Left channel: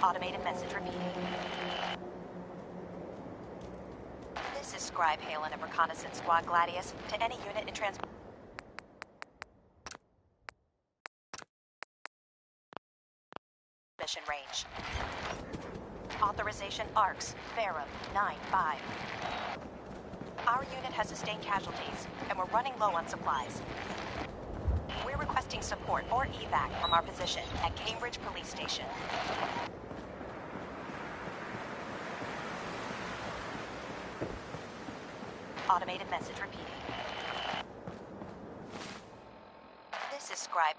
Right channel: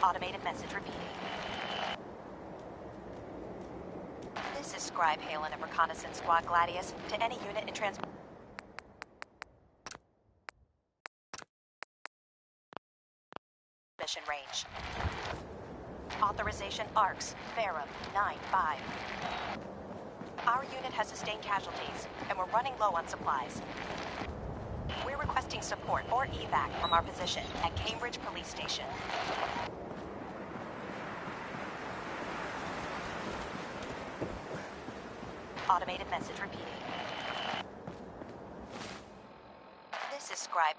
Automated message repeating. This is Scribe Halen of Reconnaissance Squad Gladius. To any unit in transmission range. Authorization ARCS, Ferrum, 9-5. Our unit has sustained casualties, and we're running low on supplies. We're requesting support or evac from our position at Cambridge Police Station. Automated message repeating. This is Scribe.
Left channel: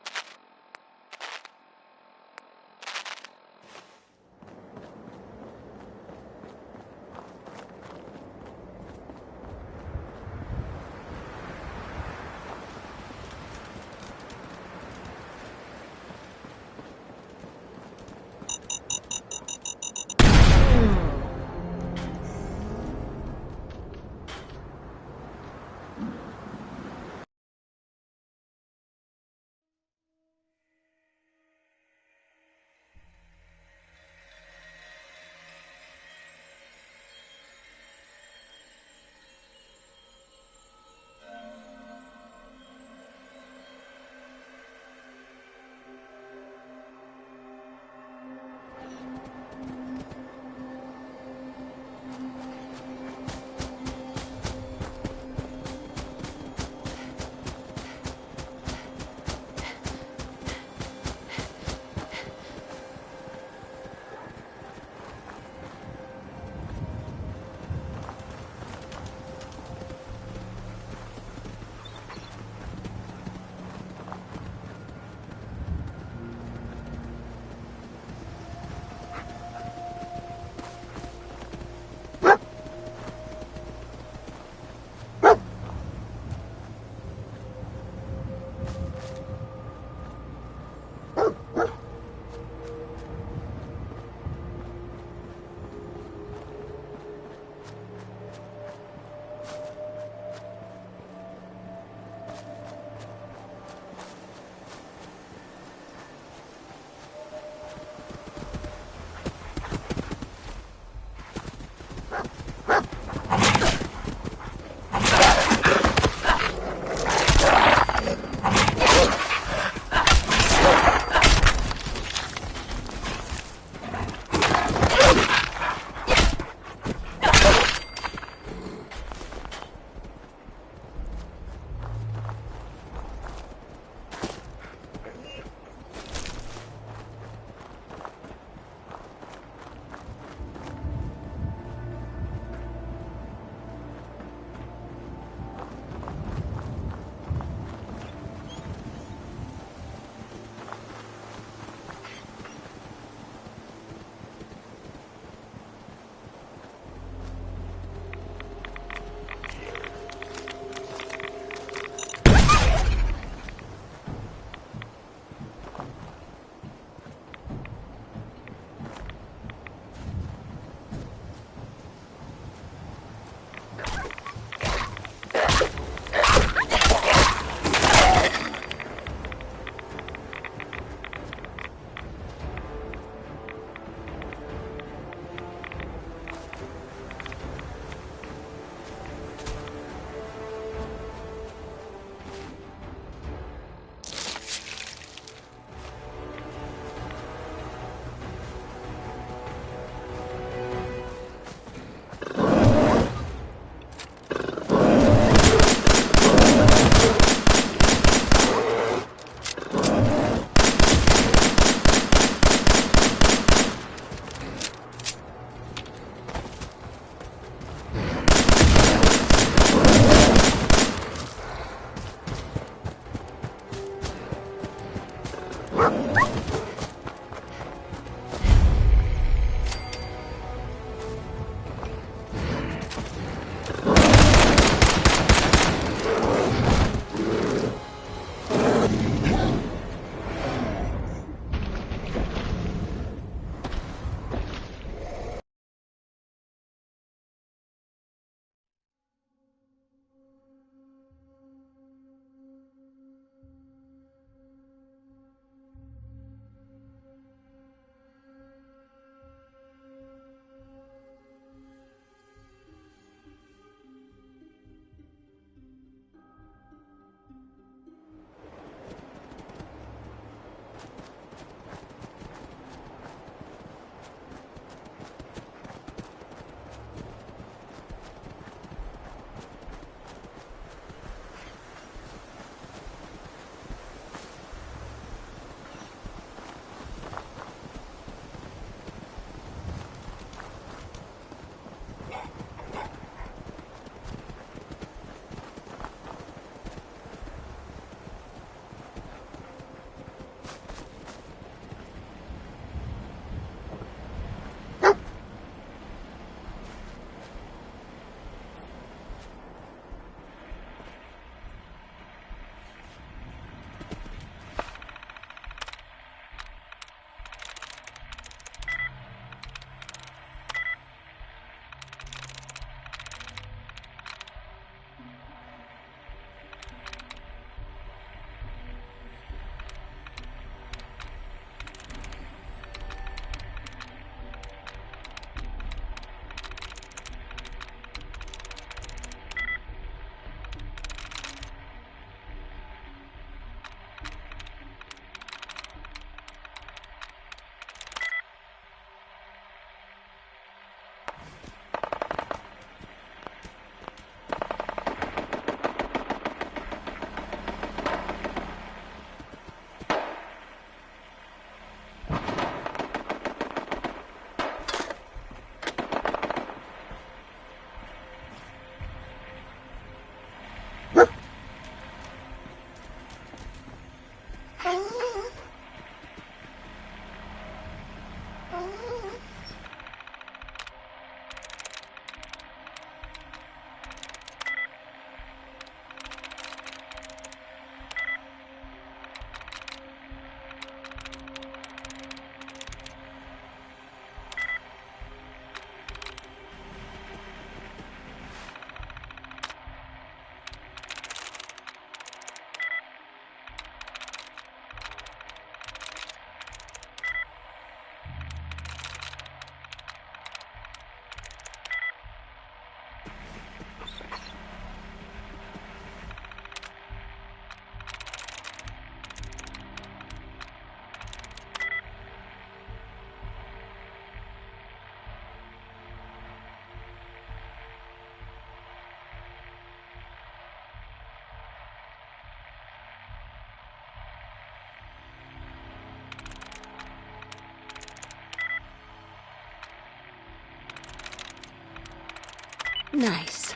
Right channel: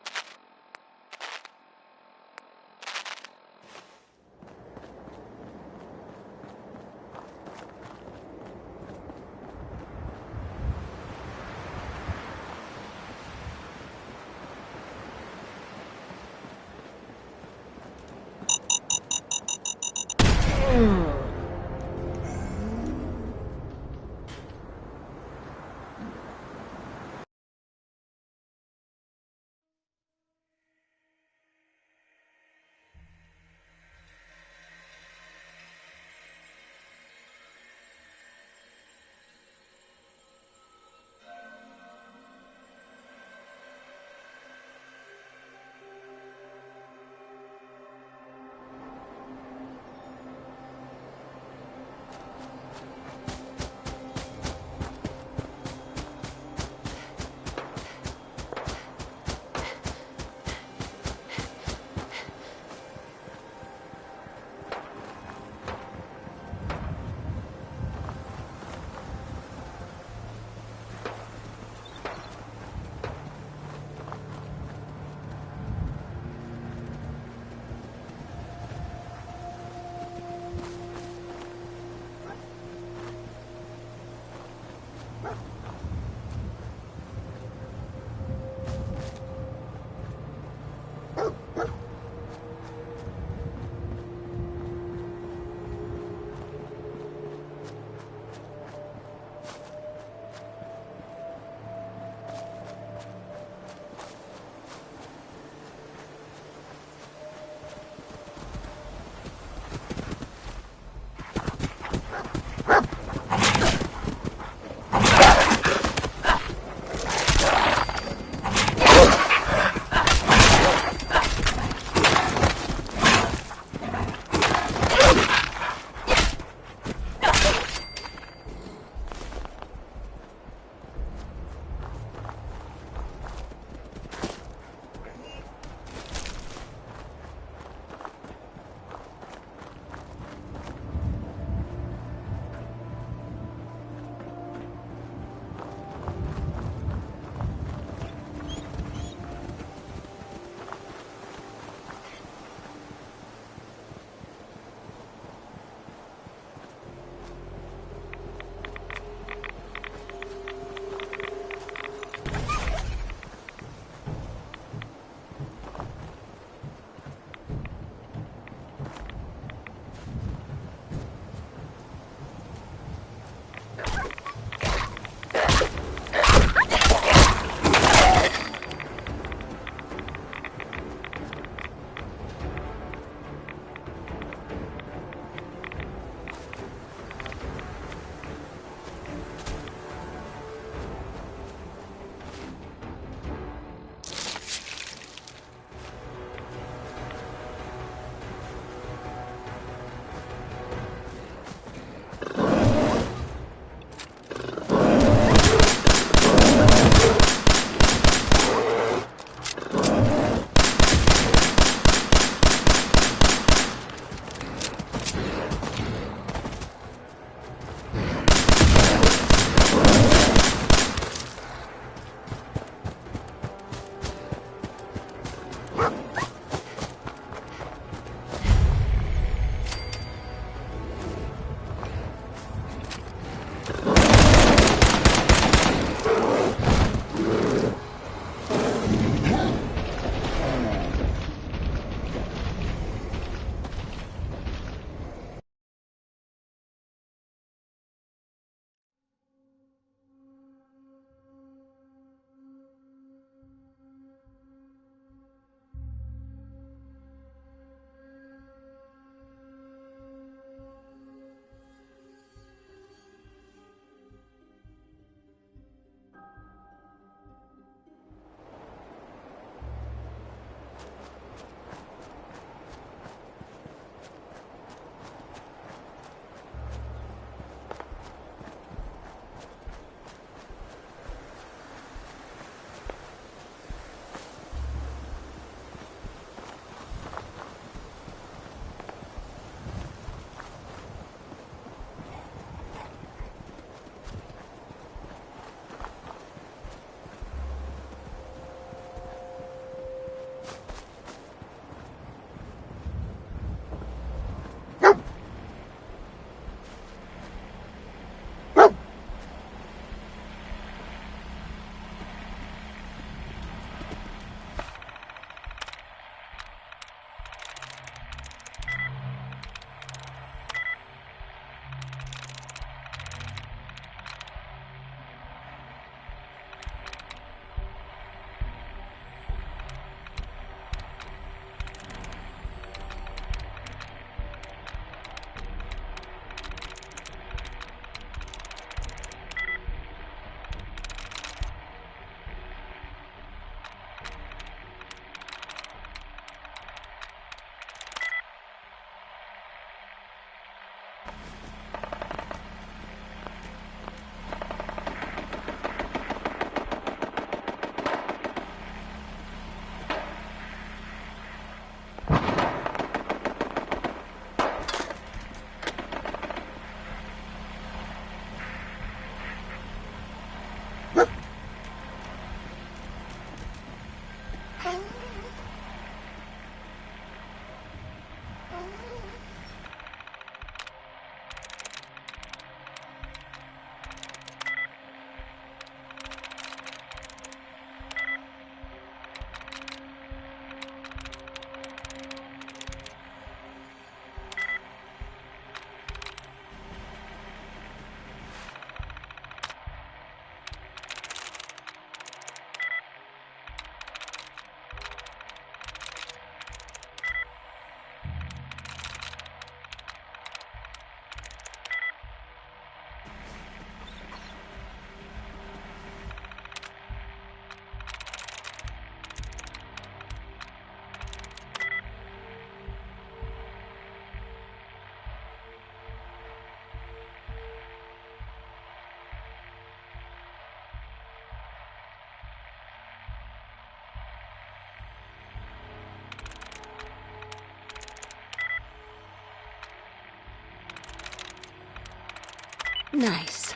Nice.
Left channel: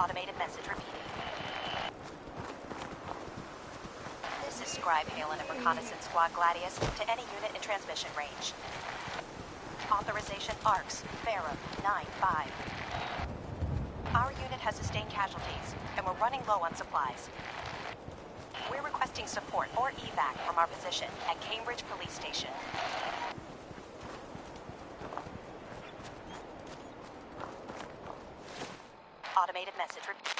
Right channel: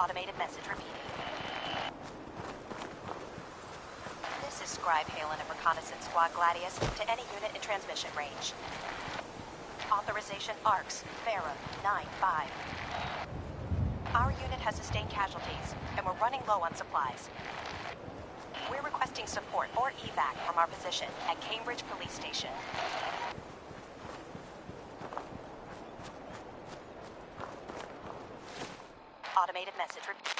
Automated message repeating. This is Scribe Halen of Reconnaissance Squad Gladius to any unit in transmission range. Authorization ARCS, Farah, 9-5. Our unit has sustained casualties, and we're running low on supplies. We're requesting support or evac from our position at Cambridge Police Station. Automated message repeating.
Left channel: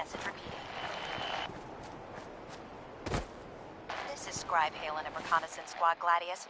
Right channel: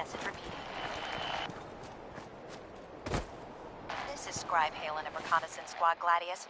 Message repeating. This is Scribe Halen of Reconnaissance Squad Gladius.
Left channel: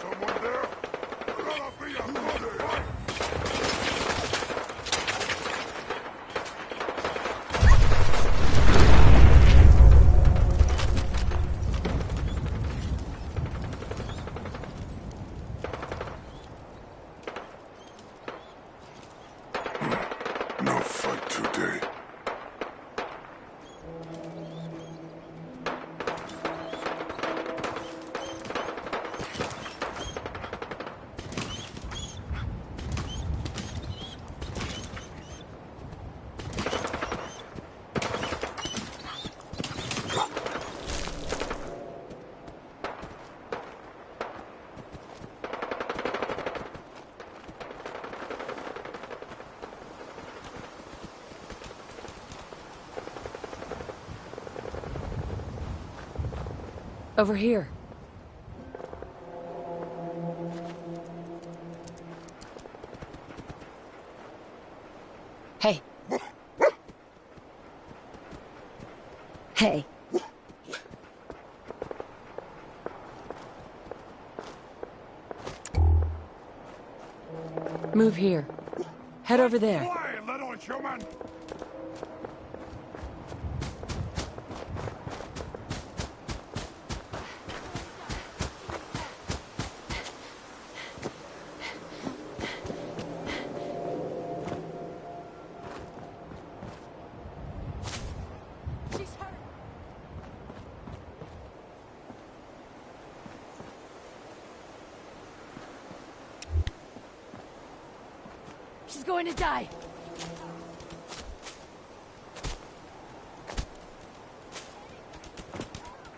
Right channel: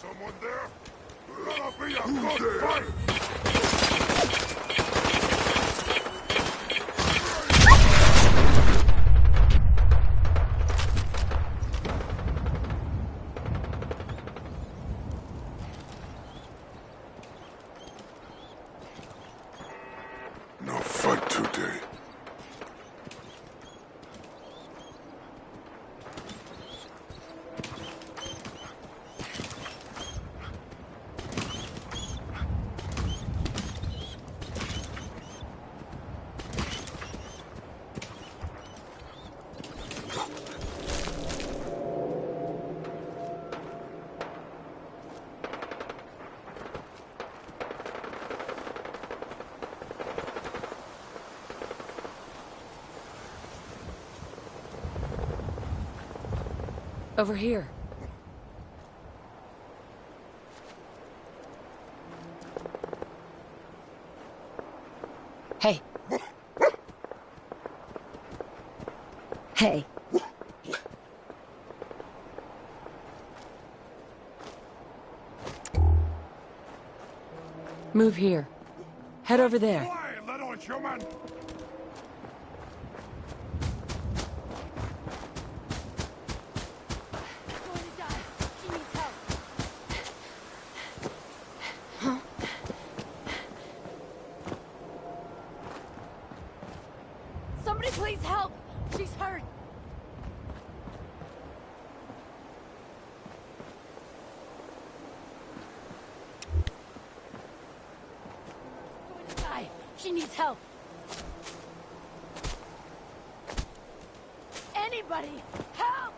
Someone there? Gonna be a good fight! No fight today. Over here. Hey. Hey. Move here. Head over there. Quiet, little human! Somebody please help! She's hurt! She's going to die. She needs help. Anybody, help!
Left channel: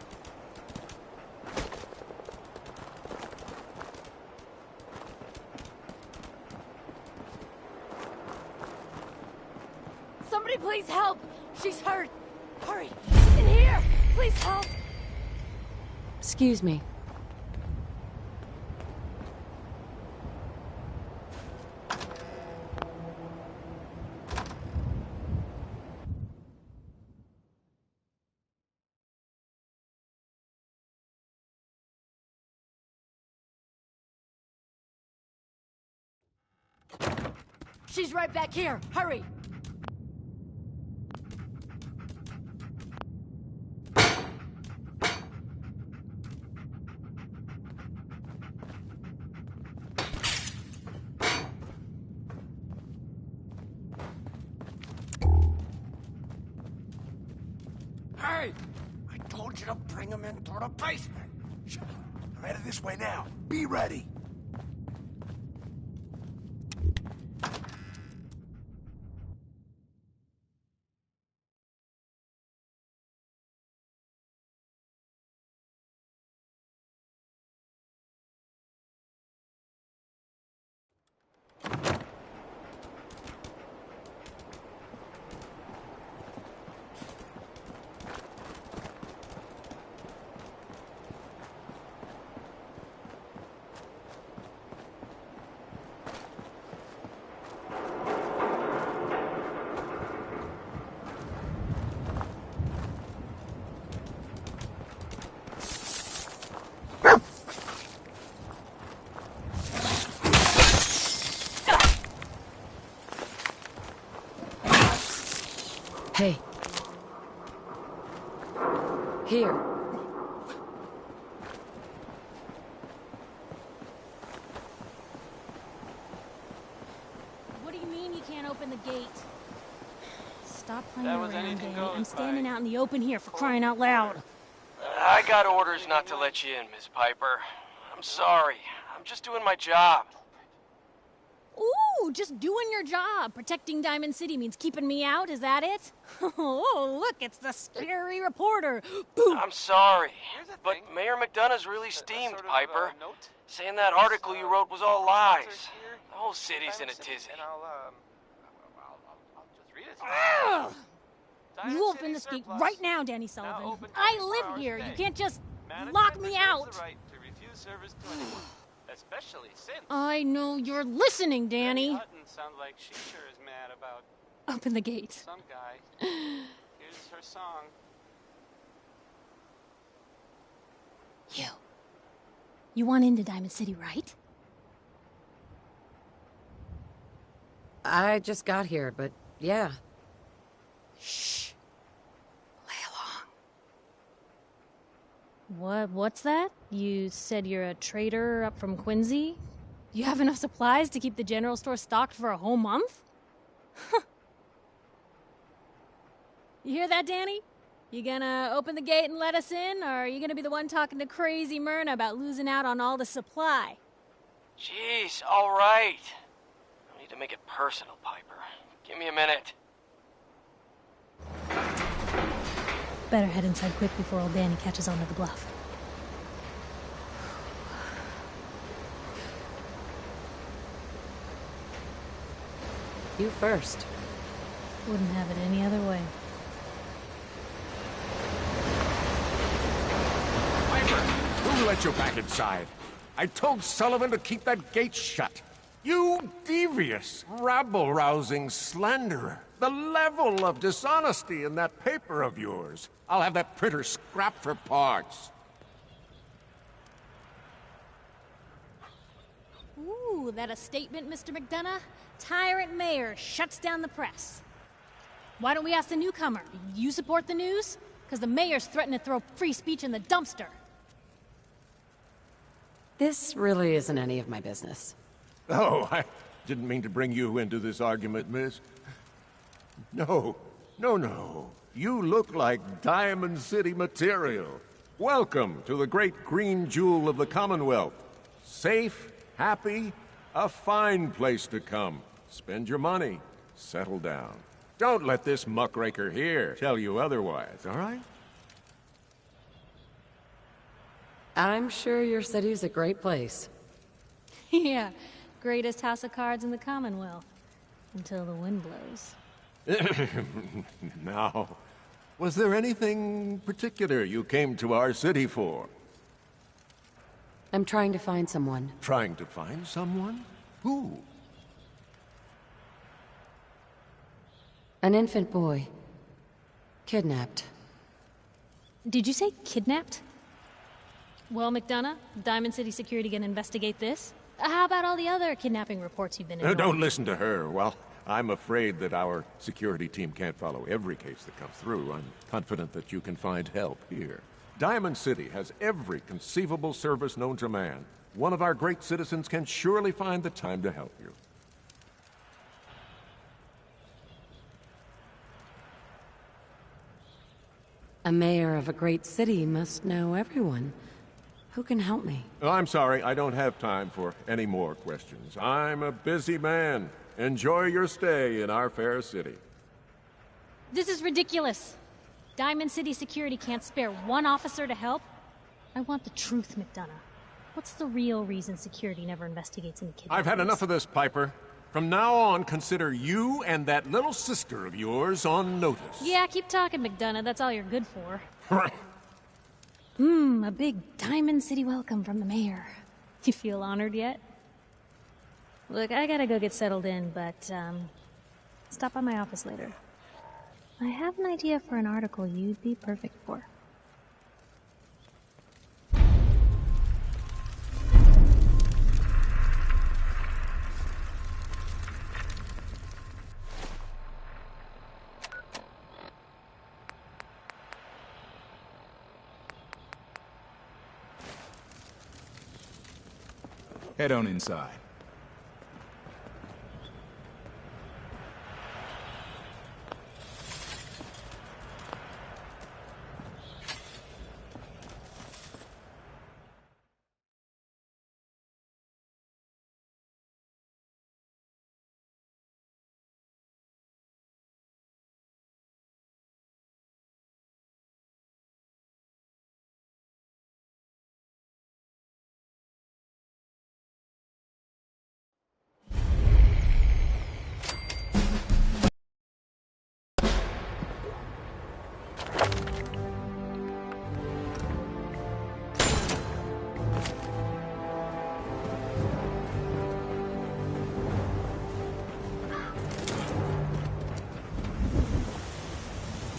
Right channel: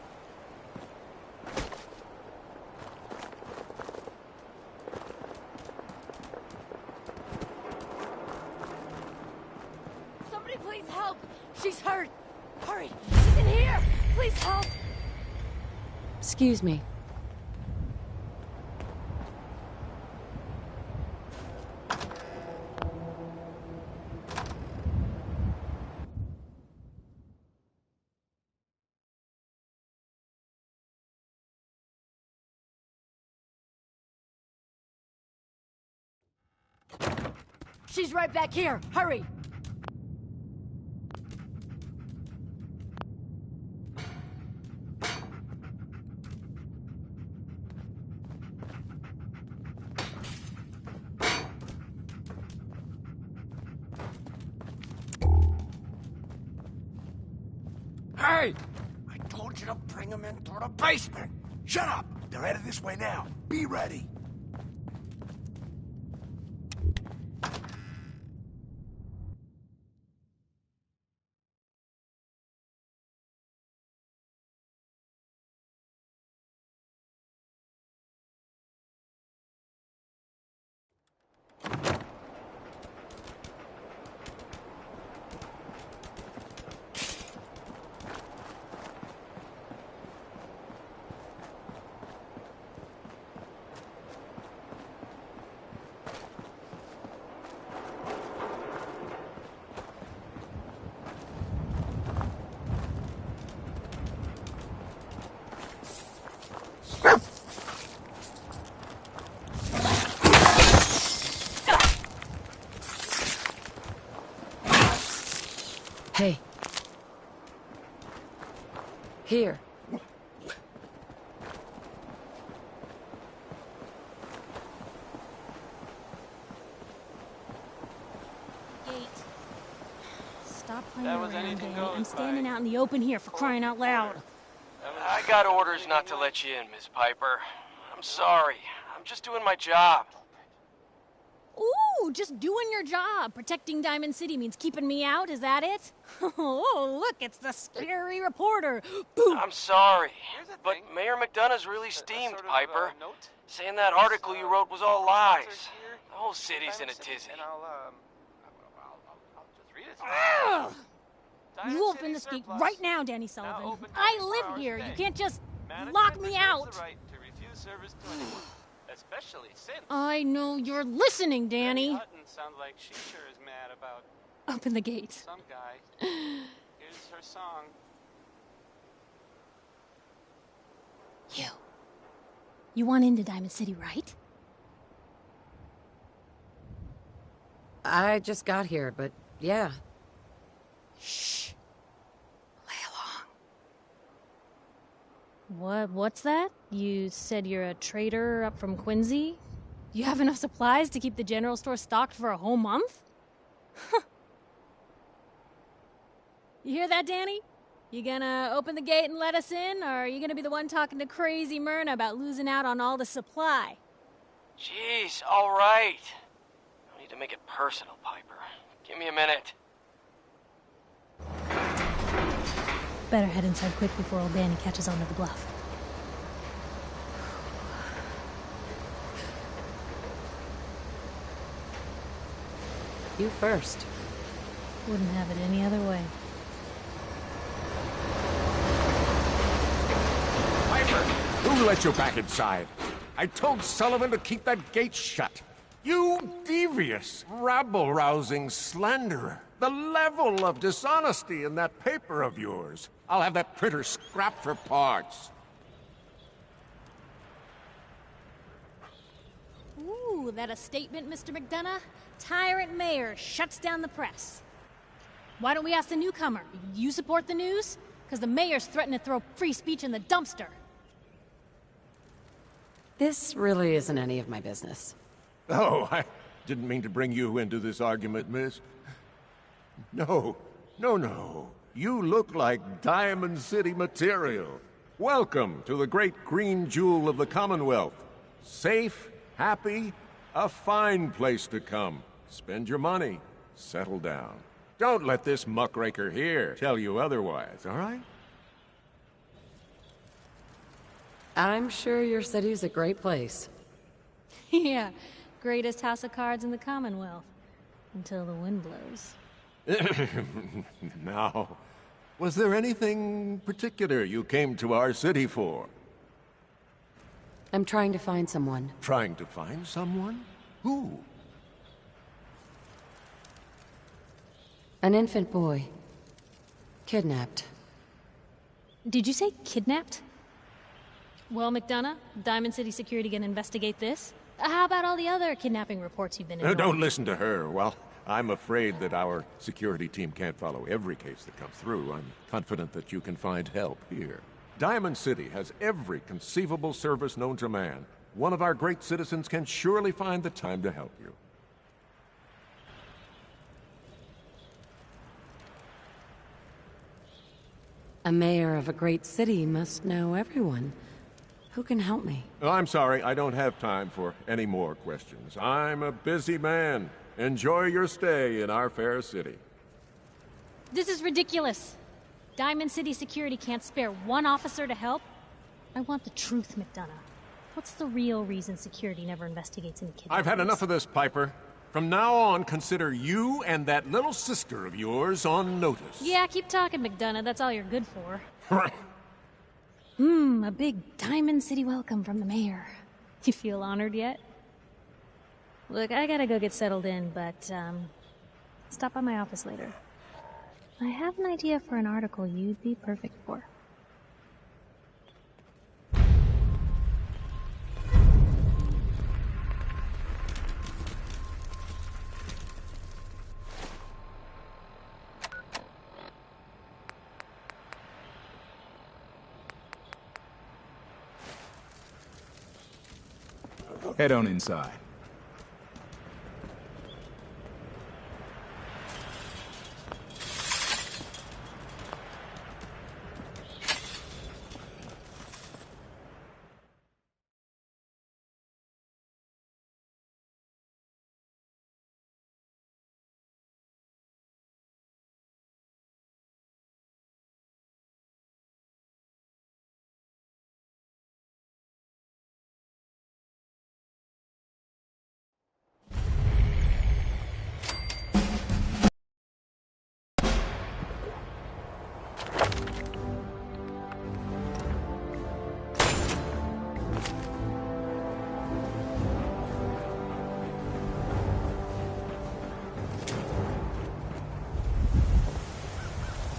Somebody please help! She's hurt! Hurry! She's in here! Please help! Excuse me. She's right back here! Hurry! Hey! I told you to bring them in through the basement! Shut up! They're headed this way now. Be ready! Hey. Here. What do you mean you can't open the gate? Stop playing That was around, anything Danny. goes, I'm standing Mike. out in the open here for crying out loud. I got orders not to let you in, Miss Piper. I'm sorry. I'm just doing my job. Ooh, just doing your job. Protecting Diamond City means keeping me out, is that it? Oh, look, it's the scary reporter. Boom! I'm sorry, Here's the but thing. Mayor McDonough's really steamed, sort of, Piper. note. Saying that article you wrote was all lies. Here, The whole city's in a Diamond City, tizzy. And I'll just read it to you. Ugh! Diamond You open City this gate surplus. right now, Danny Now Sullivan. open I 24 live hours here. a You day. can't just Management lock me reserves out. the right to refuse service to anyone, especially since I know you're listening, Danny. Hutton sounds like she sure is mad about Open the gate. some guy. Here's her song. You want into Diamond City, right? I just got here, but yeah. Shh. Play along. What's that? You said you're a trader up from Quincy? You have enough supplies to keep the general store stocked for a whole month? You hear that, Danny? You gonna open the gate and let us in, or are you gonna be the one talking to crazy Myrna about losing out on all the supply? Jeez, all right. No need to make it personal, Piper. Give me a minute. Better head inside quick before old Danny catches on to the bluff. You first. Wouldn't have it any other way. Who let you back inside? I told Sullivan to keep that gate shut. You devious, rabble-rousing slanderer. The level of dishonesty in that paper of yours. I'll have that printer scrapped for parts. Ooh, that a statement, Mr. McDonough? Tyrant mayor shuts down the press. Why don't we ask the newcomer? You support the news? Because the mayor's threatened to throw free speech in the dumpster. This really isn't any of my business. Oh, I didn't mean to bring you into this argument, miss. No. You look like Diamond City material. Welcome to the great green jewel of the Commonwealth. Safe, happy, a fine place to come. spend your money, settle down. Don't let this muckraker here tell you otherwise, all right? I'm sure your city's a great place. Yeah, greatest house of cards in the Commonwealth. Until the wind blows. Now, was there anything particular you came to our city for? I'm trying to find someone. Trying to find someone? Who? An infant boy. Kidnapped. Did you say kidnapped? Well, McDonough, Diamond City Security gonna investigate this? How about all the other kidnapping reports you've been involved in? Don't listen to her. Well, I'm afraid that our security team can't follow every case that comes through. I'm confident that you can find help here. Diamond City has every conceivable service known to man. One of our great citizens can surely find the time to help you. A mayor of a great city must know everyone. Who can help me? Oh, I'm sorry, I don't have time for any more questions. I'm a busy man. Enjoy your stay in our fair city. This is ridiculous. Diamond City Security can't spare one officer to help? I want the truth, McDonough. What's the real reason security never investigates any kidnappings? I've had enough of this, Piper. From now on, consider you and that little sister of yours on notice. Yeah, keep talking, McDonough. That's all you're good for. A big Diamond City welcome from the mayor. You feel honored yet? Look, I gotta go get settled in, but, stop by my office later. I have an idea for an article you'd be perfect for. Head on inside.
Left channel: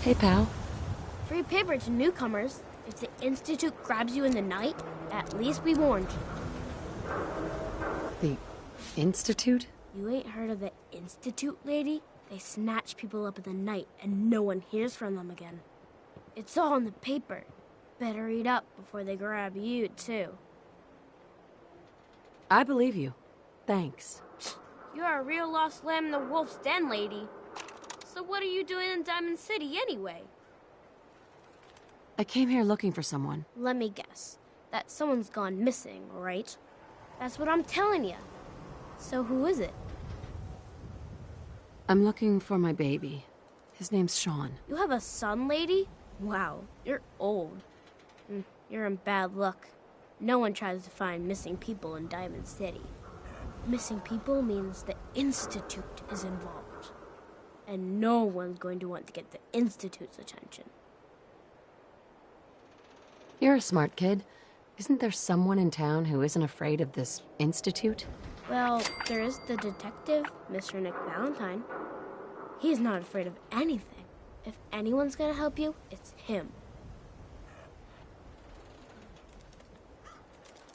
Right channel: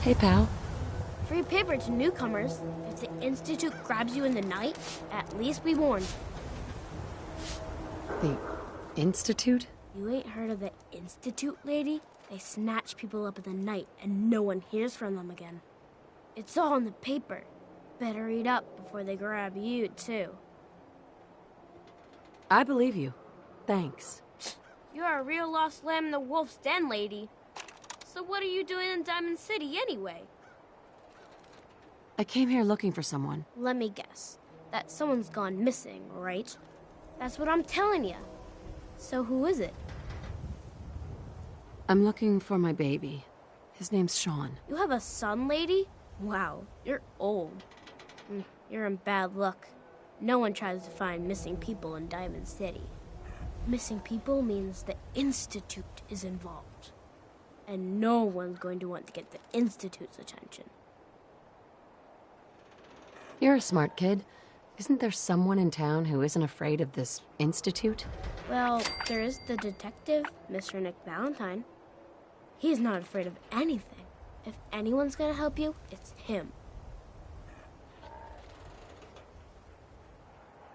Hey, pal. Free paper to newcomers. If the Institute grabs you in the night, at least we warned you. The Institute? You ain't heard of the Institute, lady? They snatch people up in the night and no one hears from them again. It's all in the paper. Better read up before they grab you, too. I believe you. Thanks. You're a real lost lamb in the wolf's den, lady. So what are you doing in Diamond City, anyway? I came here looking for someone. Let me guess. That someone's gone missing, right? That's what I'm telling you. So who is it? I'm looking for my baby. His name's Sean. You have a son, lady? Wow, you're old. You're in bad luck. No one tries to find missing people in Diamond City. Missing people means the Institute is involved. And no one's going to want to get the Institute's attention. You're a smart kid. Isn't there someone in town who isn't afraid of this Institute? Well, there is the detective, Mr. Nick Valentine. He's not afraid of anything. If anyone's gonna help you, it's him.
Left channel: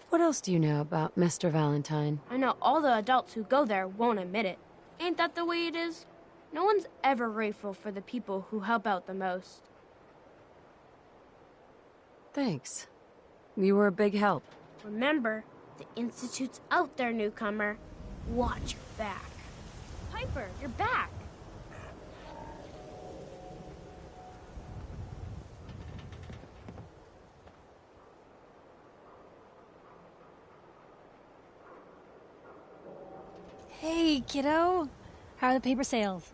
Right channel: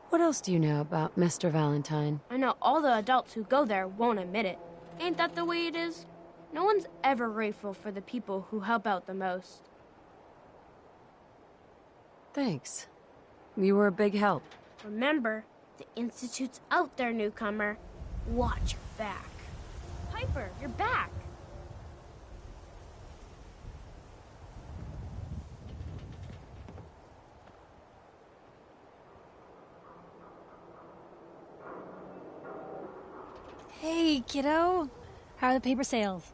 What else do you know about Mr. Valentine? I know all the adults who go there won't admit it. Ain't that the way it is? No one's ever grateful for the people who help out the most. Thanks. You were a big help. Remember, the Institute's out there, newcomer. Watch your back. Piper, you're back. Hey, kiddo. How are the paper sales?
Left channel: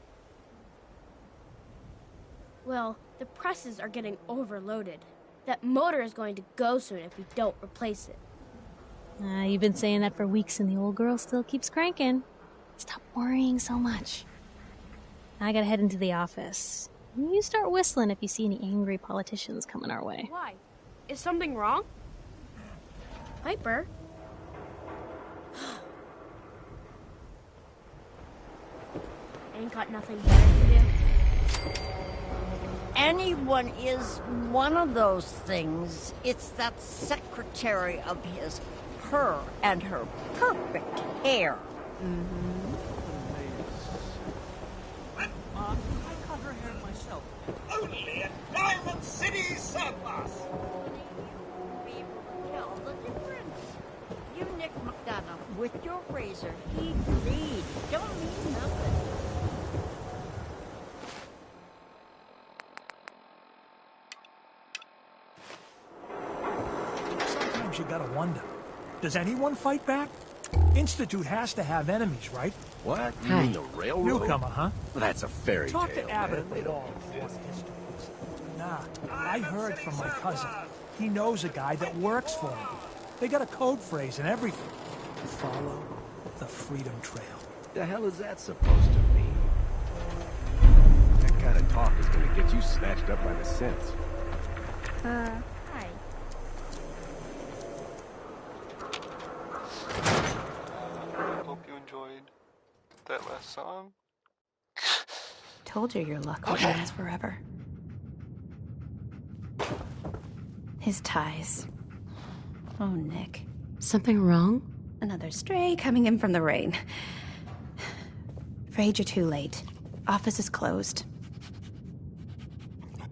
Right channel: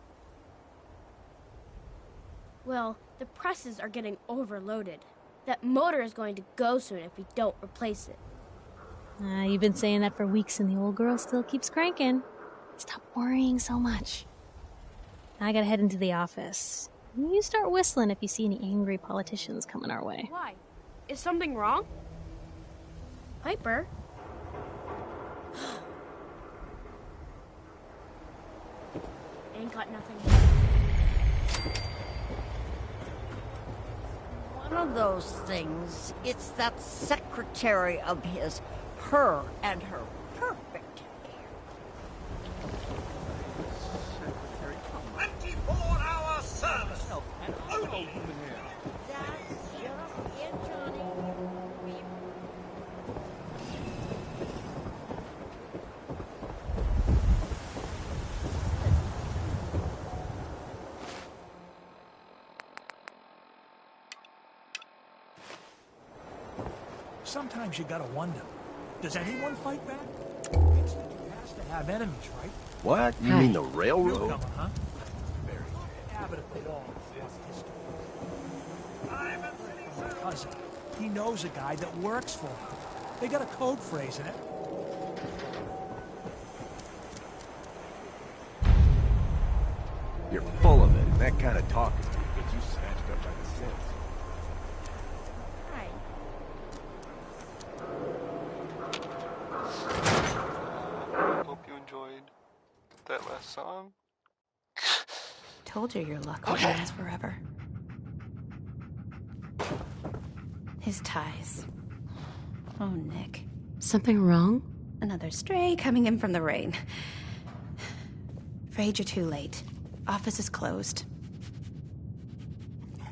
Well, the presses are getting overloaded. That motor is going to go soon if we don't replace it. You've been saying that for weeks and the old girl still keeps cranking. Stop worrying so much. I gotta head into the office. You start whistling if you see any angry politicians coming our way. Why? Is something wrong? Piper? Ain't got nothing better to do. Anyone is one of those things. It's that secretary of his, her and her perfect hair. 24-hour service. Only in Diamond City surplus. You Nick McDonough with your razor. He agreed. Don't mean nothing. Sometimes you gotta wonder, does anyone fight back? Institute has to have enemies, right? What? You mean the railroad? Newcomer, huh? That's a fairy Talk tale. to Abbott at the all. Nah, I heard from my cousin. He knows a guy that works for him. They got a code phrase and everything. Follow the Freedom Trail. The hell is that supposed to mean? You're full of it. That kind of talk is gonna get you snatched up by the synths. Hi. Hope you enjoyed that last song. Told you your luck would last forever. His ties. Oh, Nick. Something wrong? Another stray coming in from the rain. Afraid you're too late. Office is closed.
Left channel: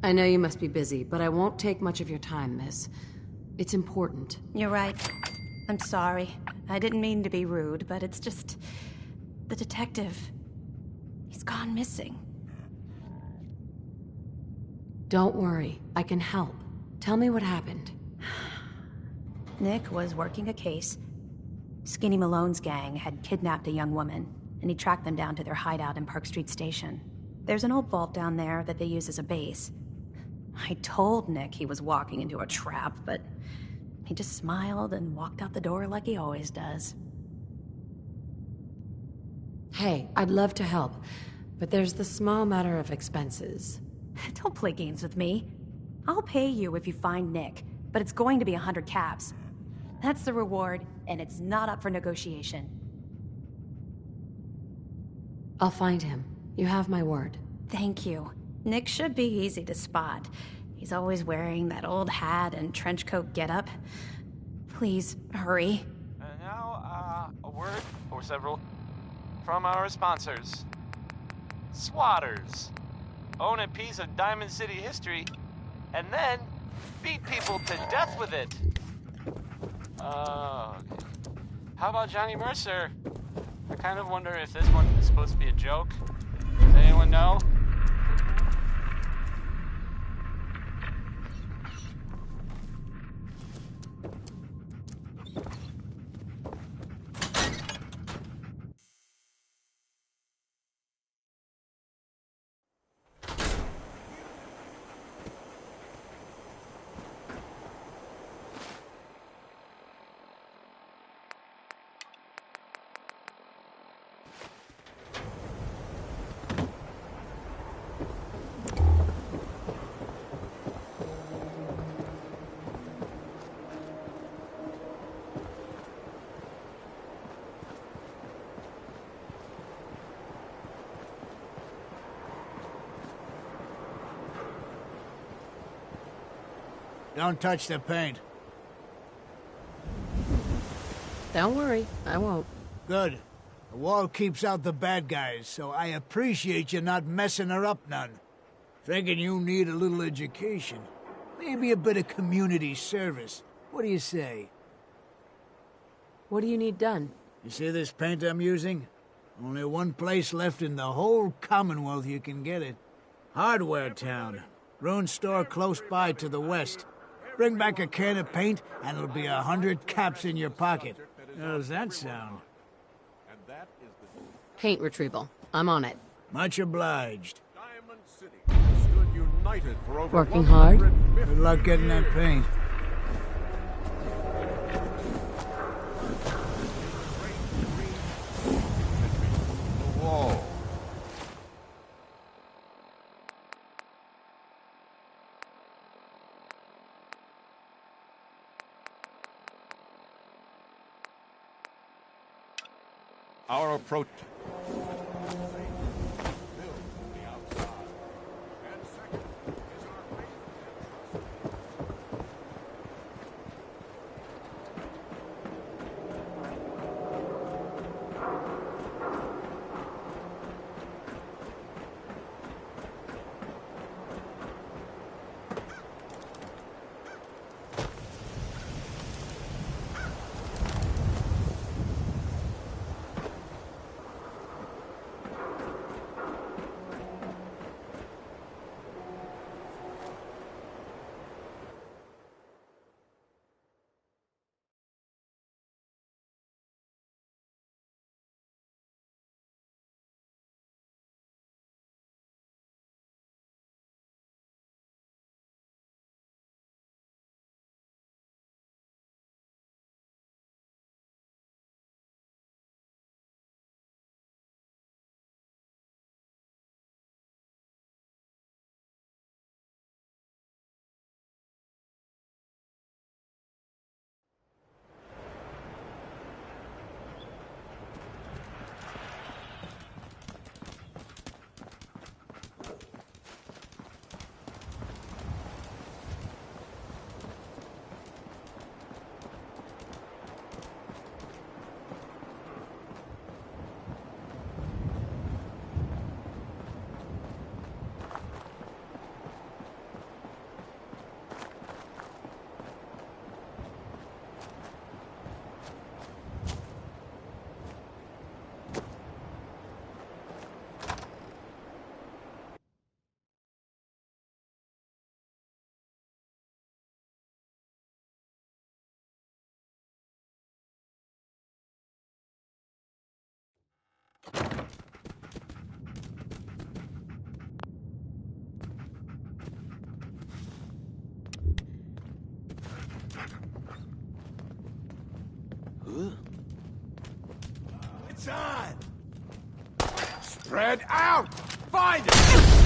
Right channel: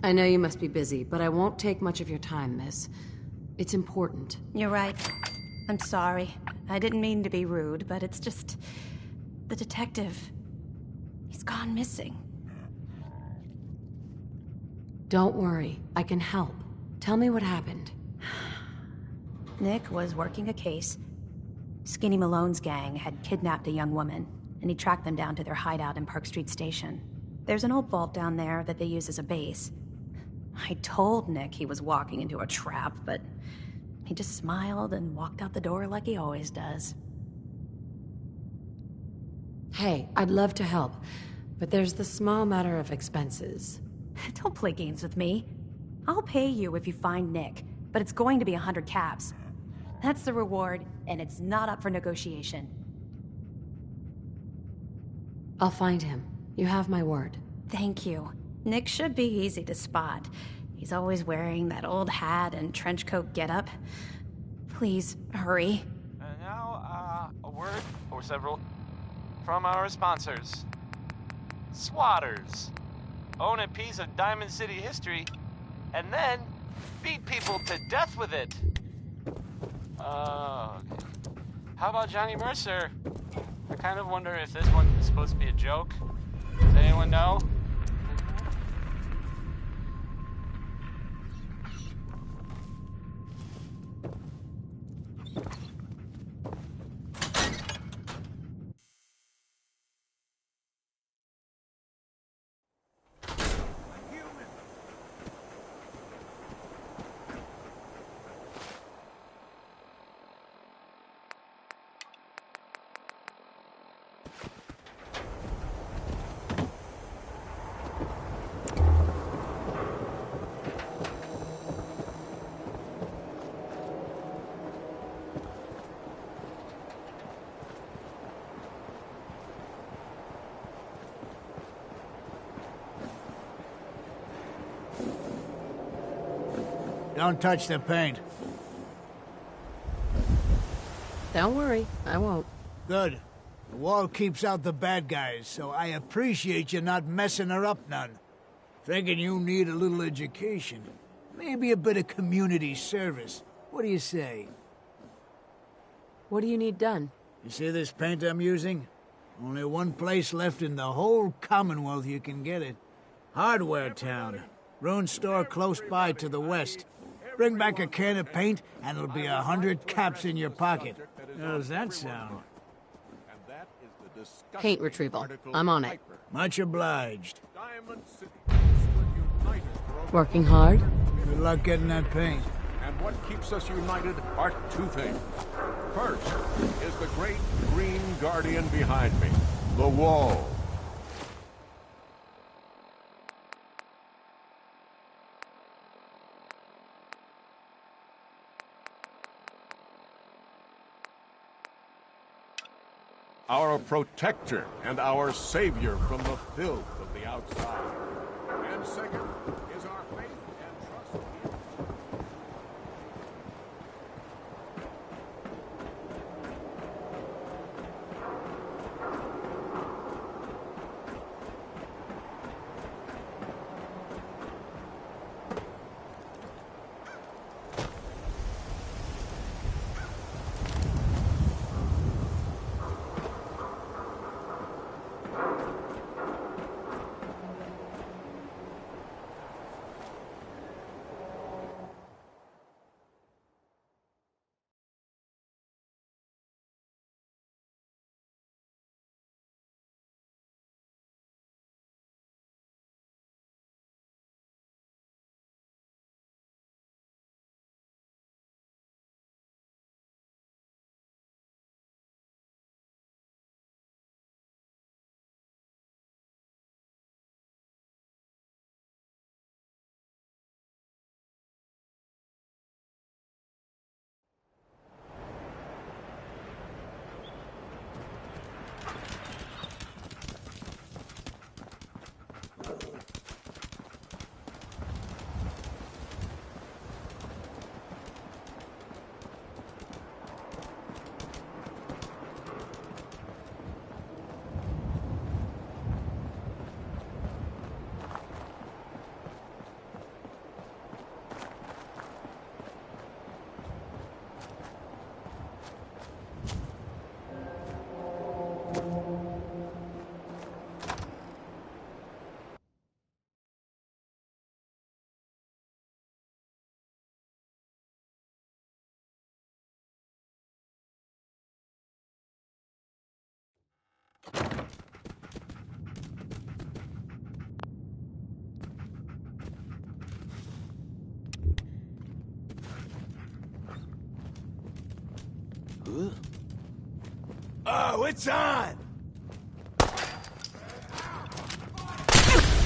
I know you must be busy, but I won't take much of your time, miss. It's important. You're right. I'm sorry. I didn't mean to be rude, but it's just... the detective... he's gone missing. Don't worry. I can help. Tell me what happened. Nick was working a case. Skinny Malone's gang had kidnapped a young woman, and he tracked them down to their hideout in Park Street Station. There's an old vault down there that they use as a base. I told Nick he was walking into a trap, but he just smiled and walked out the door like he always does. Hey, I'd love to help, but there's the small matter of expenses. Don't play games with me. I'll pay you if you find Nick, but it's going to be 100 caps. That's the reward, and it's not up for negotiation. I'll find him. You have my word. Thank you. Nick should be easy to spot. He's always wearing that old hat and trench coat getup. Please, hurry. And now, a word, or several, from our sponsors. Swatters. Own a piece of Diamond City history, and then beat people to death with it. Okay. How about Johnny Mercer? I kind of wonder if this one is supposed to be a joke. Does anyone know? Don't touch the paint. Don't worry, I won't. Good. The wall keeps out the bad guys, so I appreciate you not messing her up none. Thinking you need a little education. Maybe a bit of community service. What do you say? What do you need done? You see this paint I'm using? Only one place left in the whole Commonwealth you can get it. Hardware Town. Ruined store close by to the west. Bring back a can of paint, and it'll be 100 caps in your pocket. How does that sound? And that is the Paint retrieval. I'm on it. Much obliged. Diamond City stood united for over Working hard? 150 Good luck getting that paint. And what keeps us united are two things. First is the great green guardian behind me, the wall. Our protector and our savior from the filth of the outside. And second is our faith and trust in him. Oh, it's on! Spread out! Find it!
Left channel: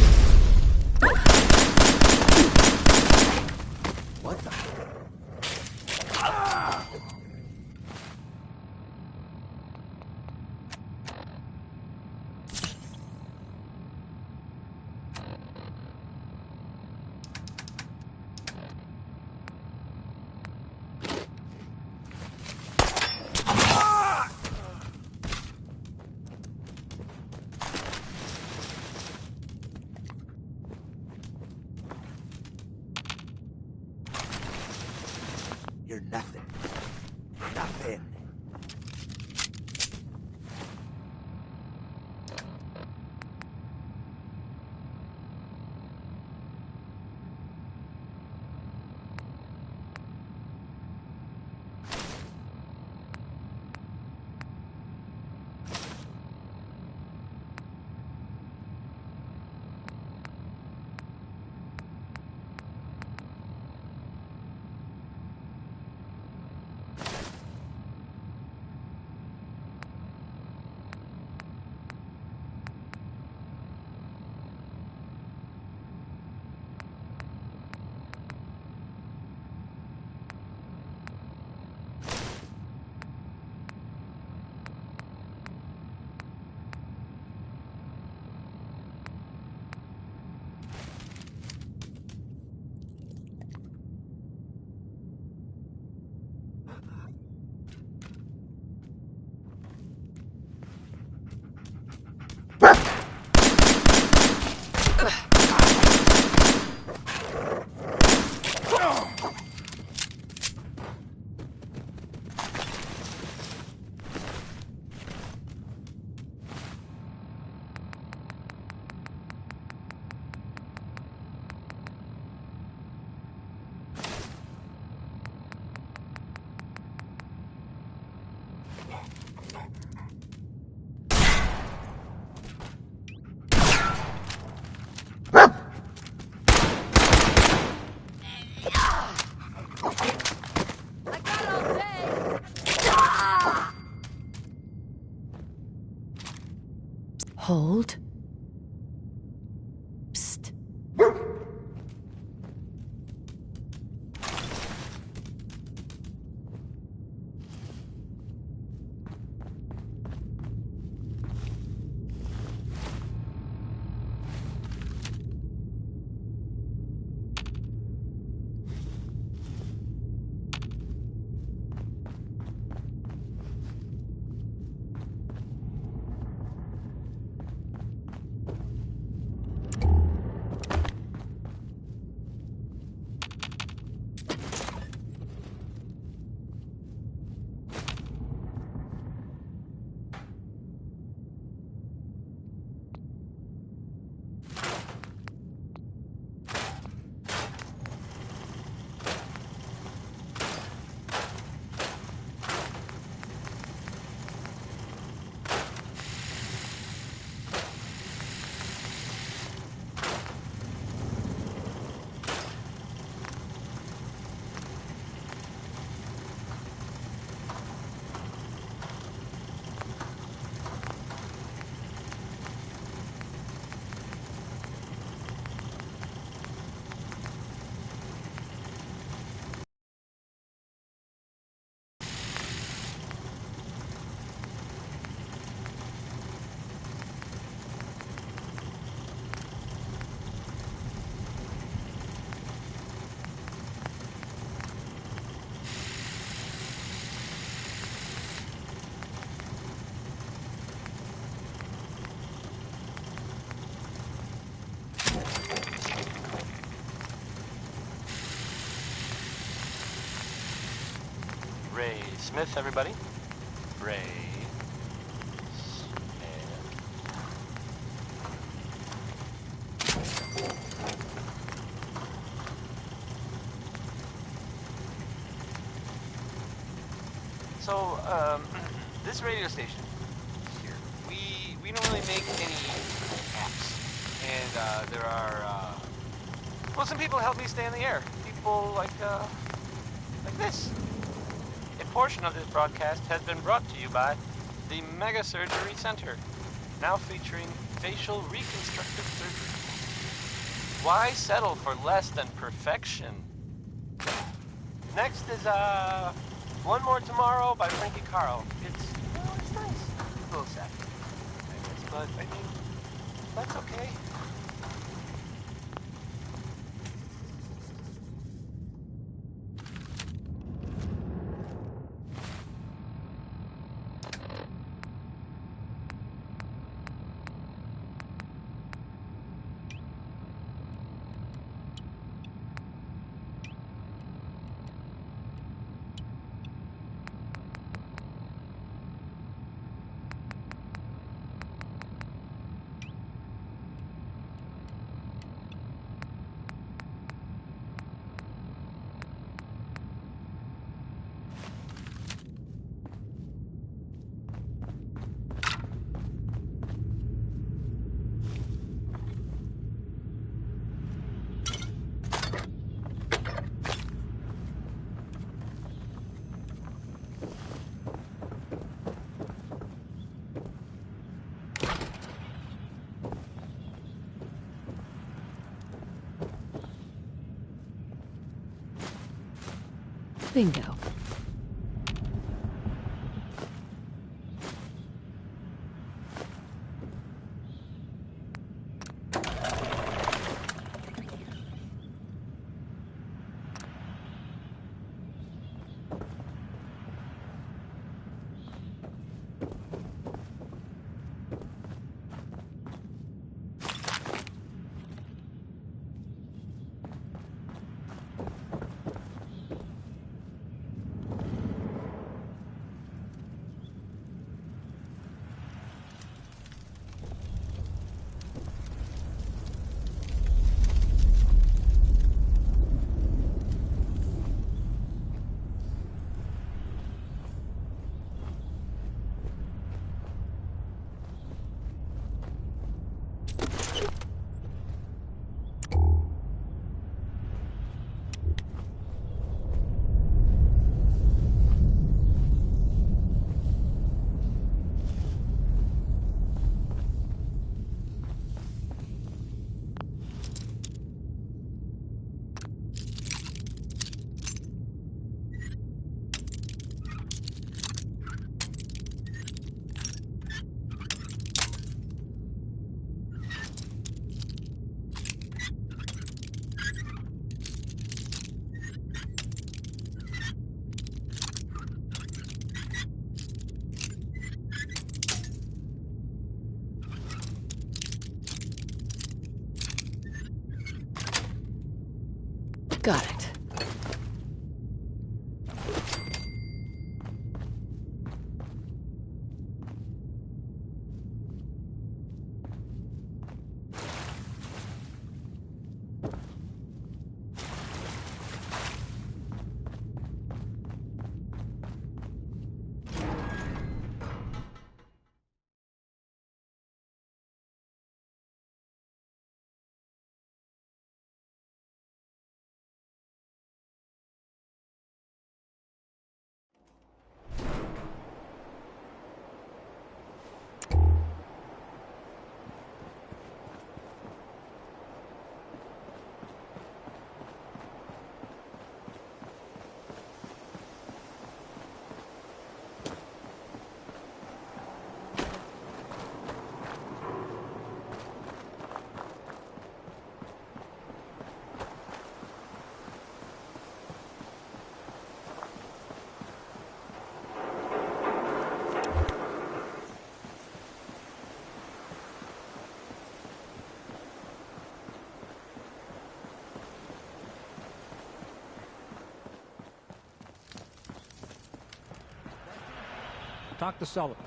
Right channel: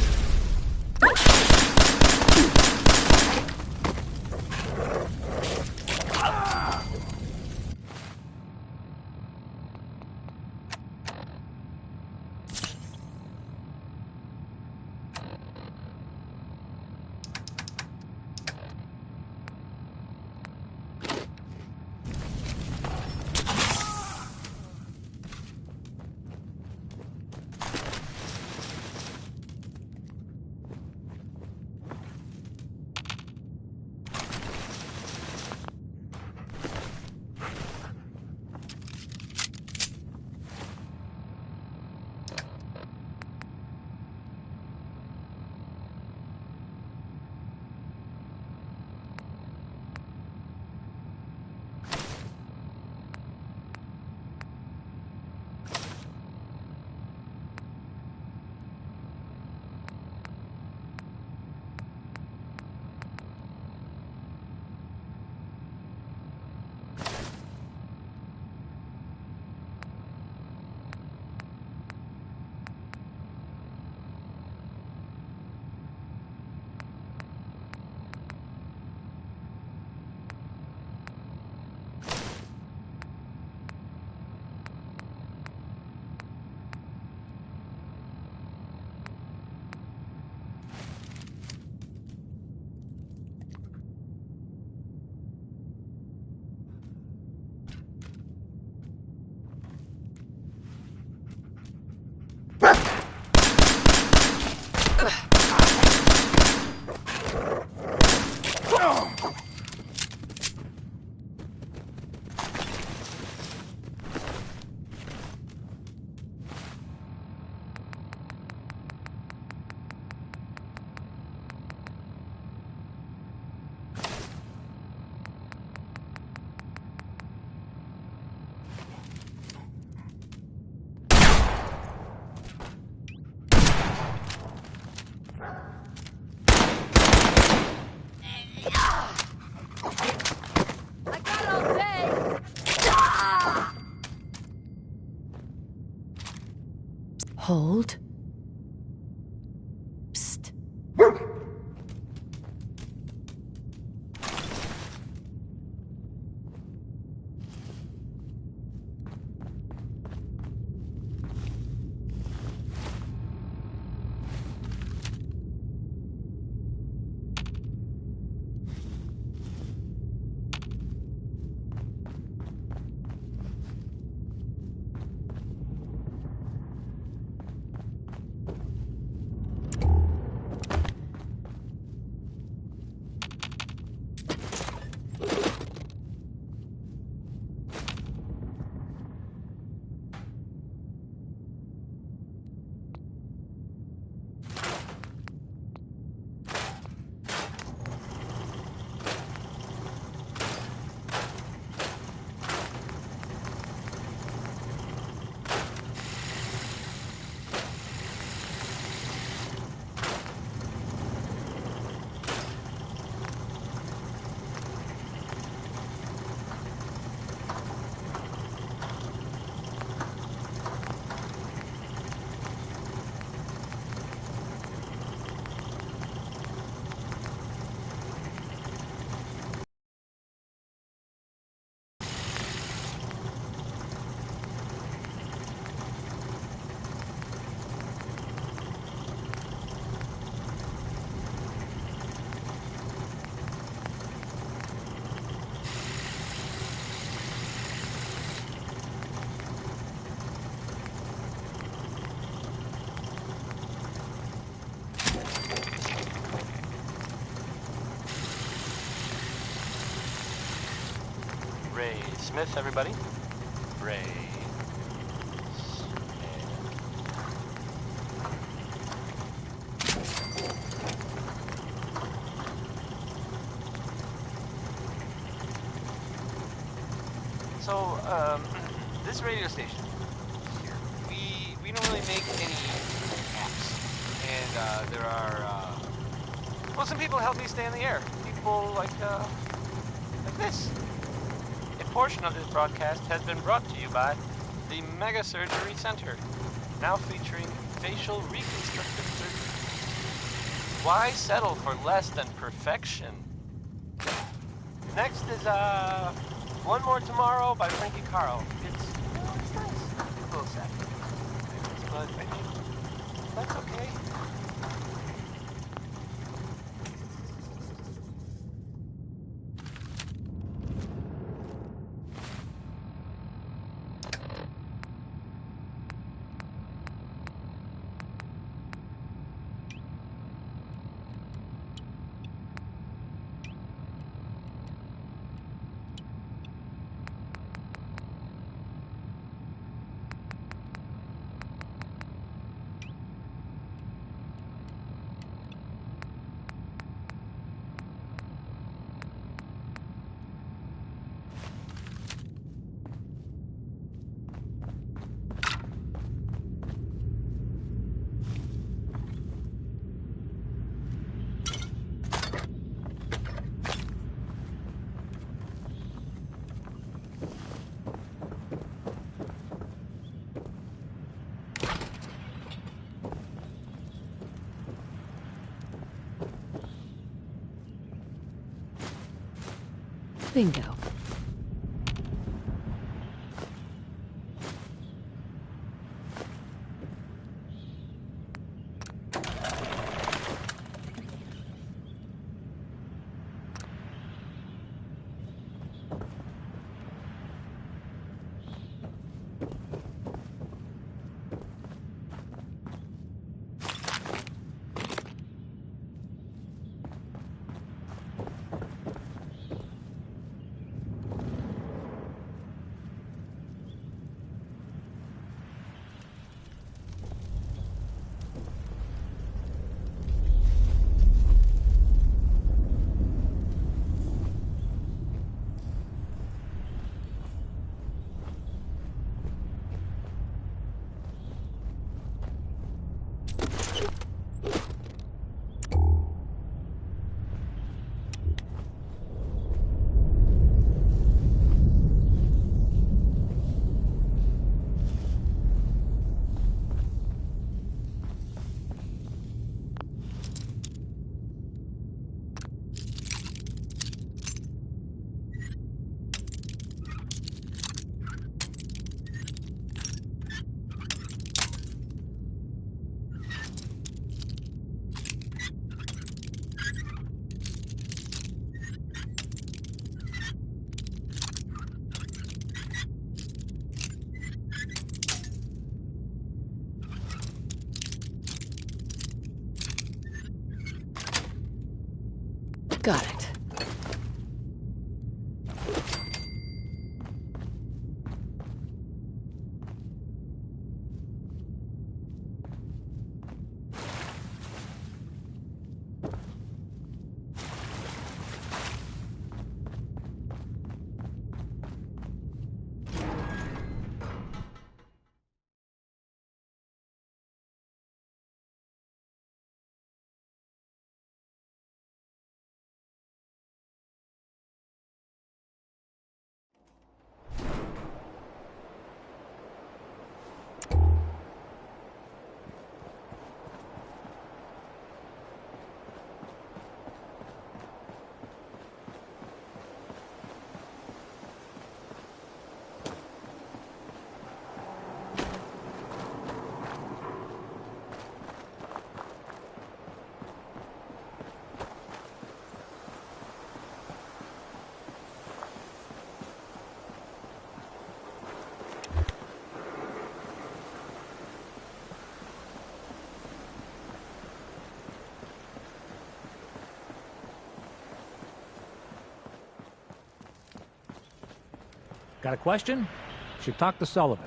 Hold. Psst. Ray Smith, everybody. Ray So, this radio station here, we don't really make any apps. And, there are, well, some people help me stay in the air. People like this. A portion of this broadcast has been brought to you by the Mega Surgery Center, now featuring facial reconstructive surgery. Why settle for less than perfection? Next is, One More Tomorrow by Frankie Carl. It's nice. A little sad, I guess, but, I mean, that's okay. Bingo. Got it. Got a question? Should talk to Sullivan.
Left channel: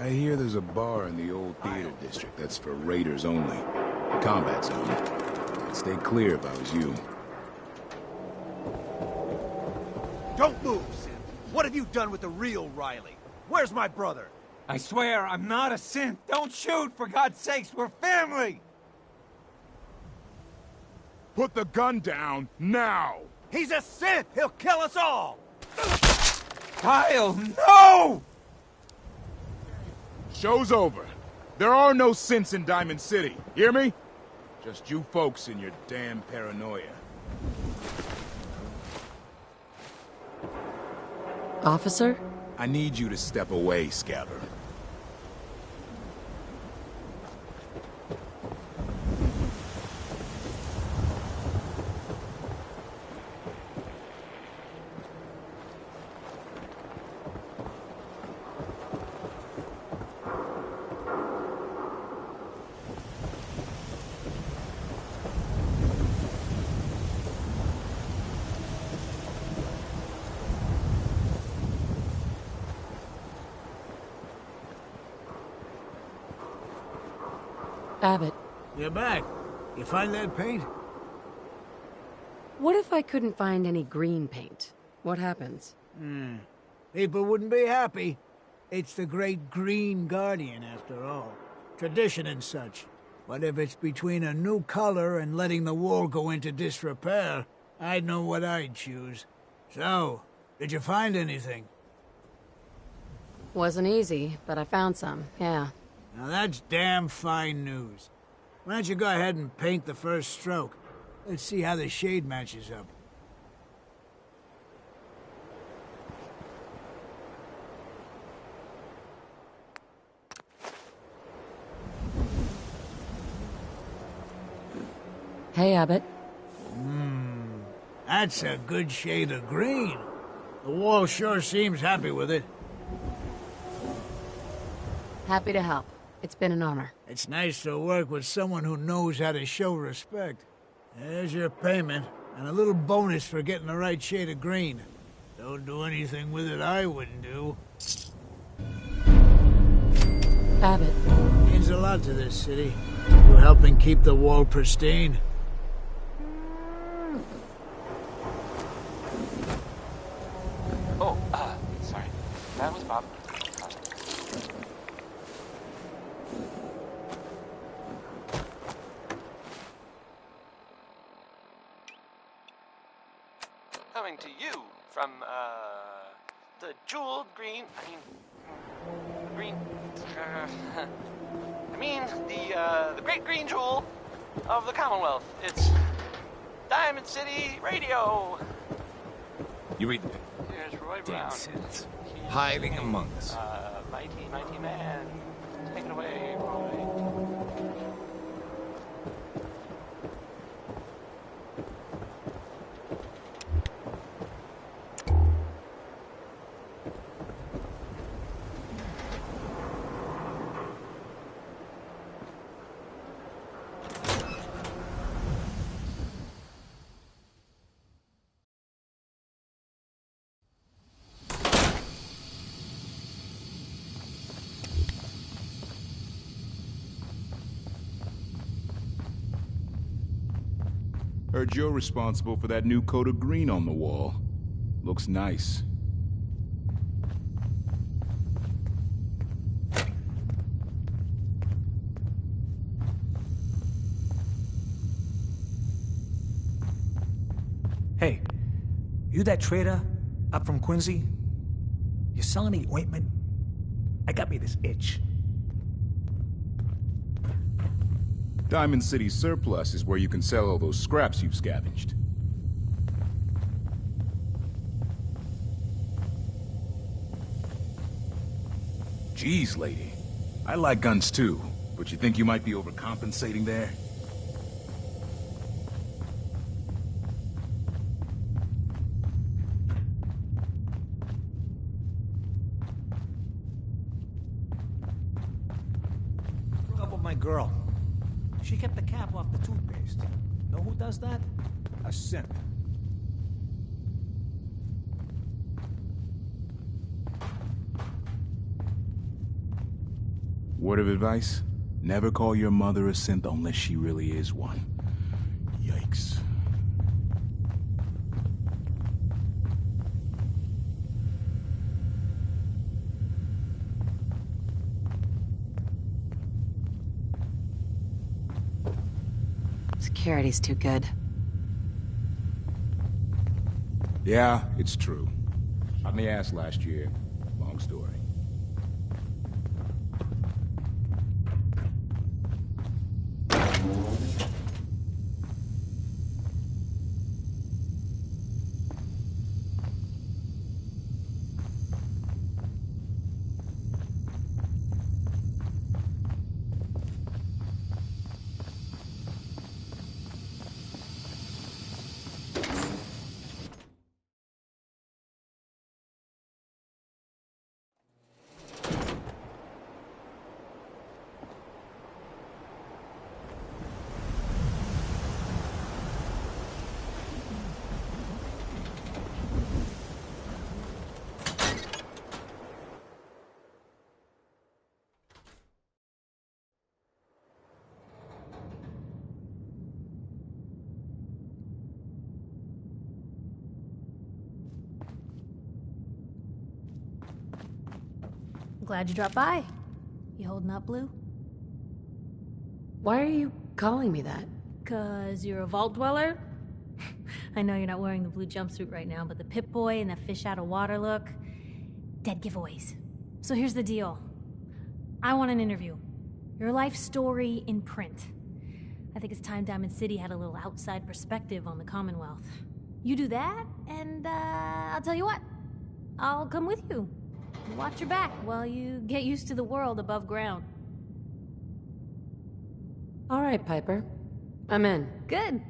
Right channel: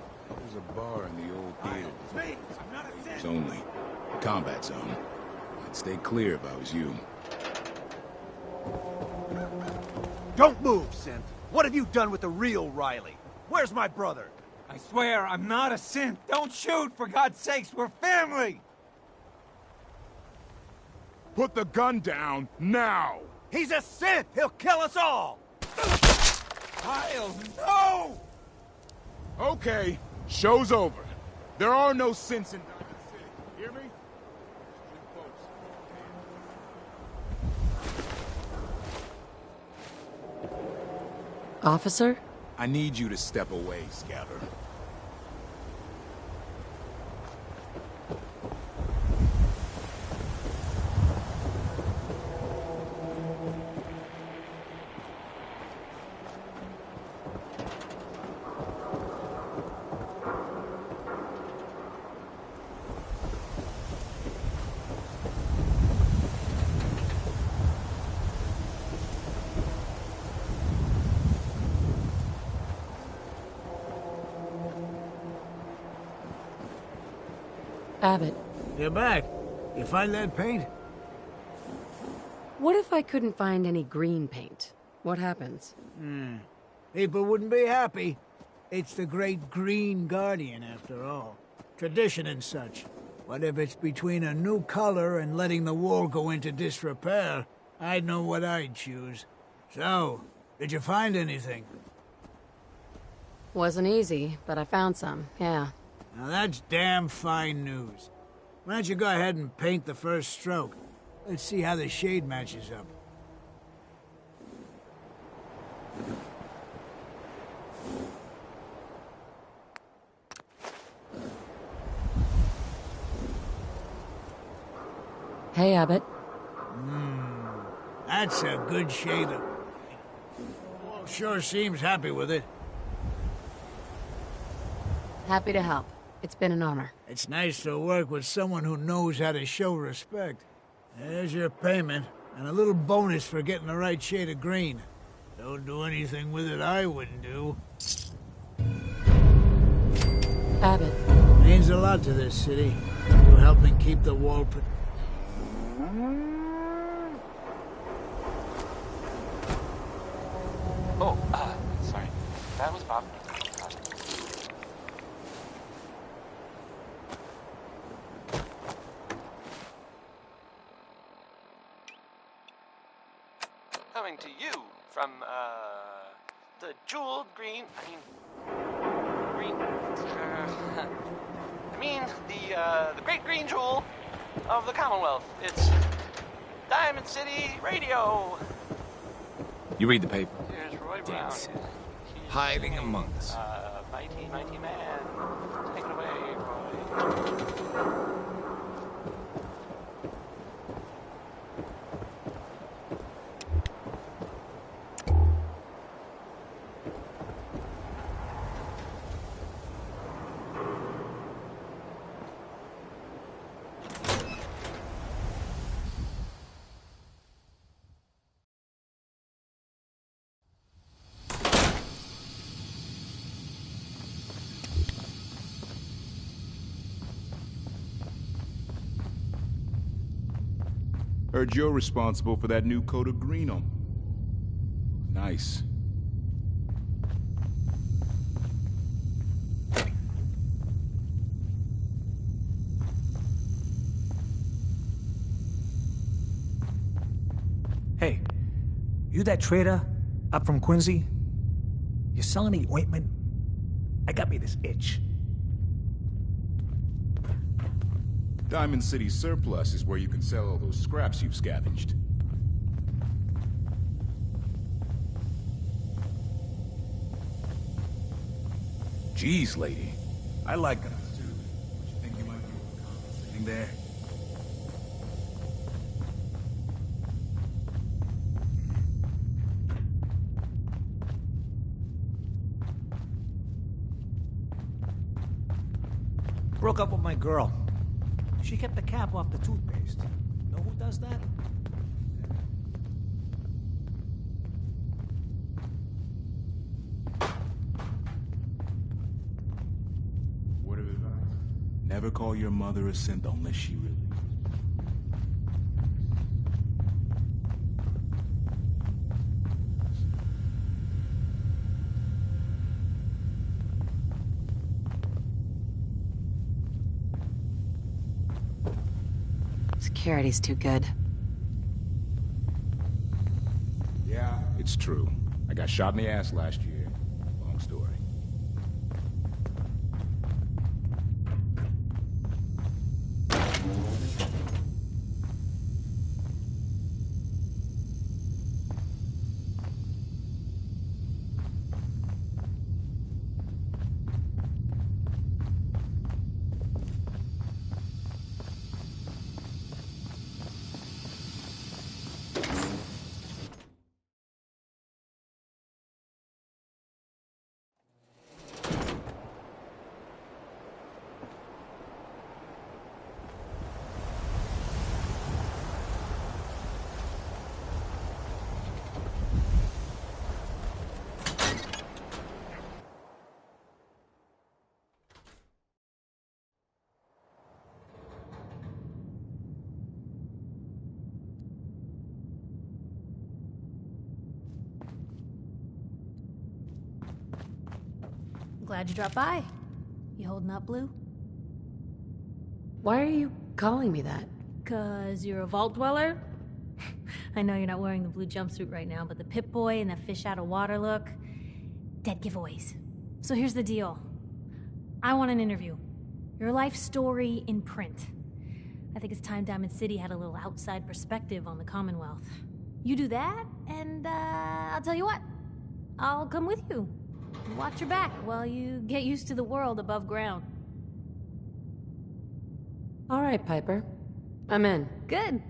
I hear there's a bar in the old theater district that's for raiders only. Combat zone. I'd stay clear if I was you. Don't move, Synth! What have you done with the real Riley? Where's my brother? I swear, I'm not a synth. Don't shoot, for God's sakes, we're family! Put the gun down, now! He's a synth! He'll kill us all! Kyle, no! Okay, show's over. There are no synths in Diamond City, hear me? Just you folks and your damn paranoia. Officer? I need you to step away, Scouter. Abbott. You're back. You find that paint? What if I couldn't find any green paint? What happens? People wouldn't be happy. It's the great Green Guardian, after all. Tradition and such. But if it's between a new color and letting the wall go into disrepair, I'd know what I'd choose. So, did you find anything? Wasn't easy, but I found some, yeah. Now that's damn fine news. Why don't you go ahead and paint the first stroke? Let's see how the shade matches up. Hey, Abbott. That's a good shade of green. The wall sure seems happy with it. Happy to help. It's been an honor. It's nice to work with someone who knows how to show respect. There's your payment, and a little bonus for getting the right shade of green. Don't do anything with it I wouldn't do. Abbott. Means a lot to this city. You helping keep the wall pristine. Oh, sorry. That was Bob. Coming to you from, the jeweled green, green... I mean, the great green jewel of the Commonwealth. It's Diamond City Radio. You read the paper. Here's Roy Damn Brown. sins. He's Hiding singing, among us. Mighty, mighty man. Take it away, Roy. Heard you're responsible for that new coat of green on the wall. Looks nice. Hey, you that trader up from Quincy? You selling any ointment? I got me this itch. Diamond City Surplus is where you can sell all those scraps you've scavenged. Jeez, lady. I like guns too, but you think you might be overcompensating there? Broke up with my girl. She kept the cap off the toothpaste. Know who does that? A simp. Word of advice? Never call your mother a simp unless she really is one. Yikes. Security's too good. Yeah, it's true. I got shot in the ass last year. Long story. Glad you dropped by. You holding up, Blue? Why are you calling me that? 'Cause you're a vault dweller? I know you're not wearing the blue jumpsuit right now, but the Pip-Boy and the fish out of water look... dead giveaways. So here's the deal. I want an interview. Your life story in print. I think it's time Diamond City had a little outside perspective on the Commonwealth. You do that, and I'll tell you what. I'll come with you. Watch your back while you get used to the world above ground. All right, Piper. I'm in. Good.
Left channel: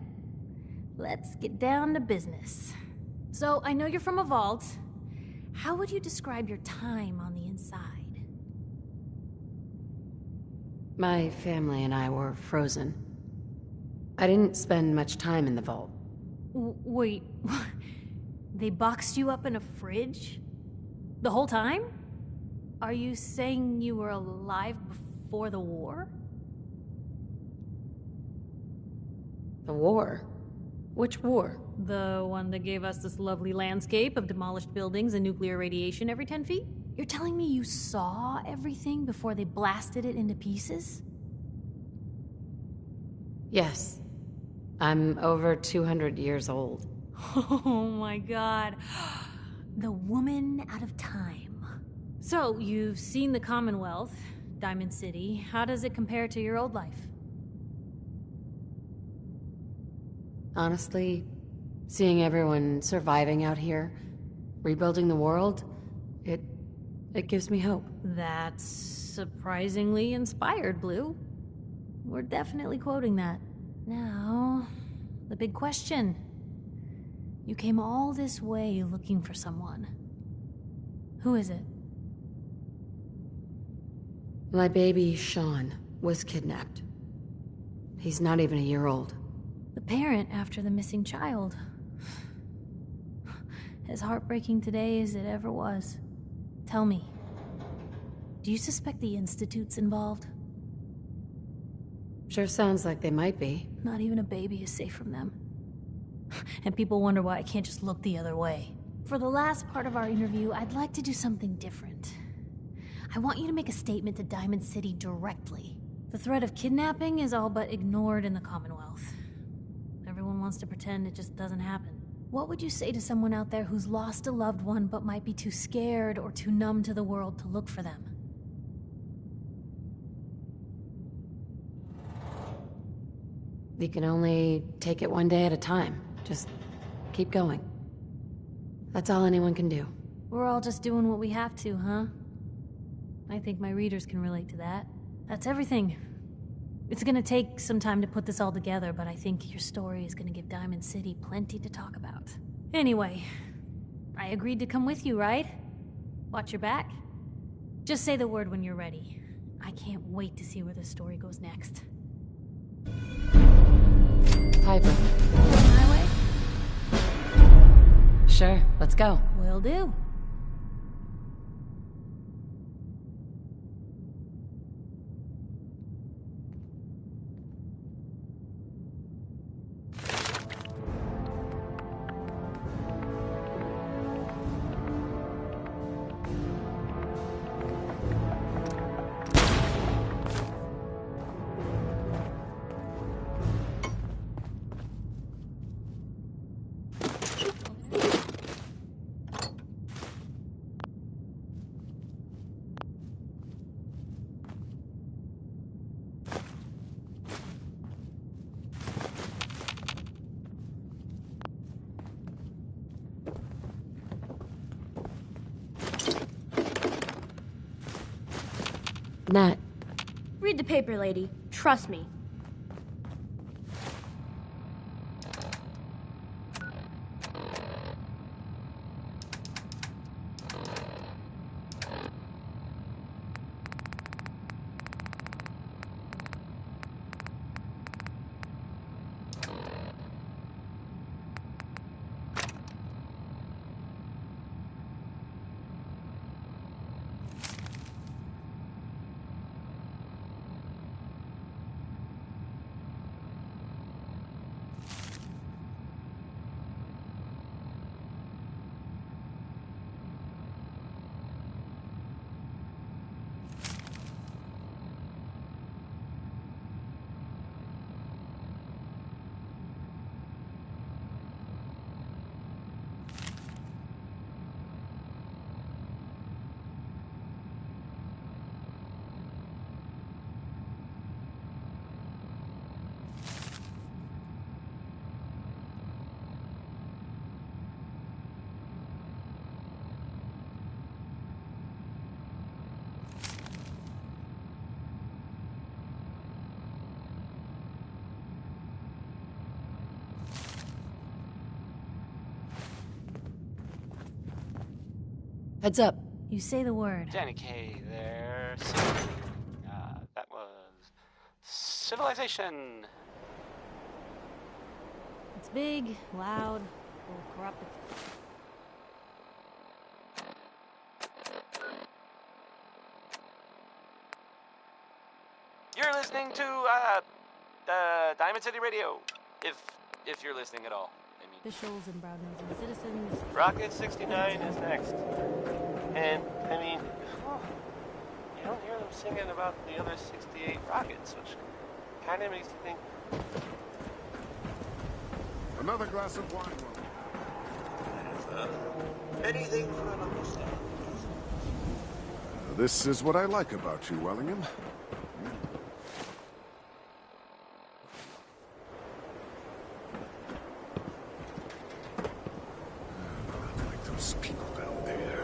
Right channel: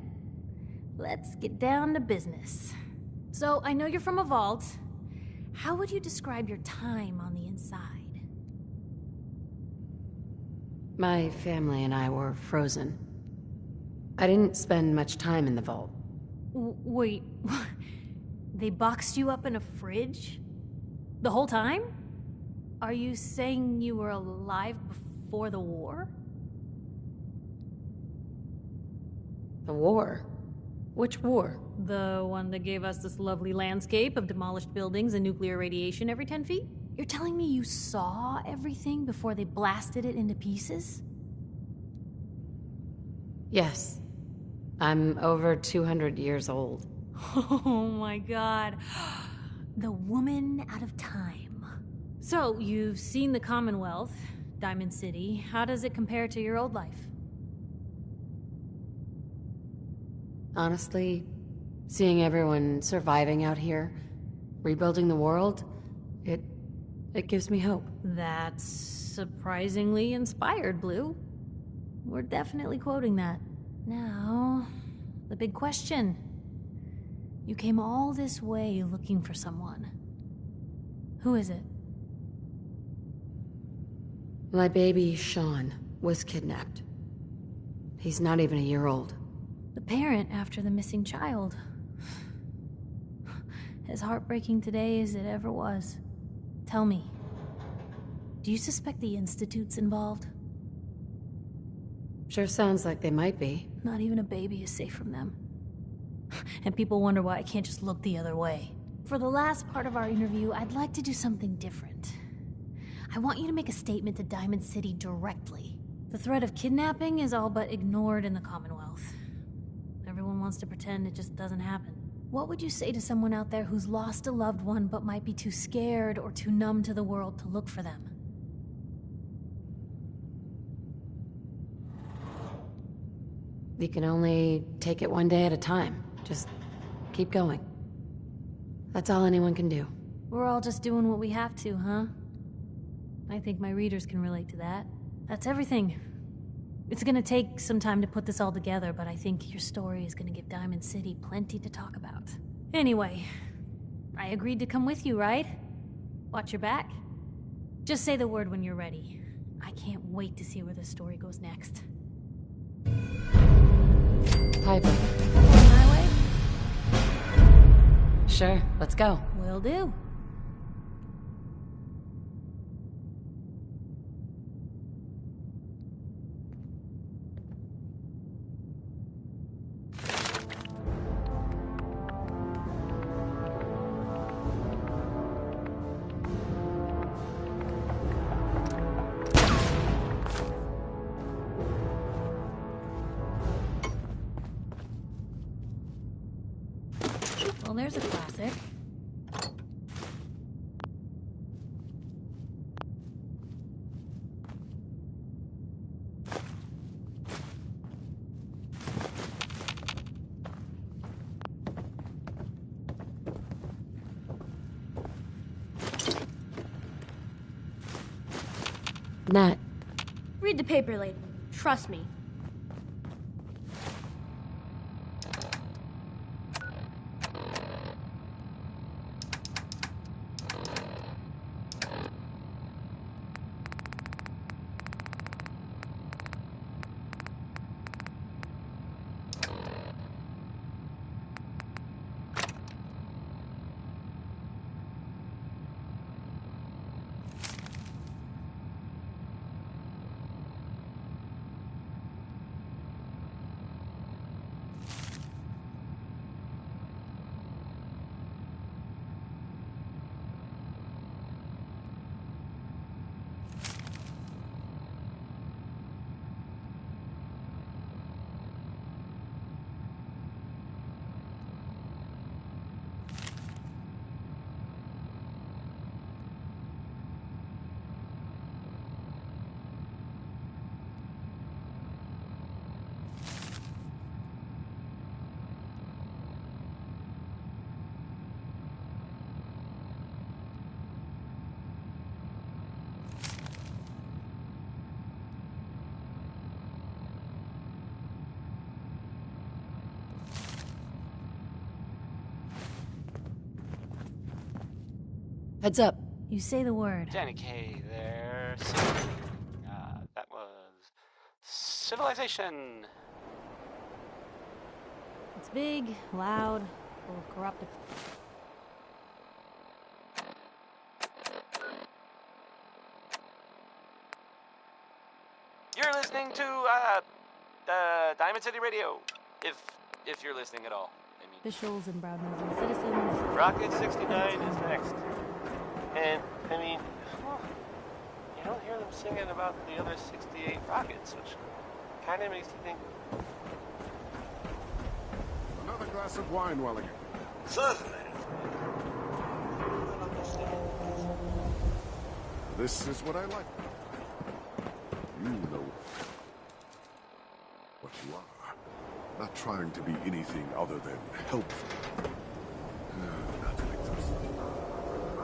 Let's get down to business. So, I know you're from a vault. How would you describe your time on the inside? My family and I were frozen. I didn't spend much time in the vault. Wait, they boxed you up in a fridge? The whole time? Are you saying you were alive before the war? The war? Which war? The one that gave us this lovely landscape of demolished buildings and nuclear radiation every 10 feet? You're telling me you saw everything before they blasted it into pieces? Yes. I'm over 200 years old. Oh my god. The woman out of time. So, you've seen the Commonwealth, Diamond City. How does it compare to your old life? Honestly, seeing everyone surviving out here, rebuilding the world, it gives me hope. That's surprisingly inspired, Blue. We're definitely quoting that. Now, the big question. You came all this way looking for someone. Who is it? My baby, Sean, was kidnapped. He's not even a year old. The parent after the missing child. As heartbreaking today as it ever was. Tell me, do you suspect the Institute's involved? Sure sounds like they might be. Not even a baby is safe from them. And people wonder why I can't just look the other way. For the last part of our interview, I'd like to do something different. I want you to make a statement to Diamond City directly. The threat of kidnapping is all but ignored in the Commonwealth. Everyone wants to pretend it just doesn't happen. What would you say to someone out there who's lost a loved one but might be too scared or too numb to the world to look for them? You can only take it one day at a time. Just keep going. That's all anyone can do. We're all just doing what we have to, huh? I think my readers can relate to that. That's everything. It's gonna take some time to put this all together, but I think your story is gonna give Diamond City plenty to talk about. Anyway, I agreed to come with you, right? Watch your back? Just say the word when you're ready. I can't wait to see where this story goes next. Piper. My way? Sure, let's go. Will do. Well, there's a classic. Nat. Read the paper, lady. Trust me. Heads up. You say the word. Danny K there. That was Civilization. It's big, loud, full of corruptive. You're listening to Diamond City Radio. If you're listening at all. I mean, Officials and brown-nosing citizens. Rocket 69 is next. And, I mean, you don't hear them singing about the other 68 rockets, which kind of makes you think... Another glass of wine, Welling. Certainly, sir. Anything for an understanding. this is what I like about you, Wellingham. You know what you are. Not trying to be anything other than helpful. Not like those people down there.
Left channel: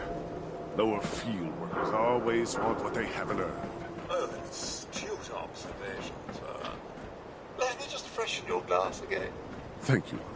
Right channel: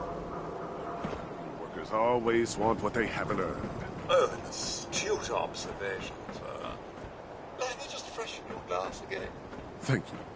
Lower field workers always want what they haven't earned. Oh, an astute observation, sir. Let me just freshen your glass again. Thank you, Wellingham.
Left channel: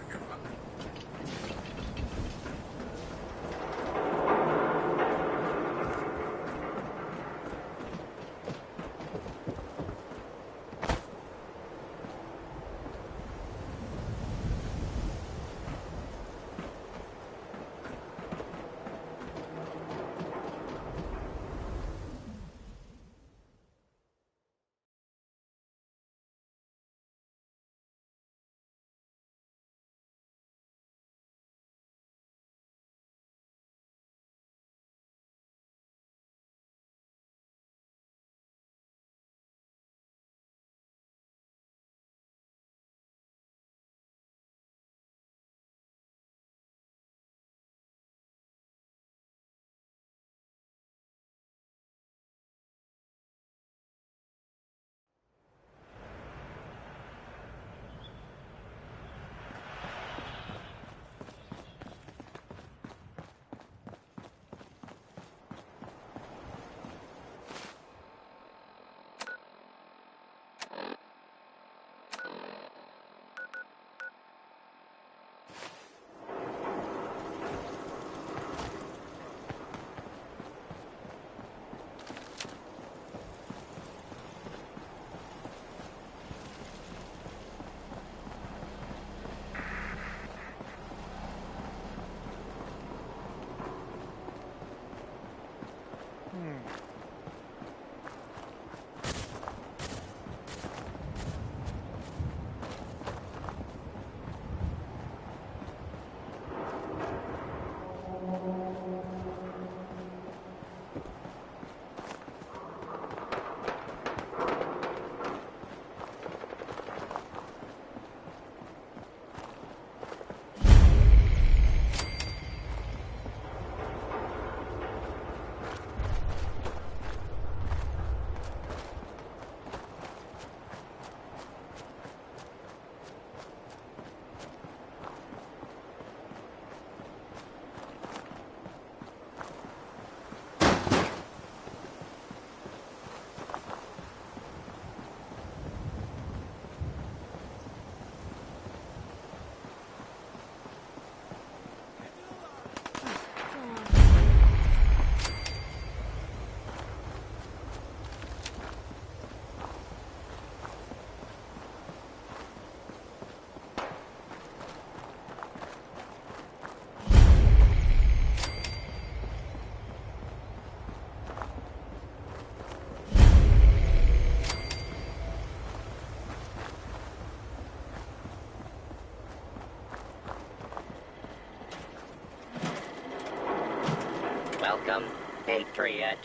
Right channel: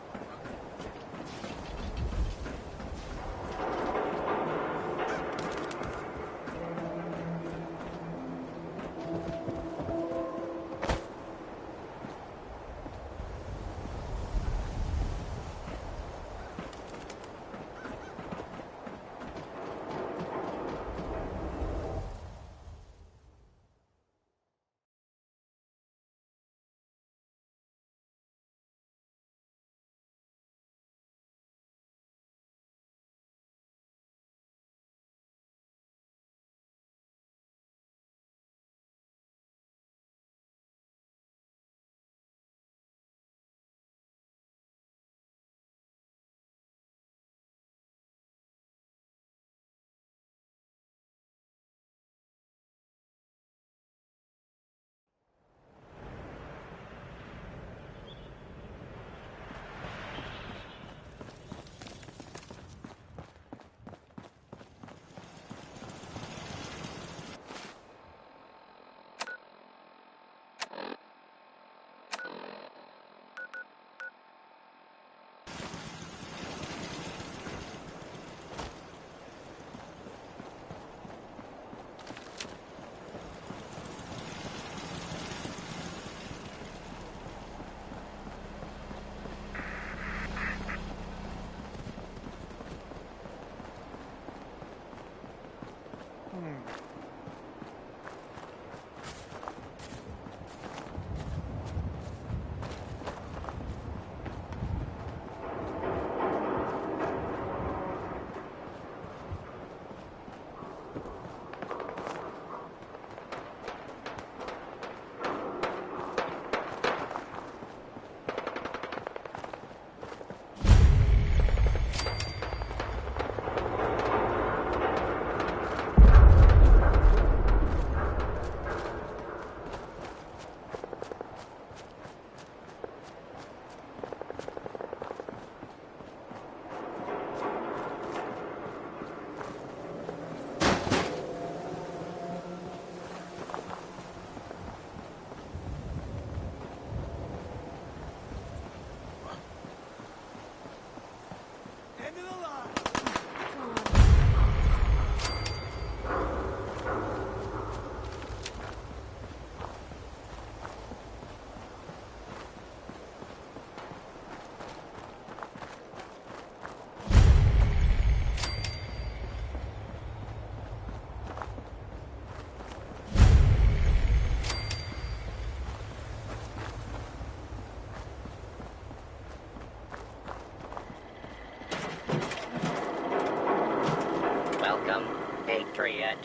Welcome, Patriot,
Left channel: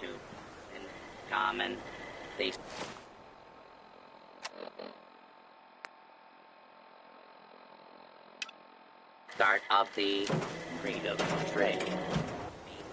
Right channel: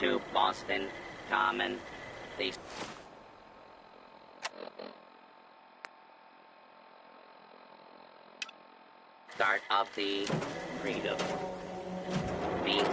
to Boston Common. The start of the freedom trade. The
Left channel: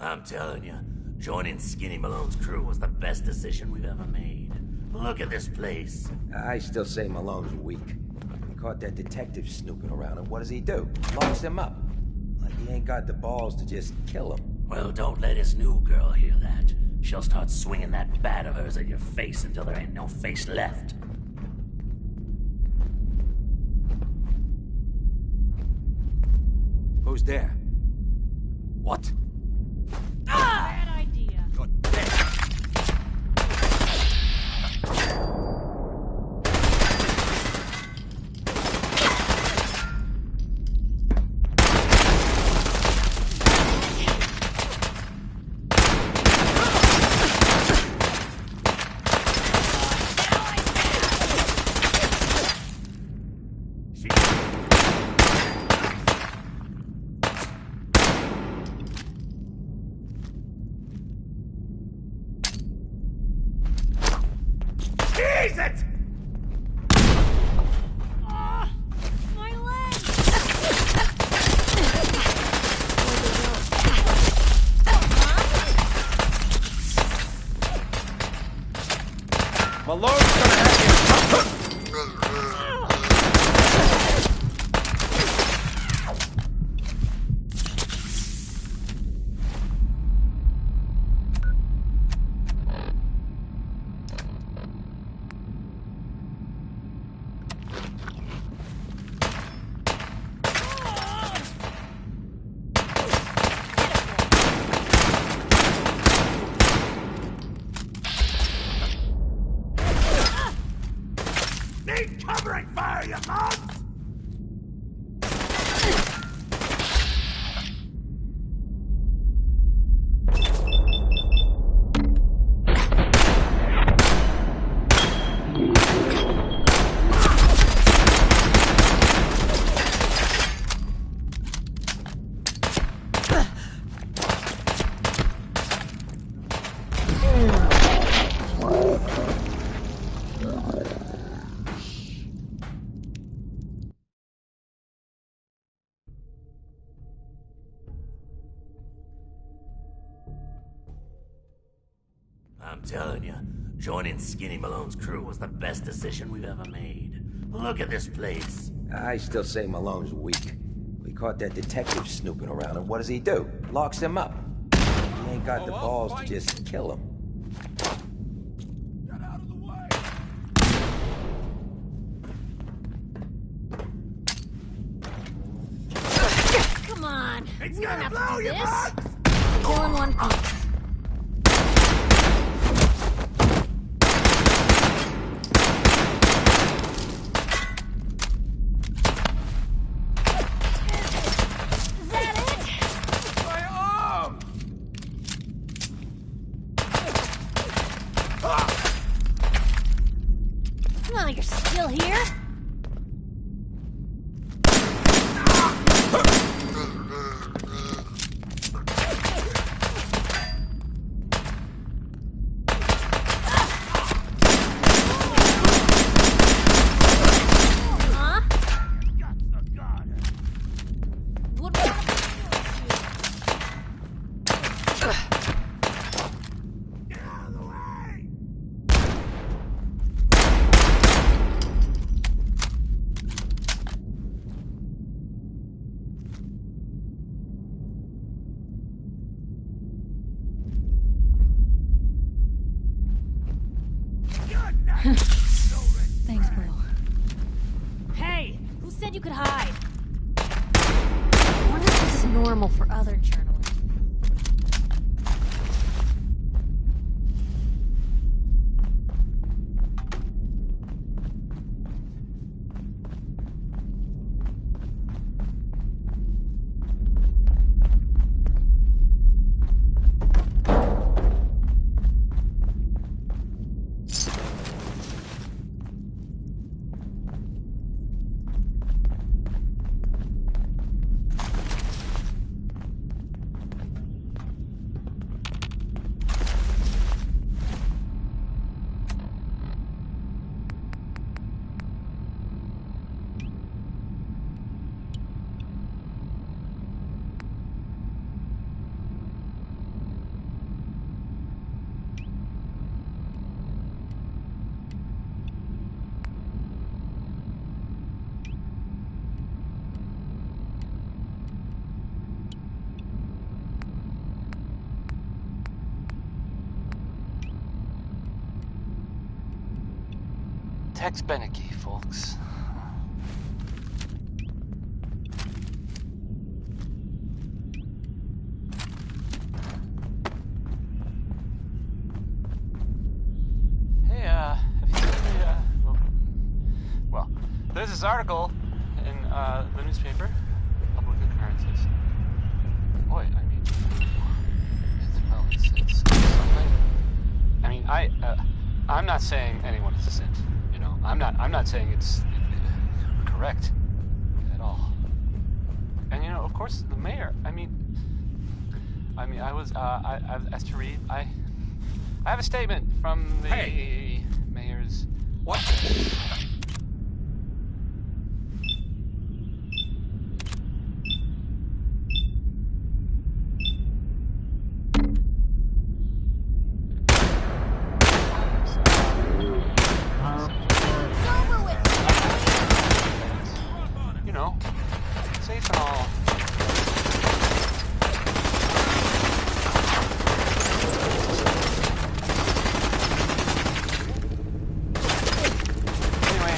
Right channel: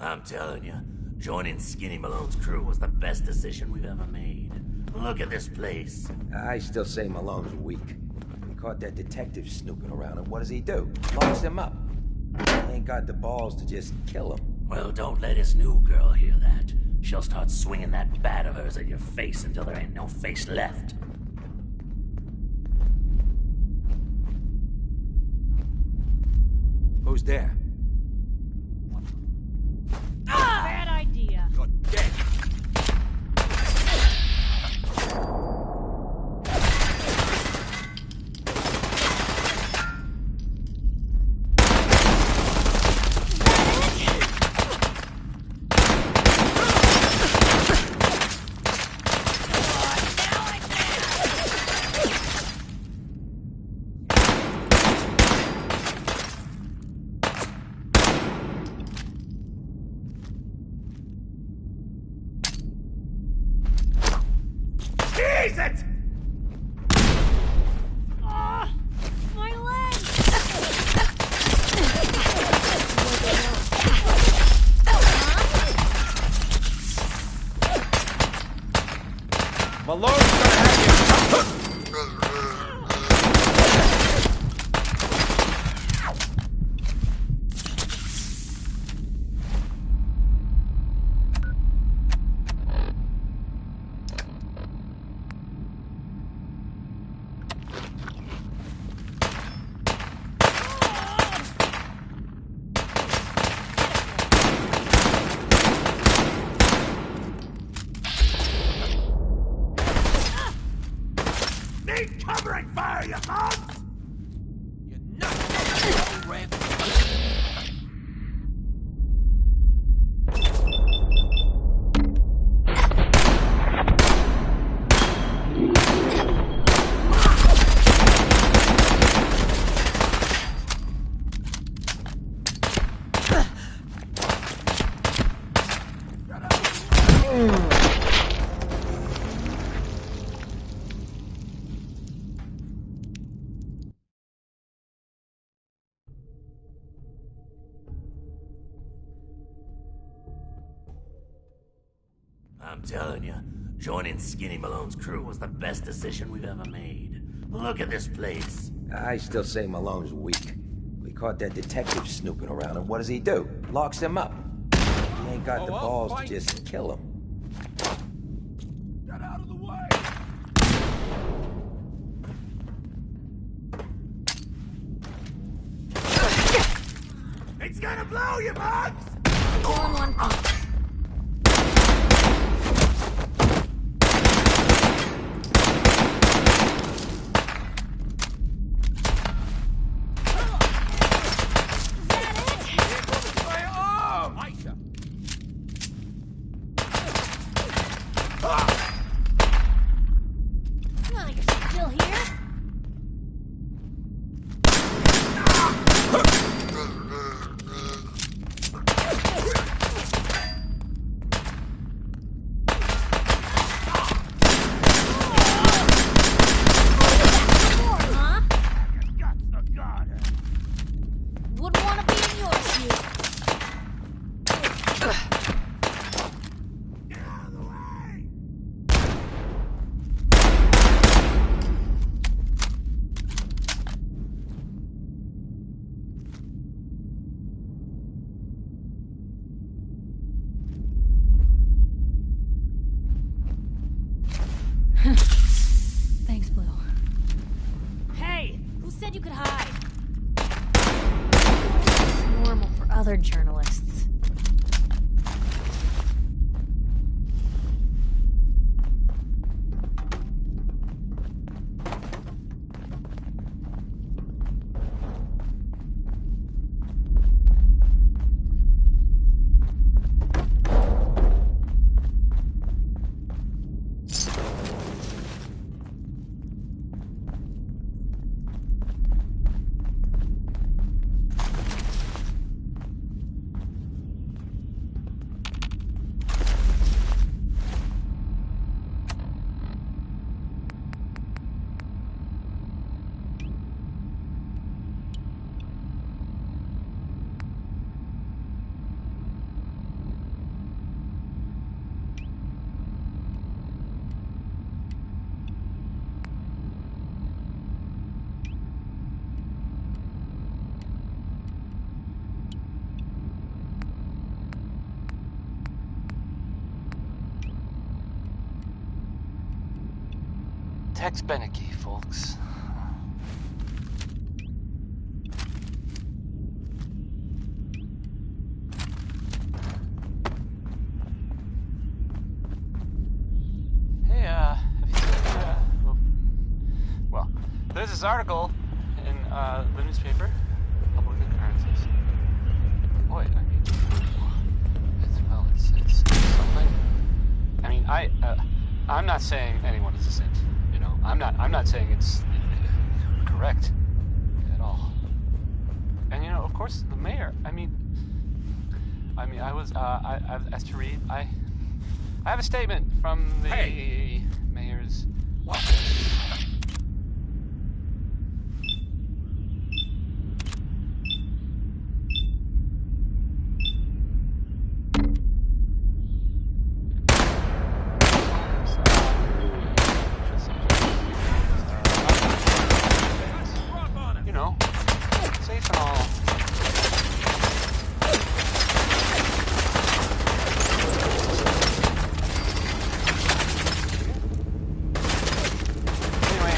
I'm telling you, joining Skinny Malone's crew was the best decision we've ever made. Look at this place. I still say Malone's weak. He caught that detective snooping around, and what does he do? Locks him up. He ain't got the balls to just kill him. Well, don't let his new girl hear that. She'll start swinging that bat of hers at your face until there ain't no face left. Who's there? What? Bad idea. You're dead. covering fire, you mug! I'm telling you, joining Skinny Malone's crew was the best decision we've ever made. Look at this place. I still say Malone's weak. We caught that detective snooping around, and what does he do? Locks him up. He ain't got the balls to just kill him. Get out of the way! Come on. It's gonna blow you, bugs! All in one piece. You're still here? Huh? Wouldn't want to be in your shoes. Thanks, Blue. Hey, who said you could hide? I wonder if this is normal for other journalists. Tex Beneke, folks. Hey, have you seen the, well, there's this article in the newspaper, Public Occurrences. Boy, I mean, it's something. I mean, I'm not saying anyone is a saint. You know, I'm not saying it's correct at all. And you know, of course, the mayor. I mean, I was I asked to read. I have a statement from the mayor's. What? You know, safe and all. Anyway,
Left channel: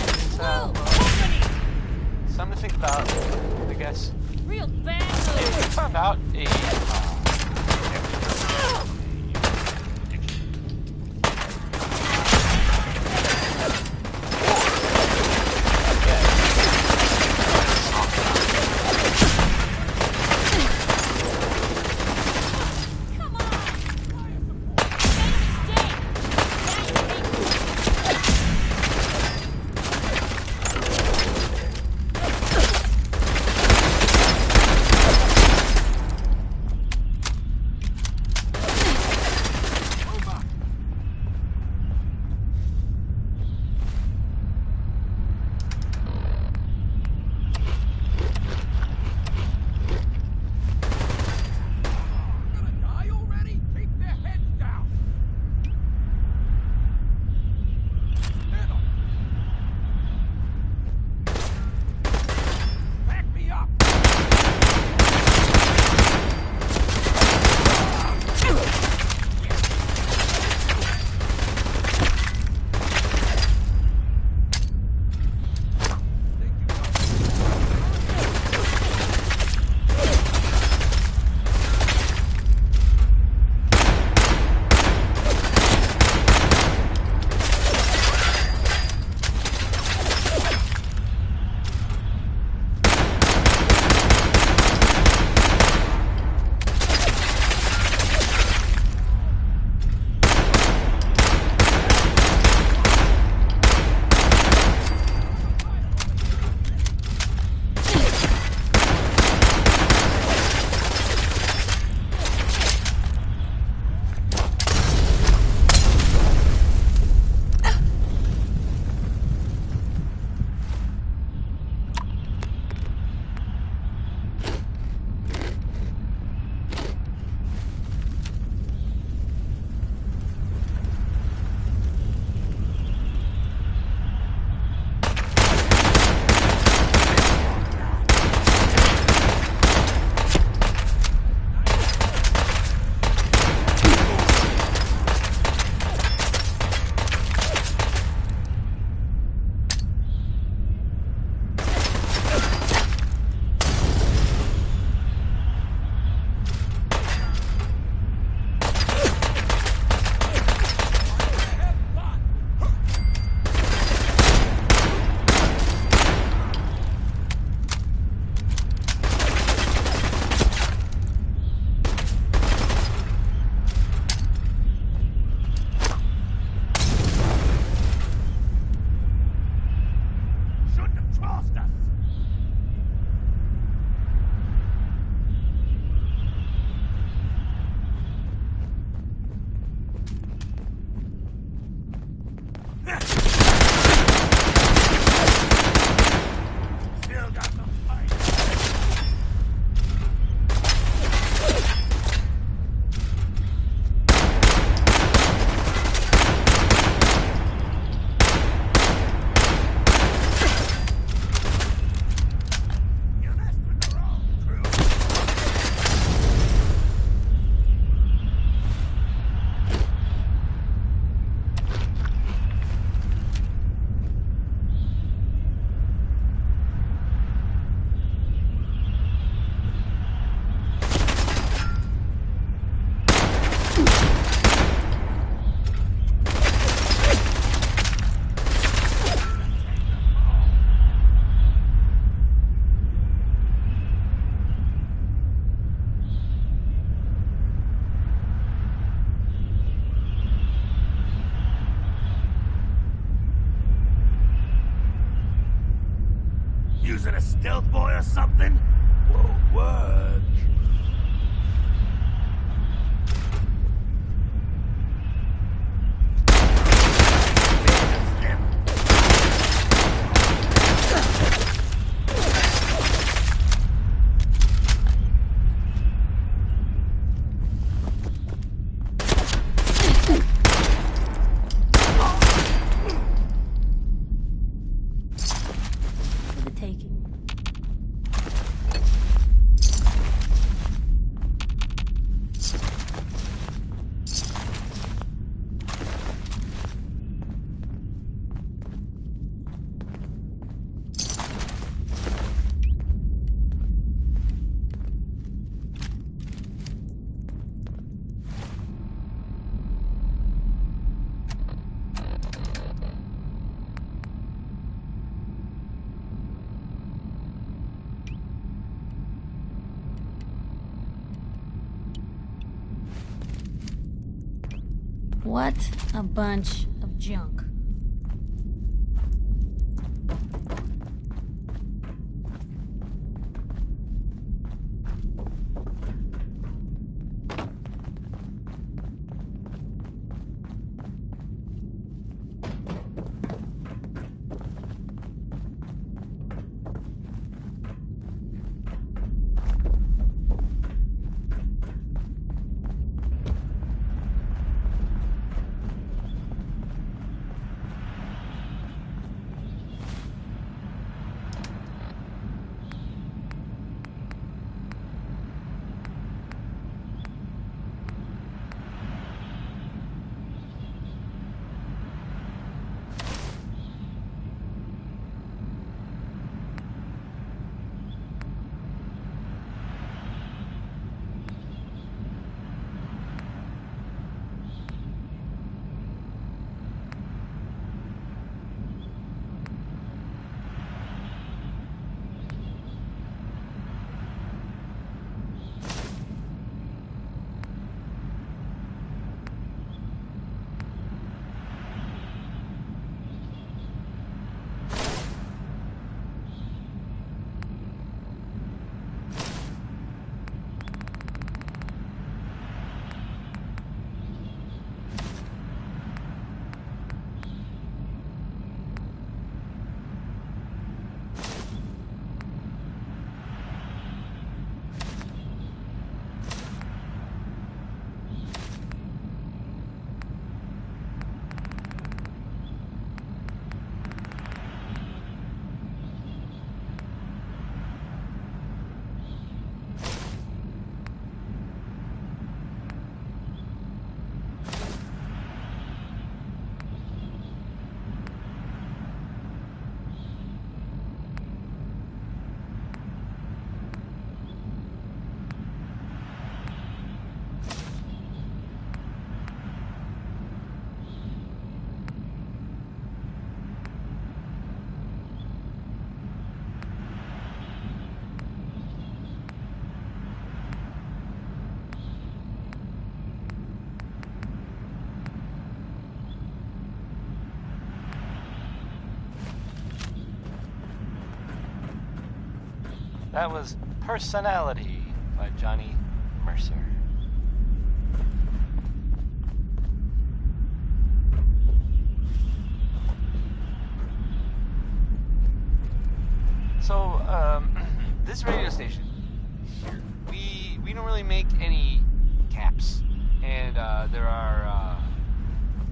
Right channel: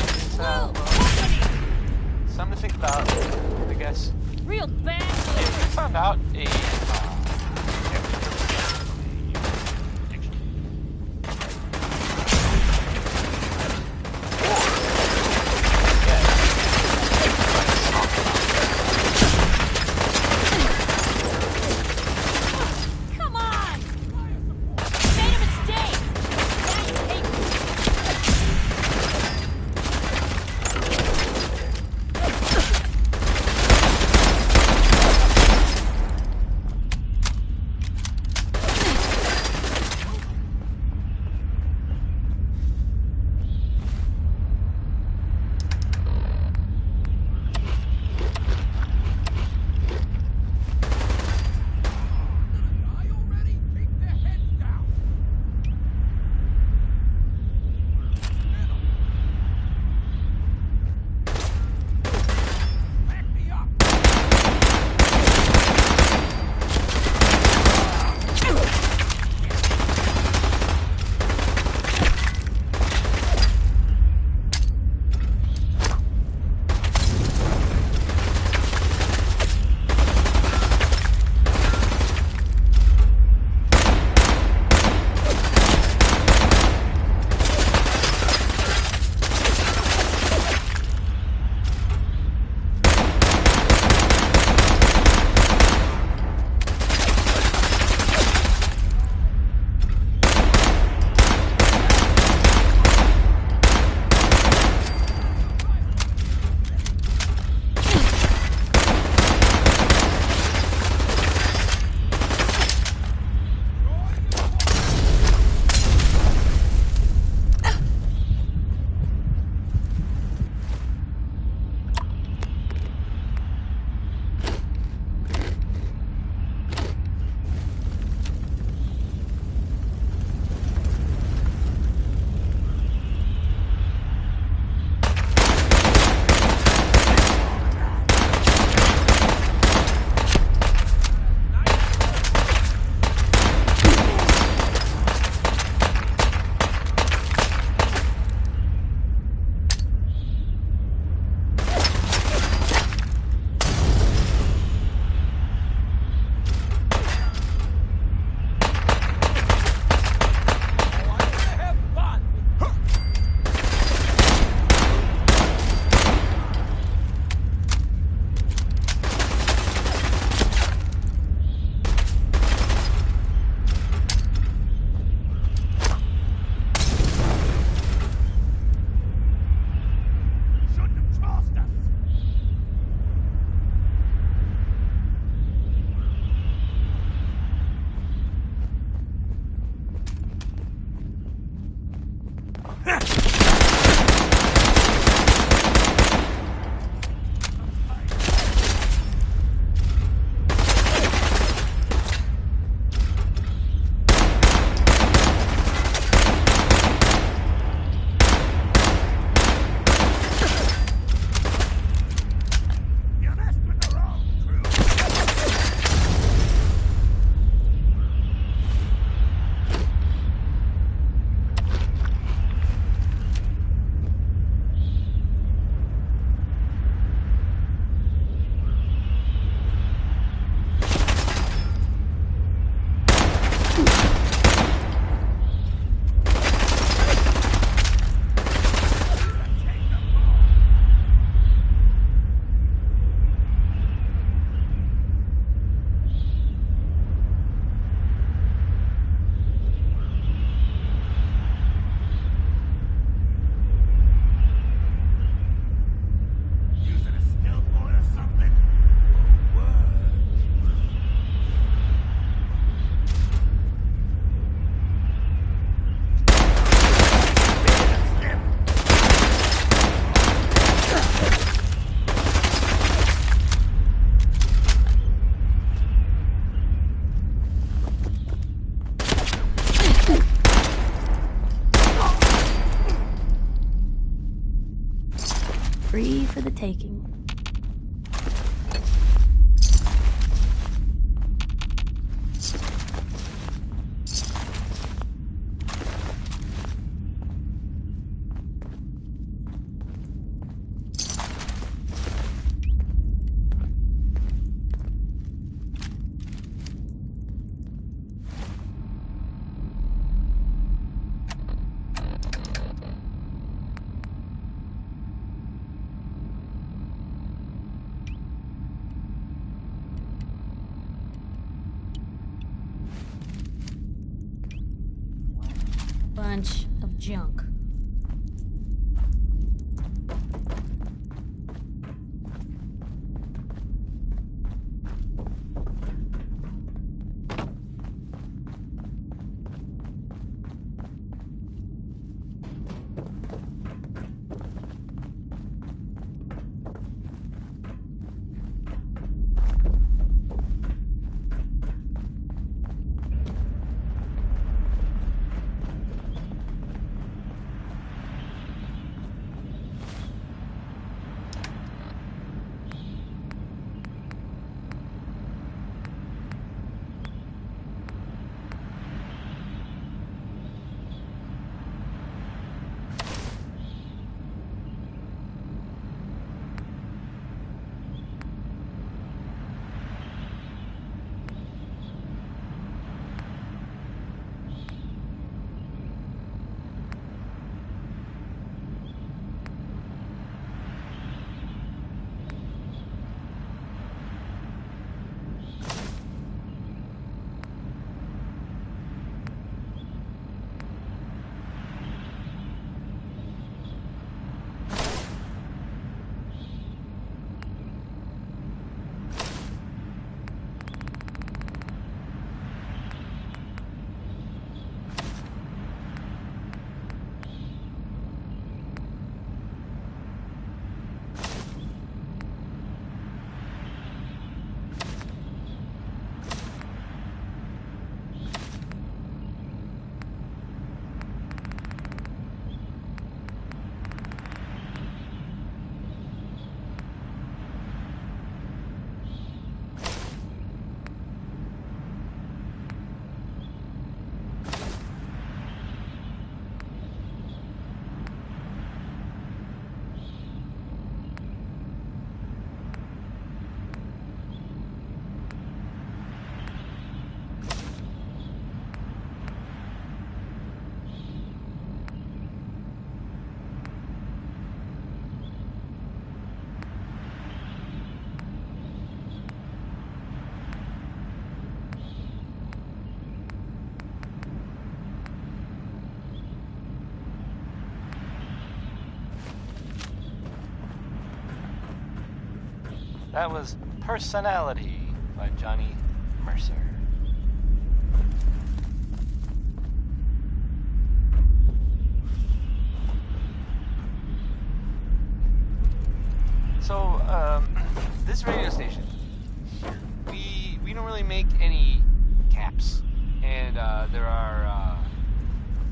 it's something to think about, I guess. Real bad. We found out a using a stealth boy or something? Won't work. Free for the taking. What a bunch of junk. That was Personality by Johnny Mercer. So, this radio station, we don't really make any caps. And, there are,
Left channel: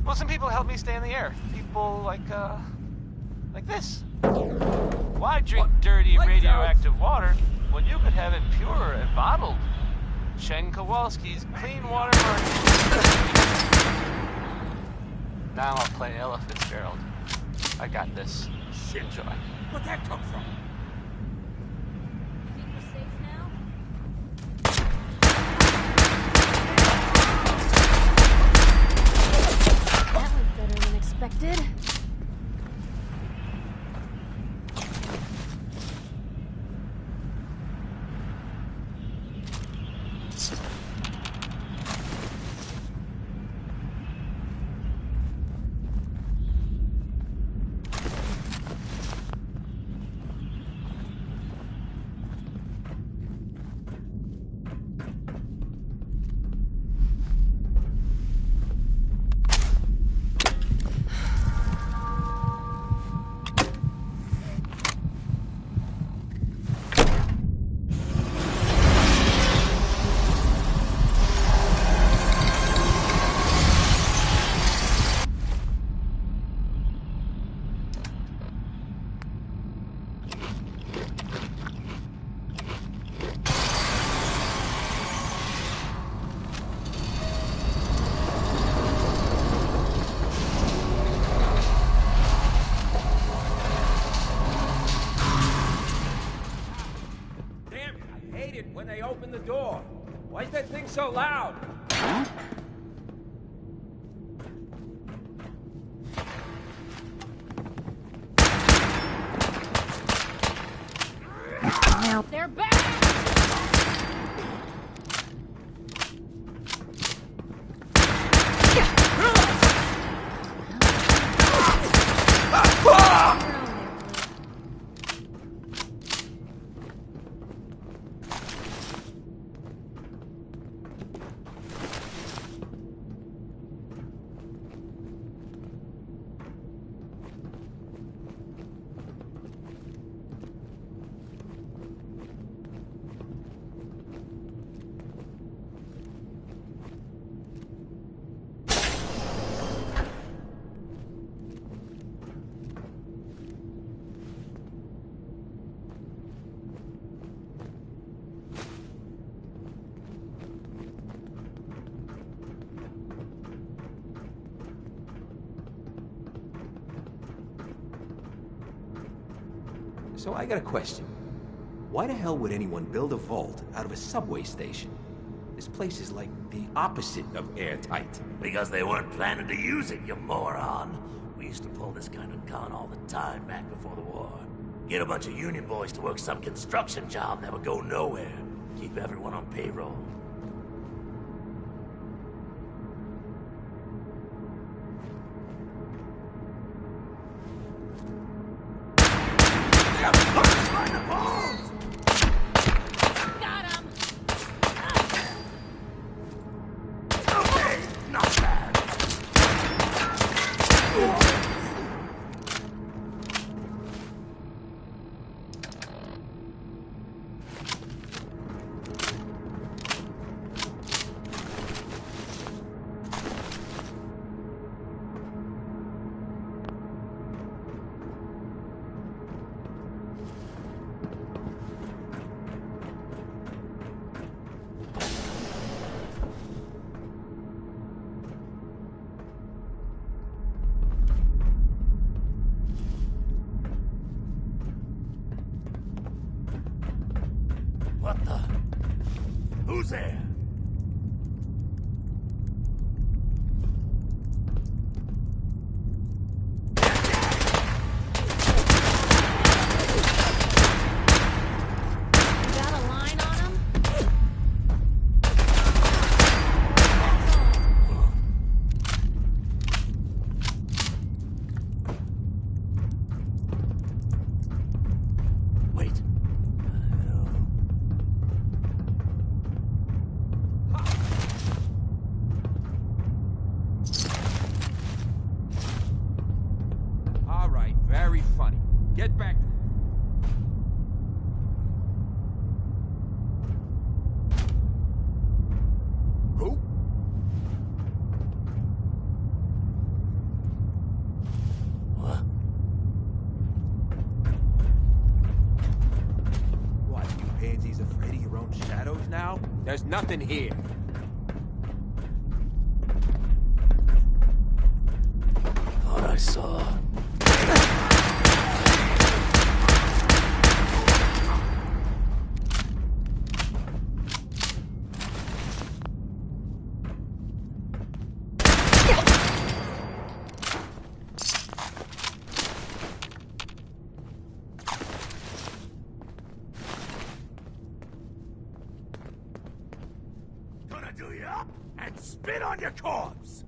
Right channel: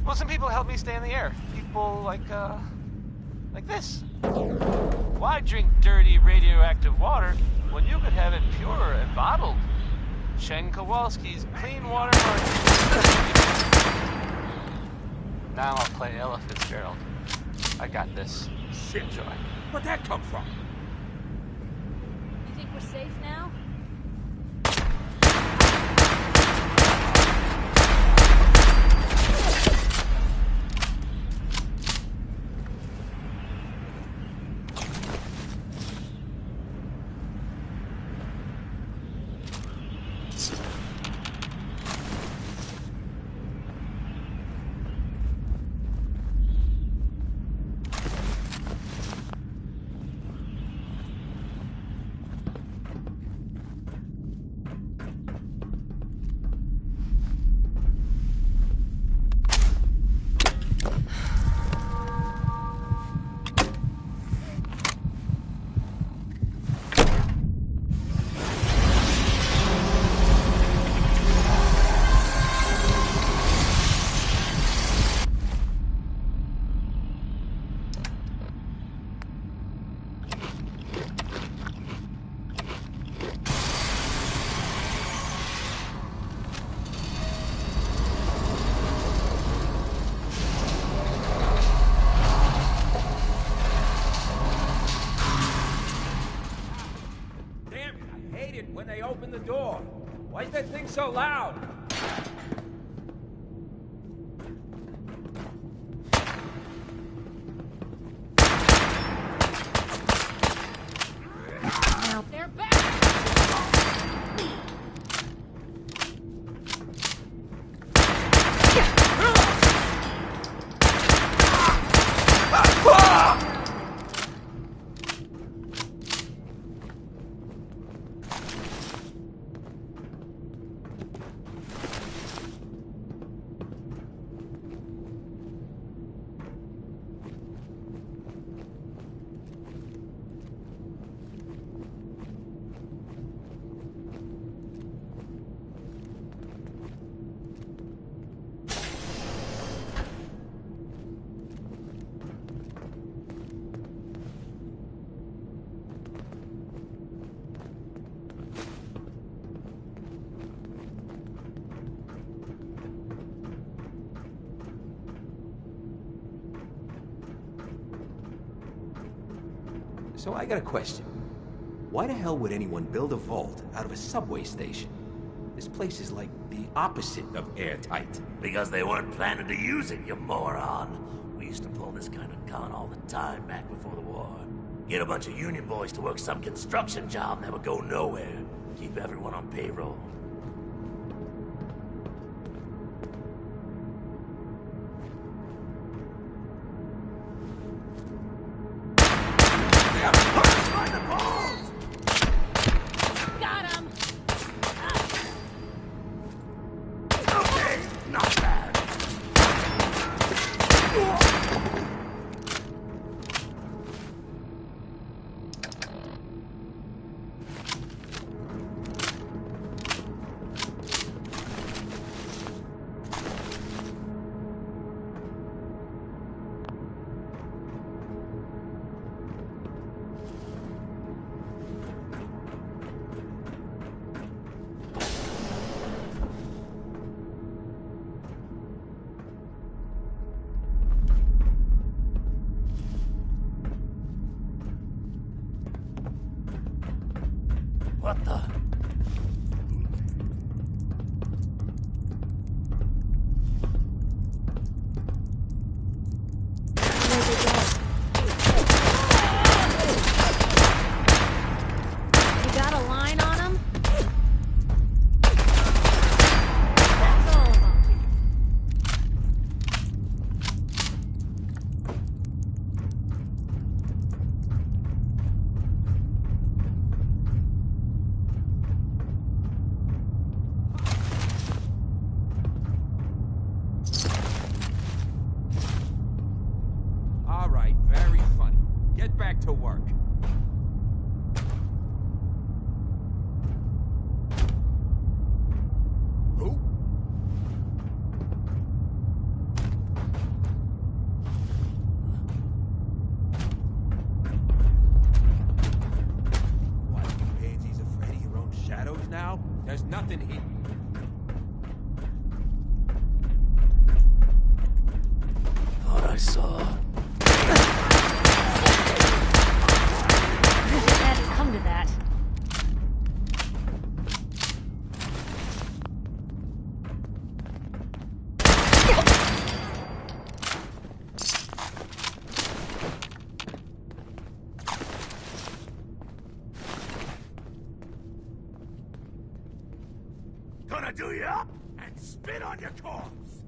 well, some people help me stay in the air. People like this. Why drink dirty radioactive water when you could have it pure and bottled? Chen Kowalski's Clean Water Market. Now I'll play Ella Fitzgerald. I got this. Shit. Enjoy. Where'd that come from? You think we're safe now? That was better than expected. idiot when they open the door. Why is that thing so loud? They're back! So I got a question. Why the hell would anyone build a vault out of a subway station? This place is like the opposite of airtight. Because they weren't planning to use it, you moron. We used to pull this kind of con all the time back before the war. Get a bunch of union boys to work some construction job that would go nowhere. Keep everyone on payroll. What the? Who's there? You got a line on him? Wait. All right, very funny. Get back to work. Who? What, you pansies afraid of your own shadows now? There's nothing here. Thought I saw. Come to that. Gonna do you up and spit on your corpse!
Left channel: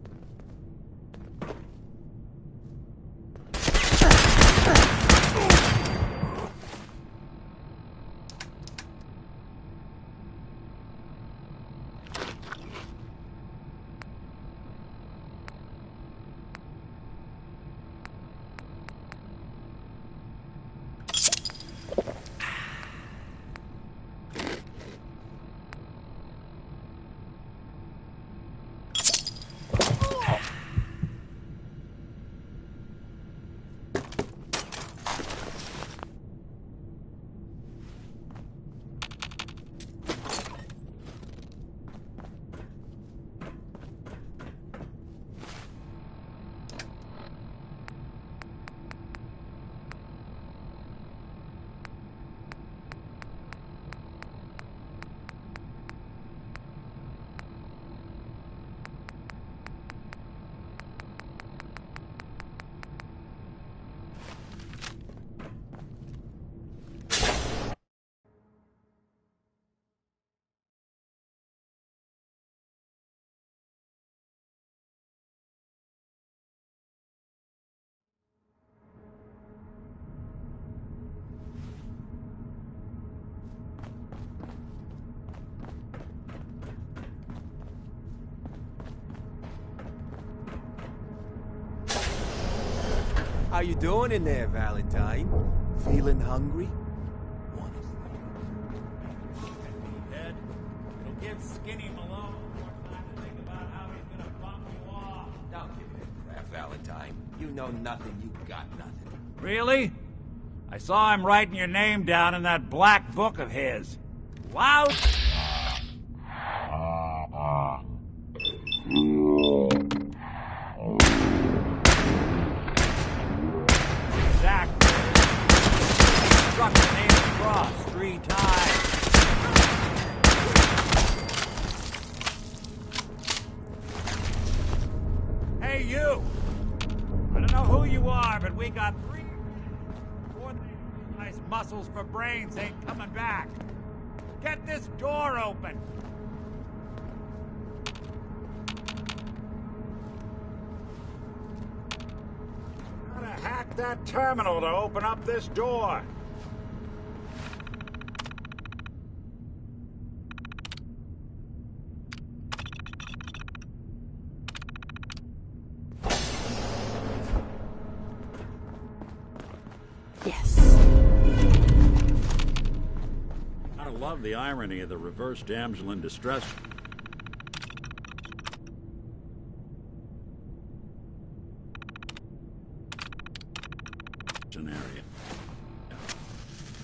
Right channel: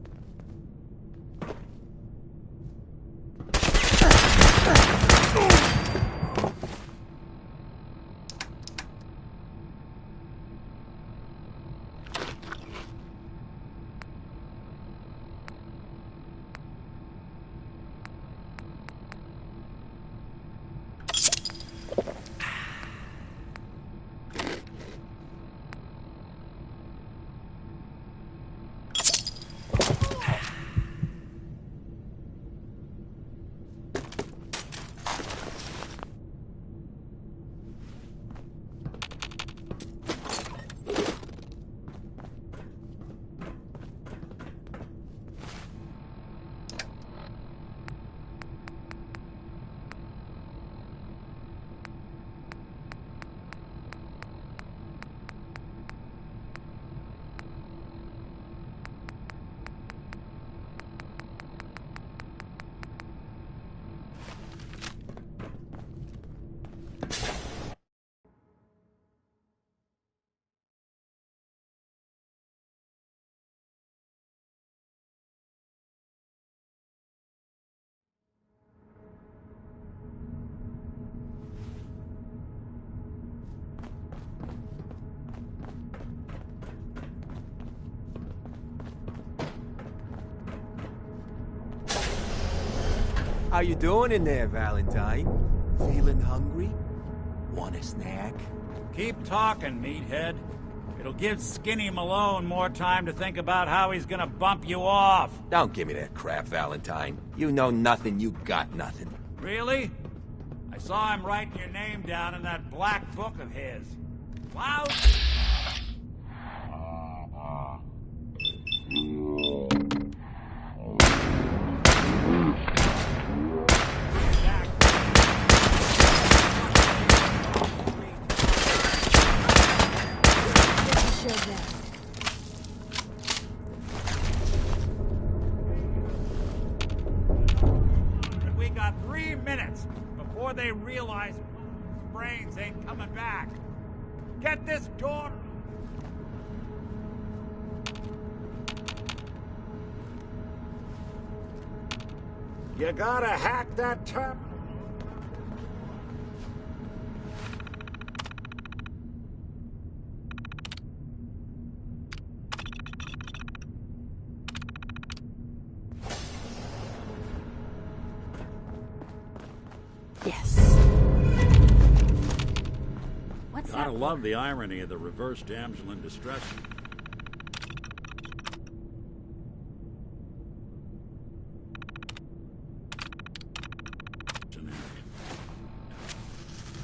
How you doing in there, Valentine? Feeling hungry? Want a snack? Keep talking, meathead. It'll give Skinny Malone more time to think about how he's gonna bump you off. Don't give me that crap, Valentine. You know nothing, you got nothing. Really? I saw him writing your name down in that black book of his. Loud. Exactly. Struck the name across 3 times. Hey, you! I don't know who you are, but we got 3 minutes before they realize muscles for brains ain't coming back. Get this door open! You gotta hack that terminal to open up this door. Yes. Gotta love the irony of the reverse damsel in distress. Scenario.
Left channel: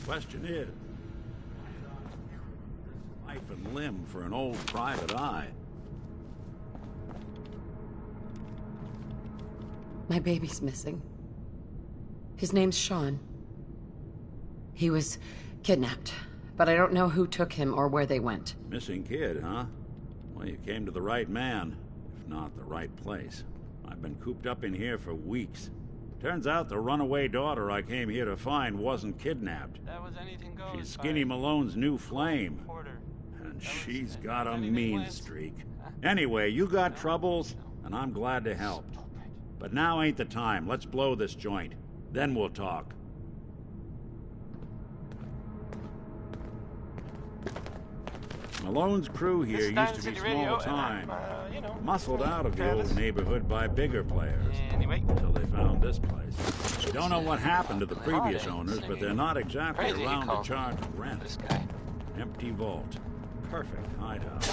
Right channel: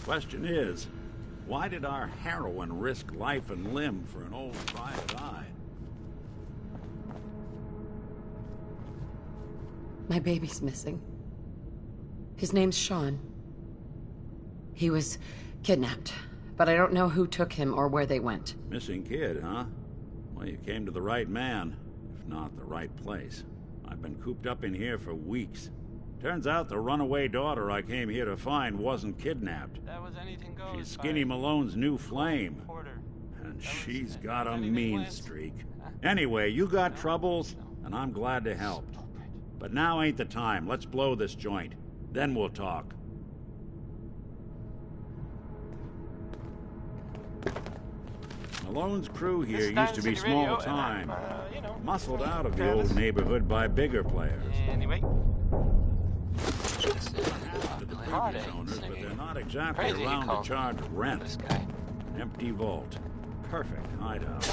Question is, why did our heroine risk life and limb for an old private eye? My baby's missing. His name's Sean. He was kidnapped, but I don't know who took him or where they went. Missing kid, huh? Well, you came to the right man, if not the right place. I've been cooped up in here for weeks. Turns out the runaway daughter I came here to find wasn't kidnapped. That was anything goes. She's Skinny Malone's new flame. And she's got a mean streak. Anyway, you got troubles, and I'm glad to help. But now ain't the time. Let's blow this joint. Then we'll talk. Malone's crew here used to be small time. Muscled out of the old neighborhood by bigger players. Anyway. Until they found this place. Don't know what happened to the previous owners, but they're not exactly around to charge rent. This guy. Empty vault. Perfect hideout.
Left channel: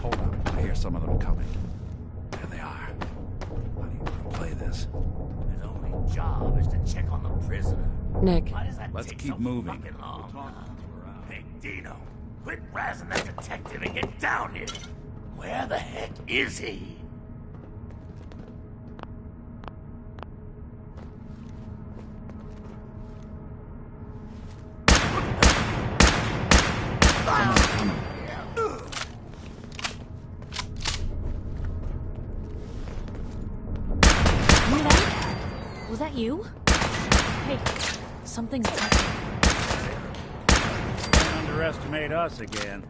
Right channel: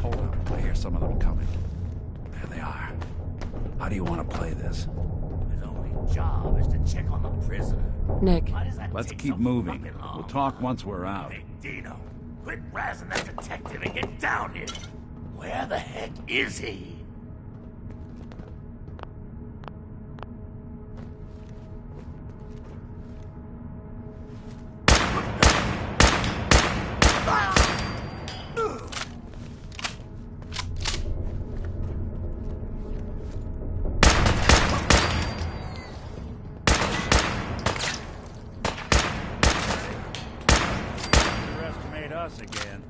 Hold up. I hear some of them coming. There they are. How do you want to play this? His only job is to check on the prisoner. Nick. Why does that Let's take keep so moving. fucking long? We'll talk once we're out. Hey, Dino, quit razzing that detective and get down here. Where the heck is he? Was that you? Hey, something's happening. Underestimate us again.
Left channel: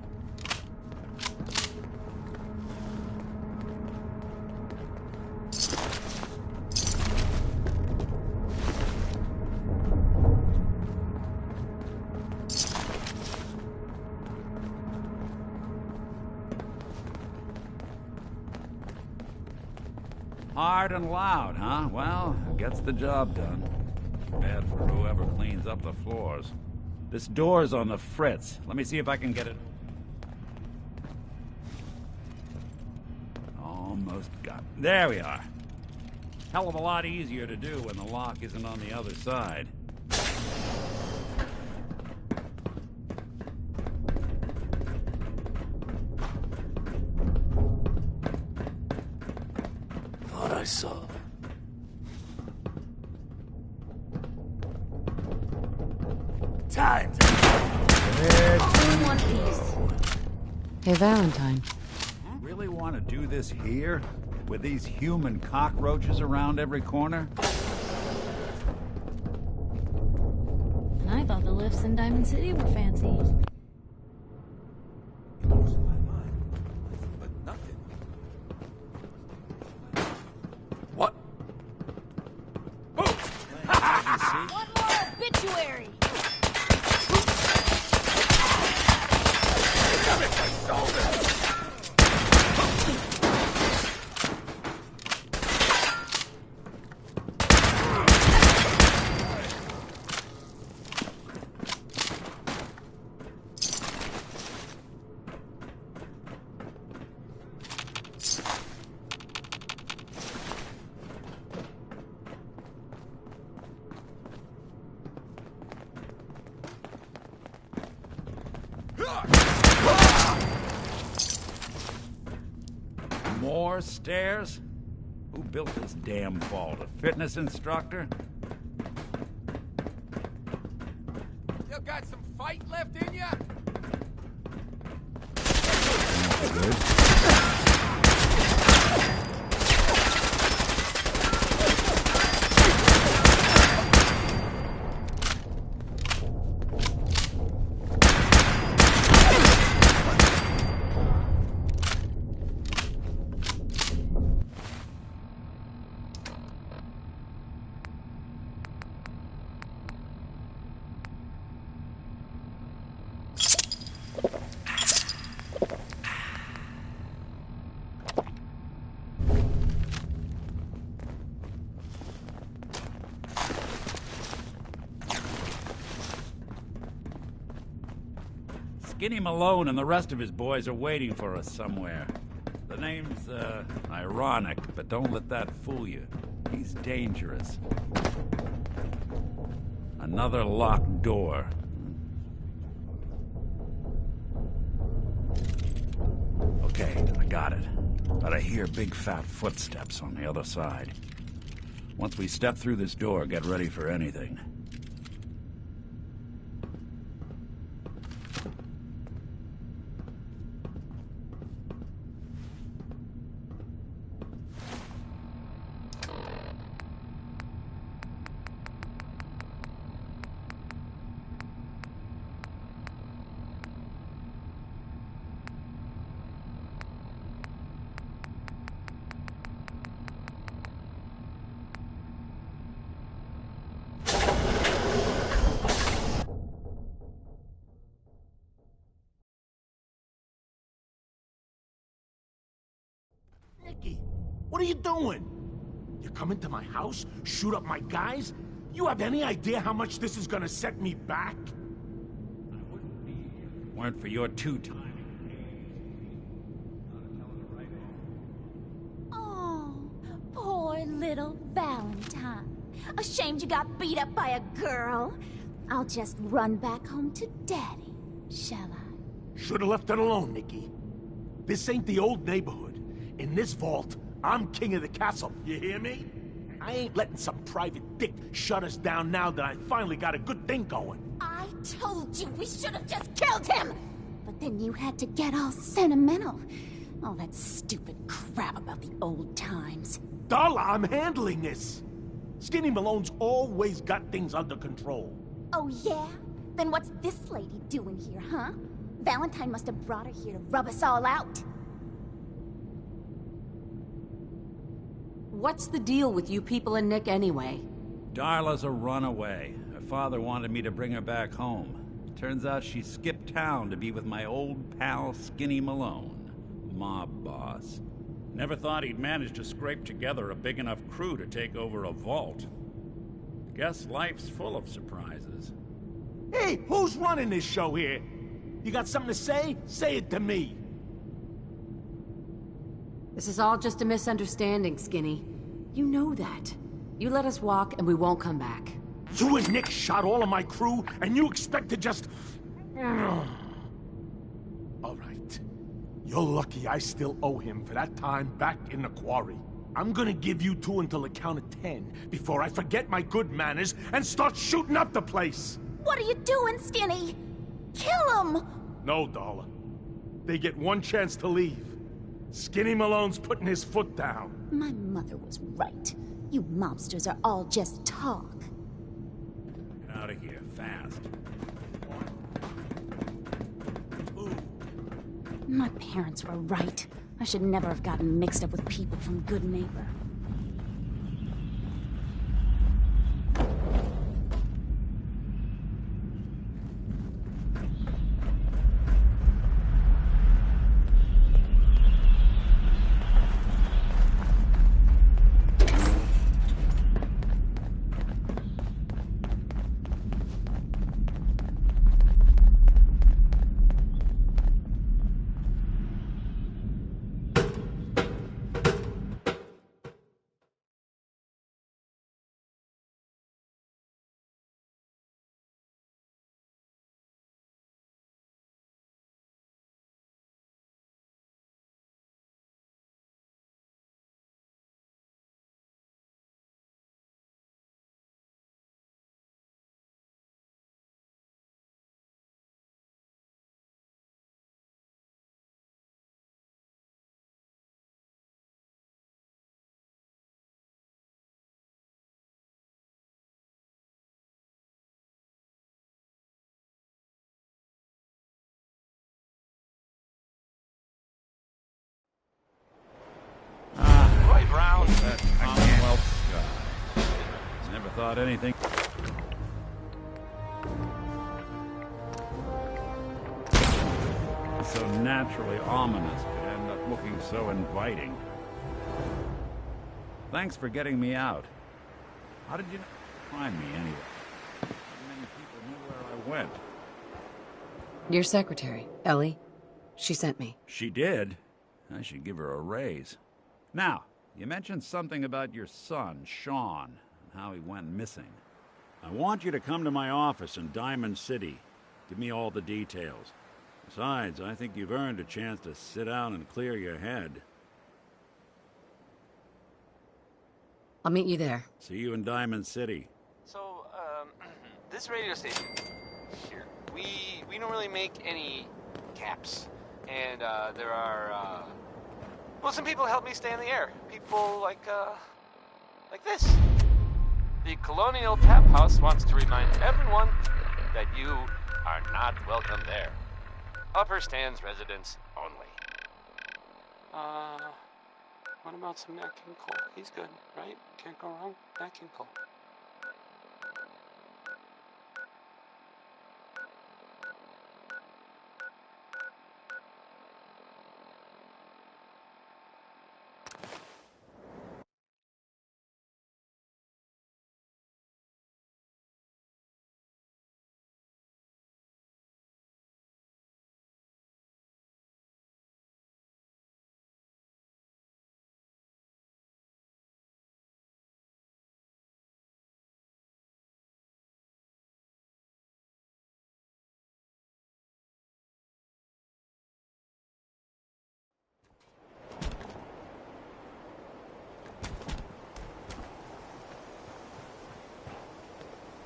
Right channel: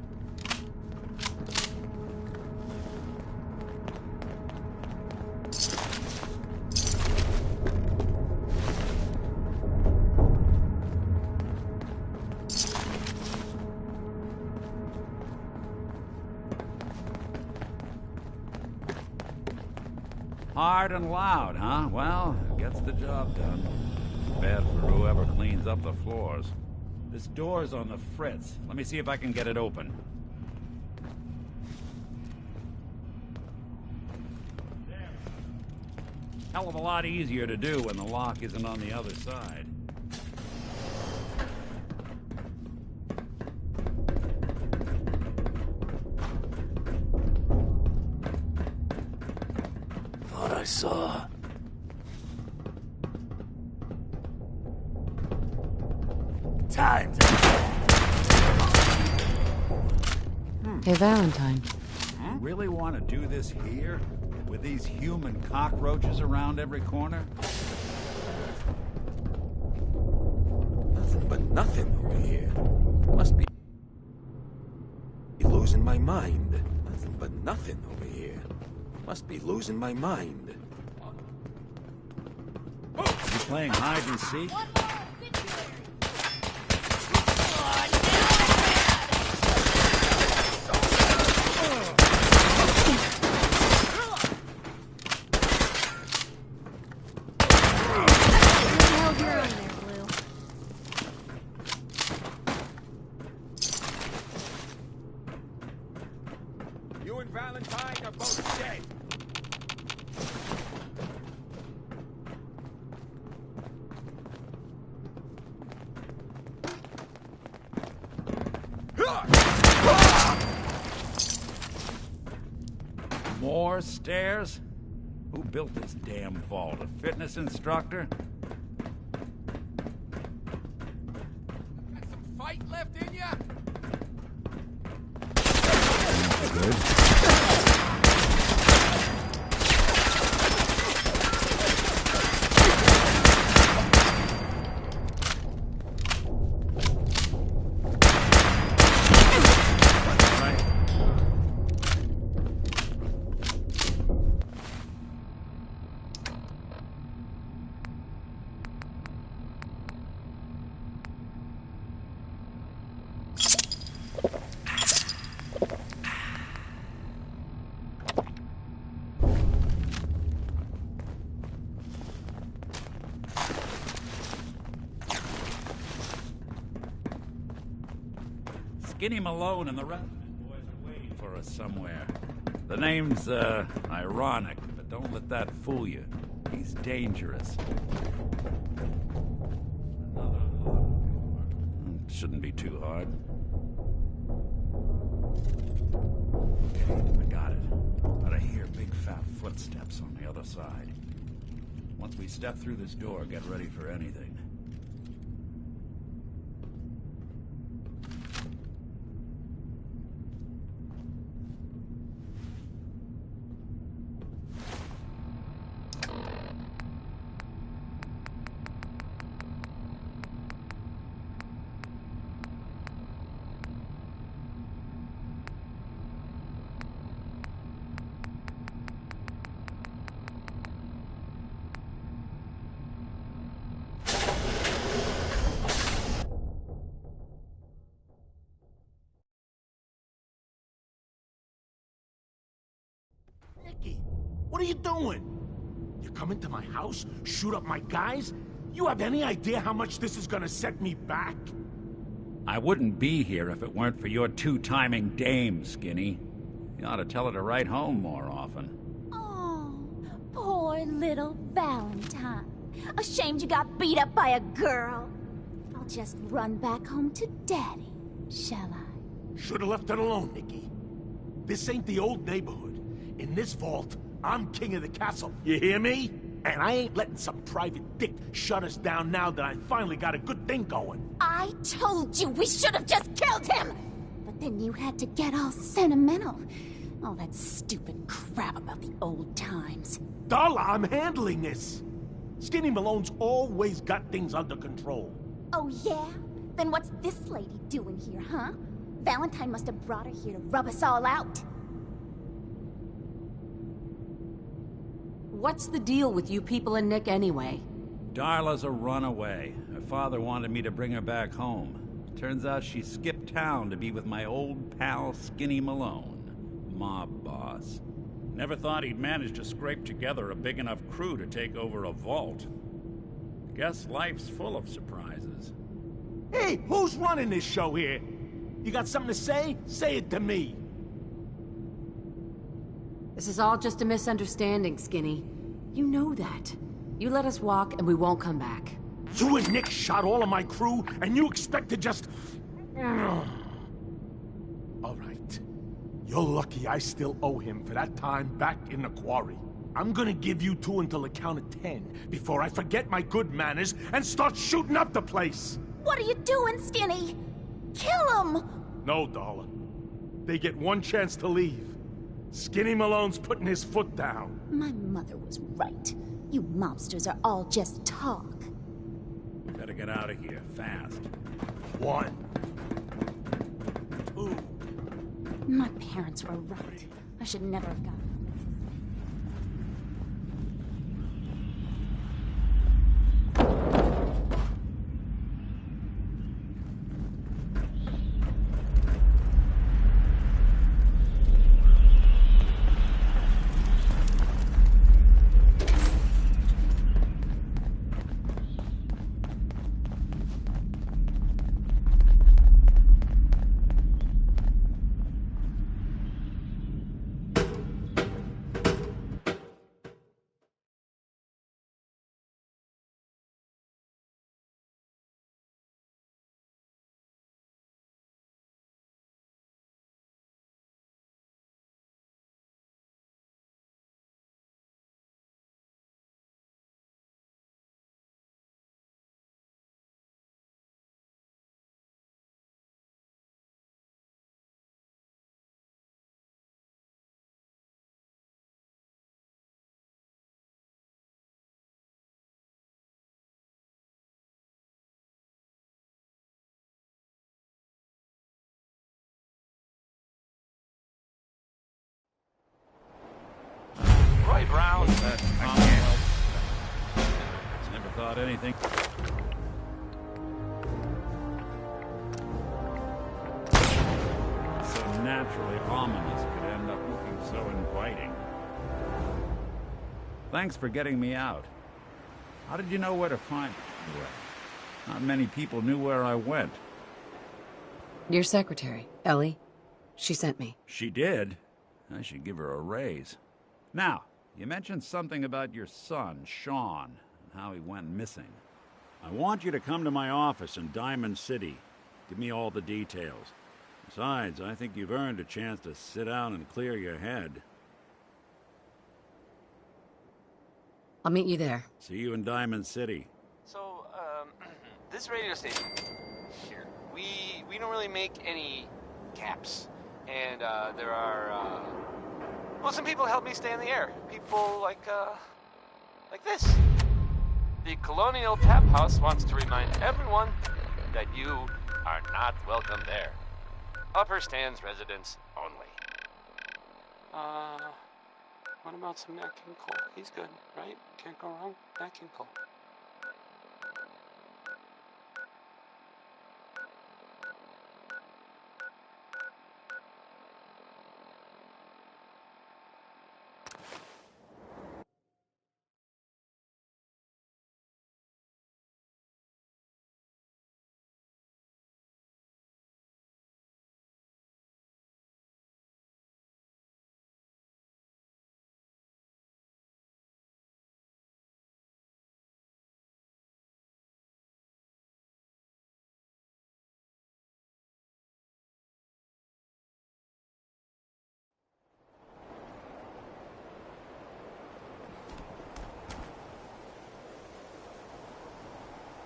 Hard and loud, huh? Well, it gets the job done. Bad for whoever cleans up the floors. This door's on the fritz. Let me see if I can get it open. Almost got it. There we are. Hell of a lot easier to do when the lock isn't on the other side. Thought I saw. Time to Hey, Valentine. Really want to do this here? With these human cockroaches around every corner? I thought the lifts in Diamond City were fancy. Must be losing my mind. Nothing but nothing over here. Must be losing my mind. What? You playing hide and seek? One more obituary! more stairs? Who built this damn vault? A fitness instructor? You got some fight left in ya? Good. Skinny Malone and the rest of his boys are waiting for us somewhere. The name's, ironic, but don't let that fool you. He's dangerous. Another locked door. Shouldn't be too hard. Okay, I got it. But I hear big fat footsteps on the other side. Once we step through this door, get ready for anything. Nicky, what are you doing? You come into my house, shoot up my guys? You have any idea how much this is gonna set me back? I wouldn't be here if it weren't for your two-timing dame, Skinny. You ought to tell her to write home more often. Oh, poor little Valentine. Ashamed you got beat up by a girl? I'll just run back home to Daddy, shall I? Should've left it alone, Nicky. This ain't the old neighborhood. In this vault, I'm king of the castle, you hear me? And I ain't letting some private dick shut us down now that I finally got a good thing going. I told you we should have just killed him! But then you had to get all sentimental. All that stupid crap about the old times. Darla, I'm handling this. Skinny Malone's always got things under control. Oh yeah? Then what's this lady doing here, huh? Valentine must have brought her here to rub us all out. What's the deal with you people and Nick anyway? Darla's a runaway. Her father wanted me to bring her back home. Turns out she skipped town to be with my old pal Skinny Malone, mob boss. Never thought he'd manage to scrape together a big enough crew to take over a vault. Guess life's full of surprises. Hey, who's running this show here? You got something to say? Say it to me. This is all just a misunderstanding, Skinny. You know that. You let us walk and we won't come back. You and Nick shot all of my crew, and you expect to just... All right. You're lucky I still owe him for that time back in the quarry. I'm gonna give you two until the count of 10 before I forget my good manners and start shooting up the place. What are you doing, Skinny? Kill him! No, Darla. They get one chance to leave. Skinny Malone's putting his foot down. My mother was right. You mobsters are all just talk. Better get out of here, fast. 1, 2. My parents were right. I should never have gotten mixed up with people from Good Neighbor. thought anything so naturally ominous could end up looking so inviting. Thanks for getting me out. How did you know where to find me, anyway? Not many people knew where I went. Your secretary, Ellie. She sent me. She did? I should give her a raise. Now, you mentioned something about your son, Sean, and how he went missing. I want you to come to my office in Diamond City. Give me all the details. Besides, I think you've earned a chance to sit down and clear your head. I'll meet you there. See you in Diamond City. So, this radio station here, we don't really make any caps. And, there are, well, some people help me stay in the air. People like this. The Colonial Tap House wants to remind everyone that you are not welcome there. Upper Stands residents only. What about some Nat King Cole? He's good, right? Can't go wrong. Nat King Cole.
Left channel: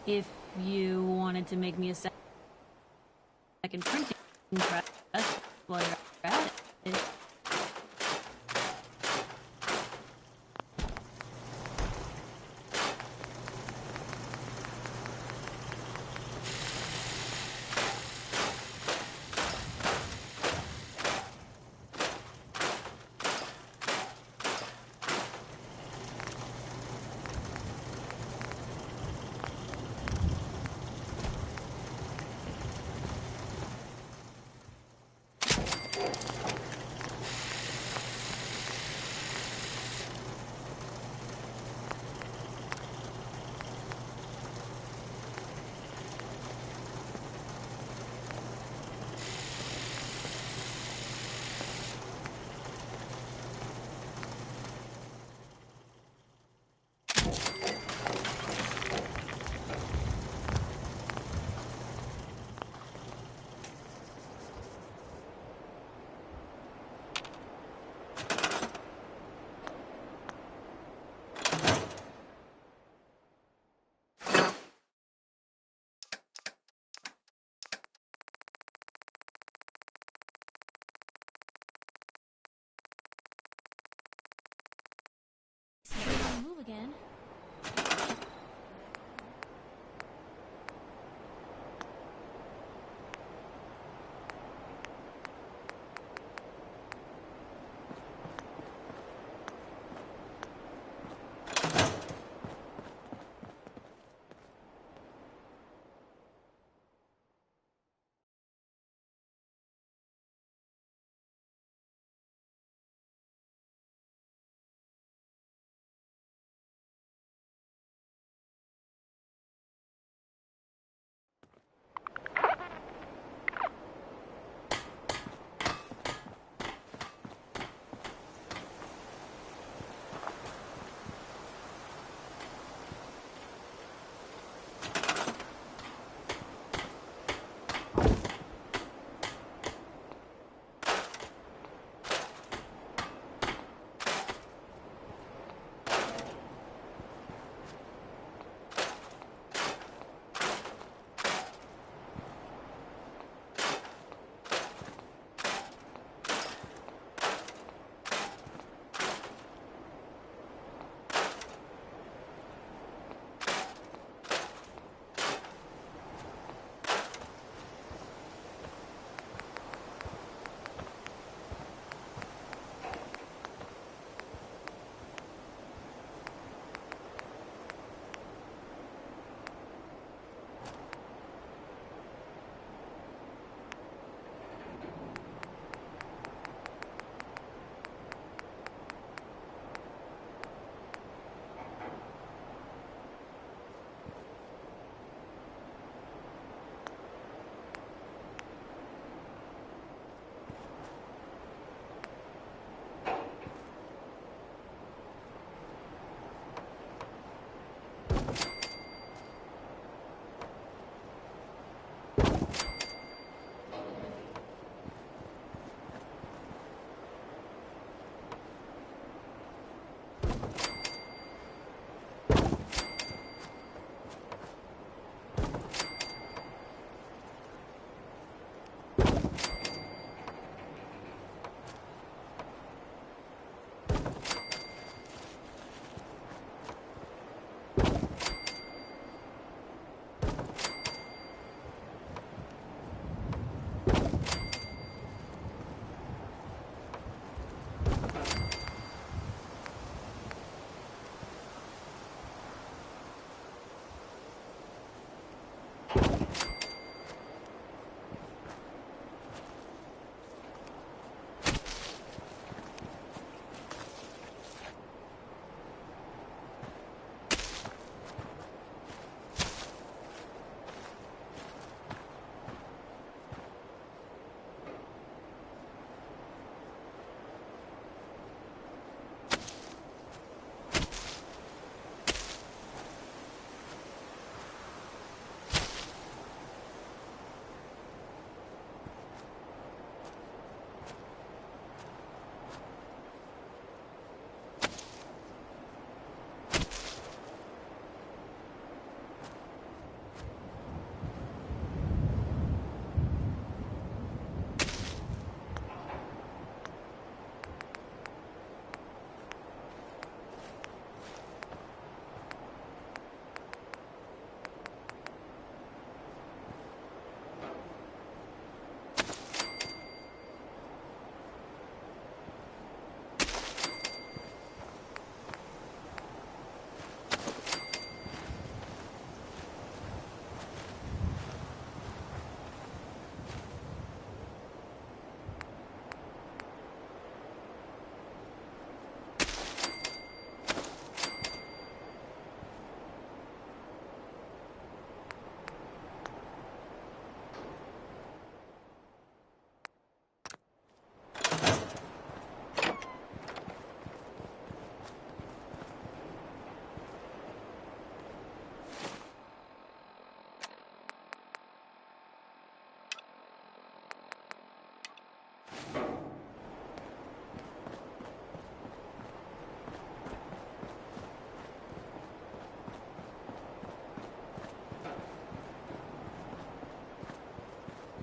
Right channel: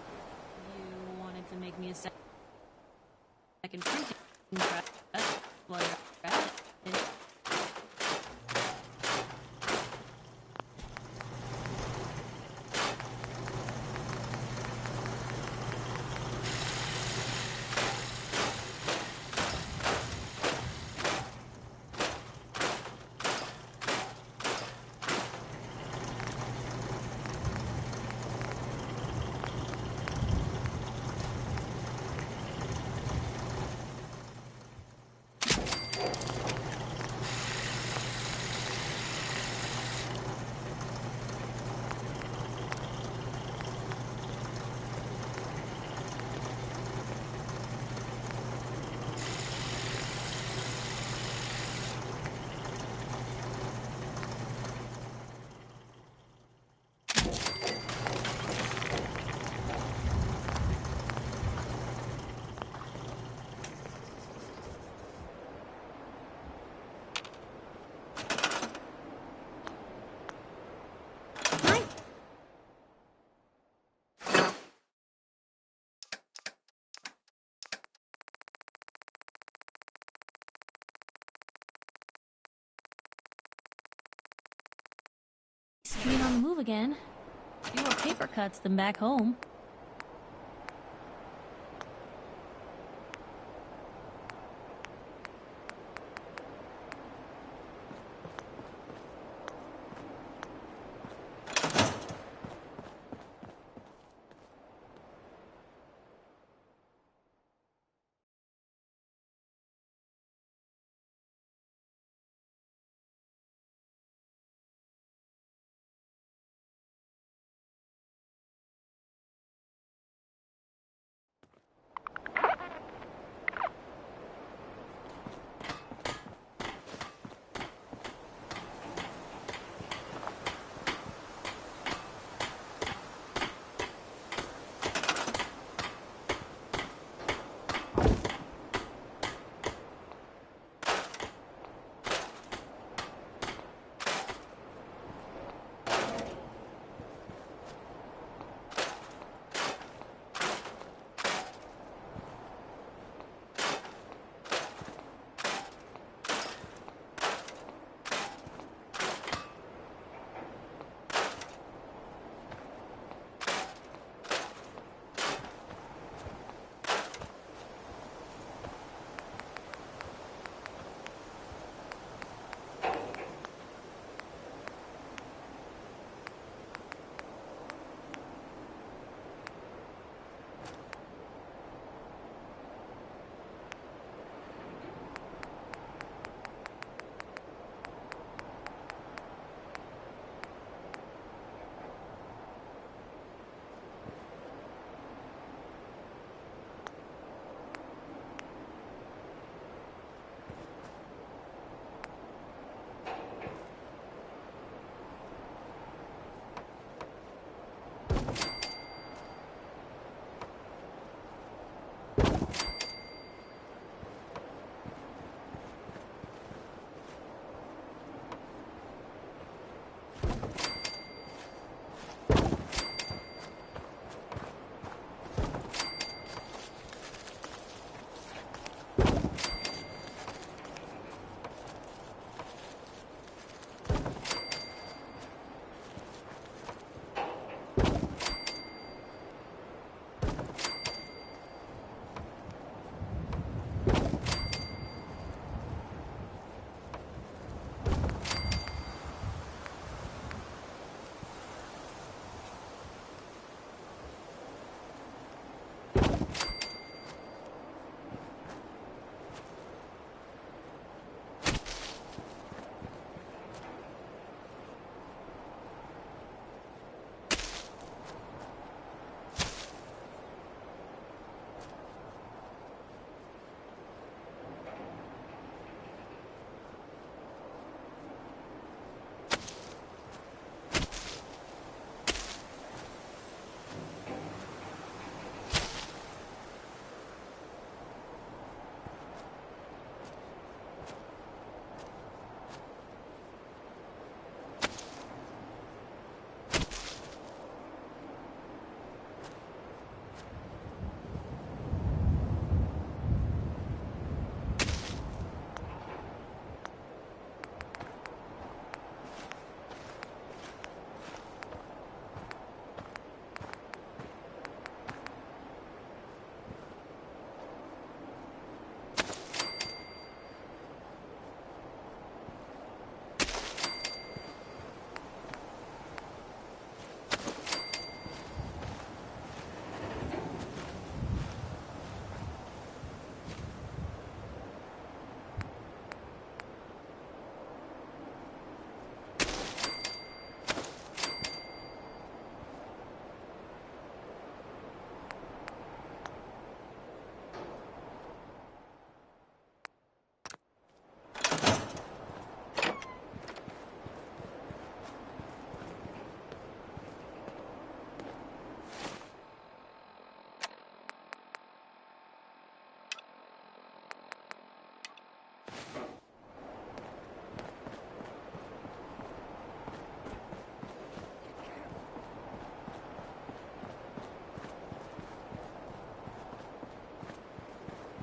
If you wanted to make me a second printing press while you're at it. Being on the move again. Fewer paper cuts than back home.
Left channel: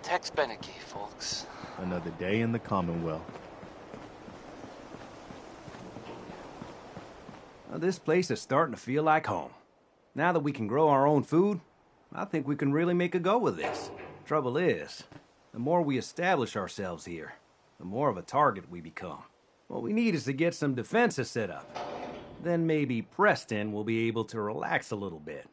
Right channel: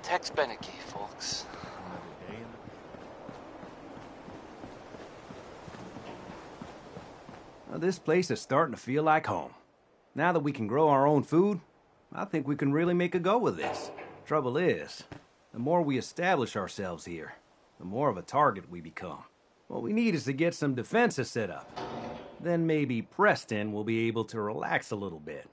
Tex Beneke, folks. Another day in the Commonwealth. Well, this place is starting to feel like home. Now that we can grow our own food, I think we can really make a go of this. Trouble is, the more we establish ourselves here, the more of a target we become. What we need is to get some defenses set up. Then maybe Preston will be able to relax a little bit.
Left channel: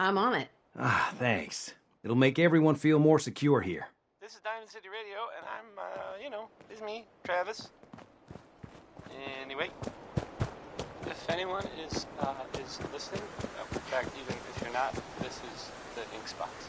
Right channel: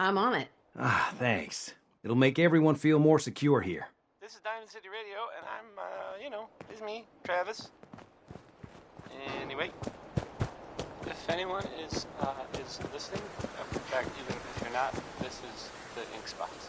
I'm on it. Ah, thanks. It'll make everyone feel more secure here. This is Diamond City Radio, and I'm, you know, it's me, Travis. Anyway, if anyone is listening, in fact, even if you're not, this is the ink spots.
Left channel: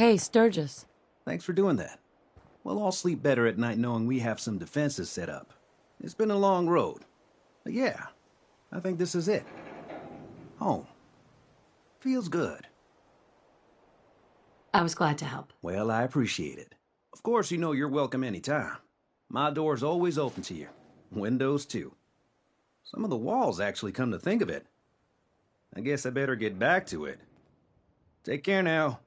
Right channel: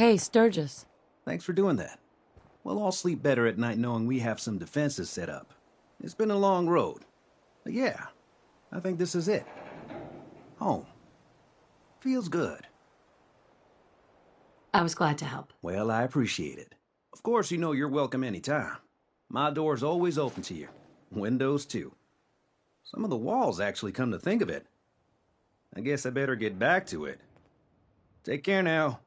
Hey, Sturgis. Thanks for doing that. We'll all sleep better at night knowing we have some defenses set up. It's been a long road. But yeah, I think this is it. Home. Feels good. I was glad to help. Well, I appreciate it. Of course, you know you're welcome anytime. My door's always open to you. Windows, too. Some of the walls actually come to think of it. I guess I better get back to it. Take care now.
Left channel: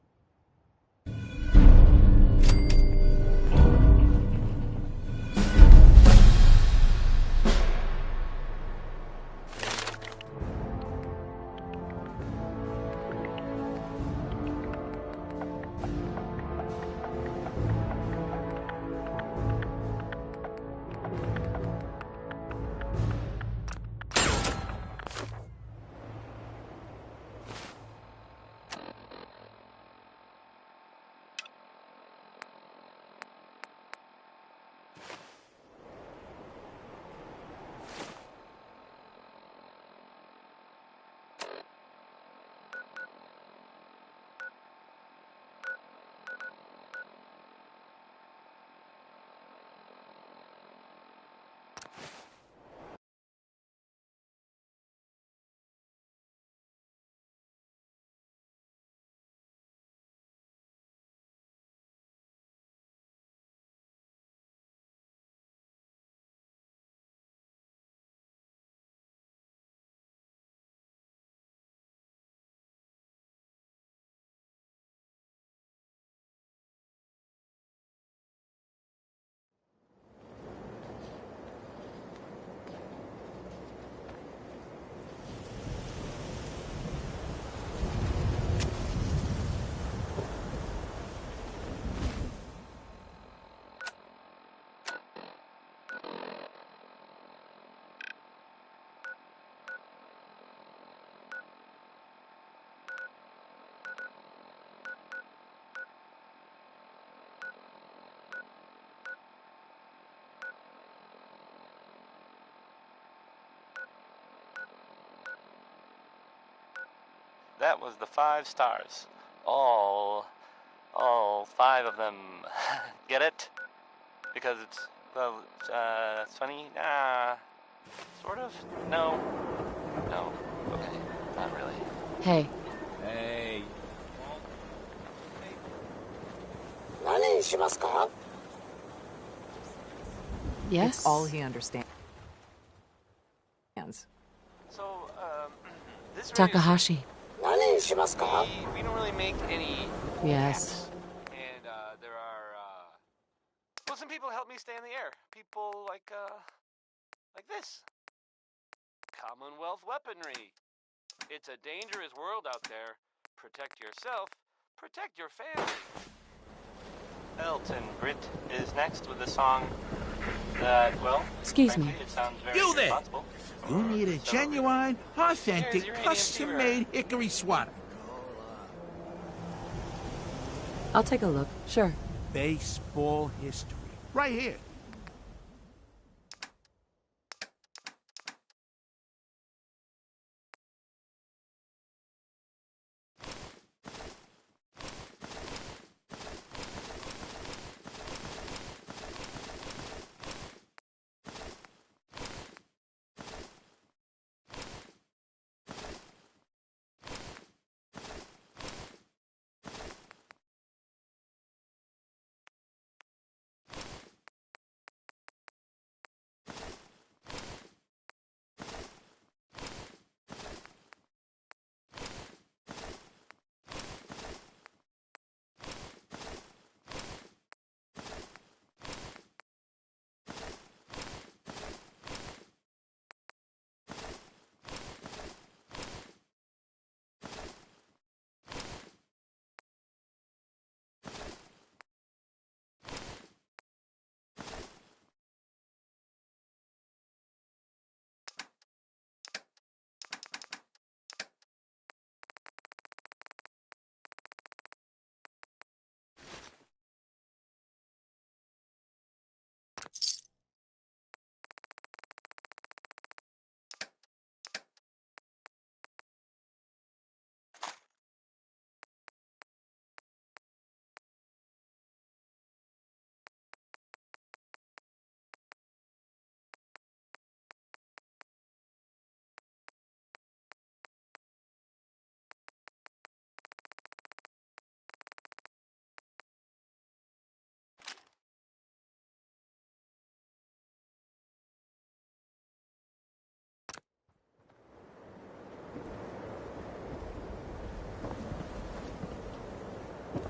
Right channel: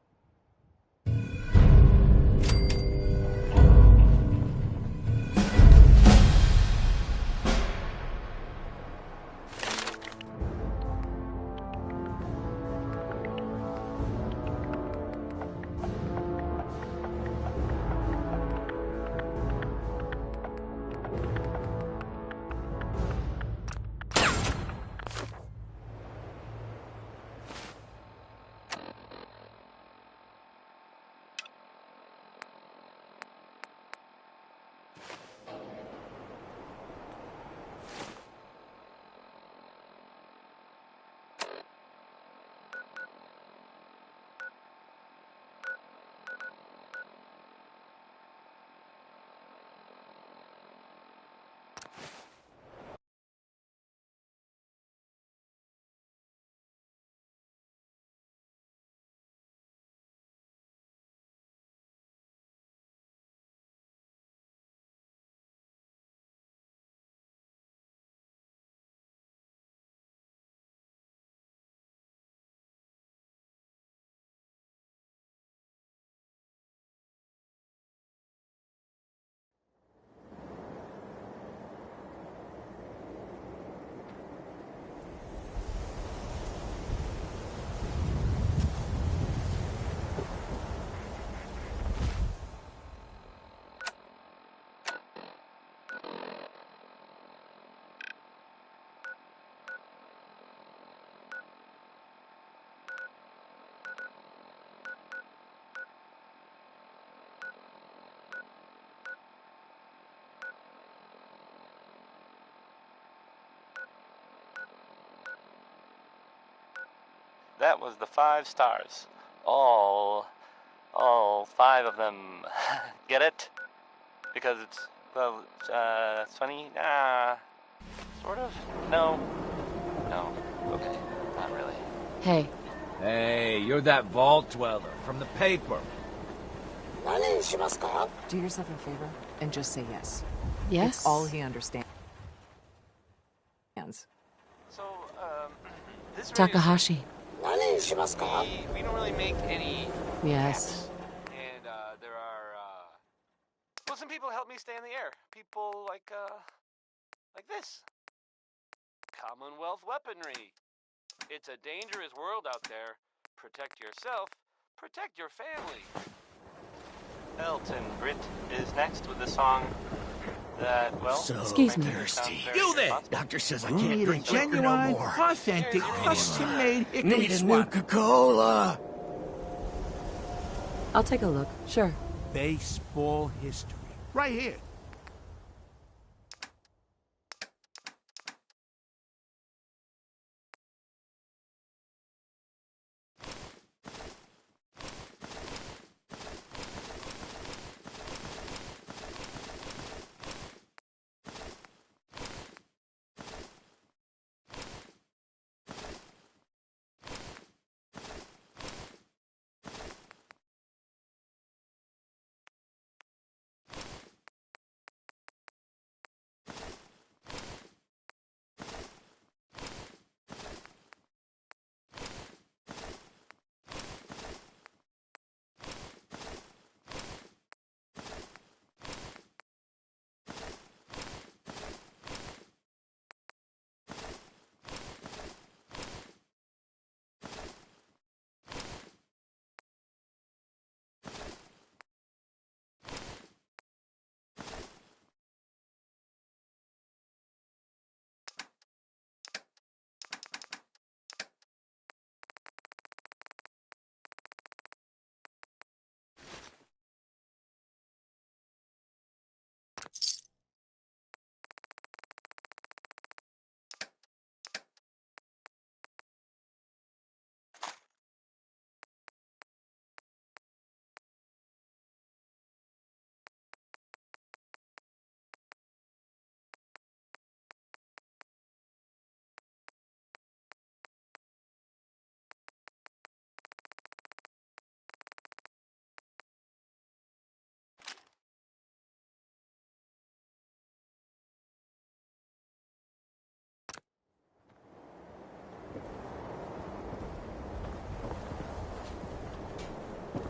That was the 5 stars. All 5 of them. Get it? Because it's, well, it's funny? Sort of? No. No. Okay. Not really. Hey. Hey, you're that vault dweller from the paper. Do yourself a favor and just say yes. Yes? It's all he understands. So, this Takahashi. we don't really make any Yes. apps. And, there are, well, some people help me stay in the air. People like this. Commonwealth weaponry. It's a dangerous world out there. Protect yourself. Protect your family. Elton Britt is next with a song that, well... Excuse me. You there! Doctor says I need a genuine, authentic, custom-made hickory sweater. Coca-Cola. I'll take a look. Sure. Baseball history. Right here.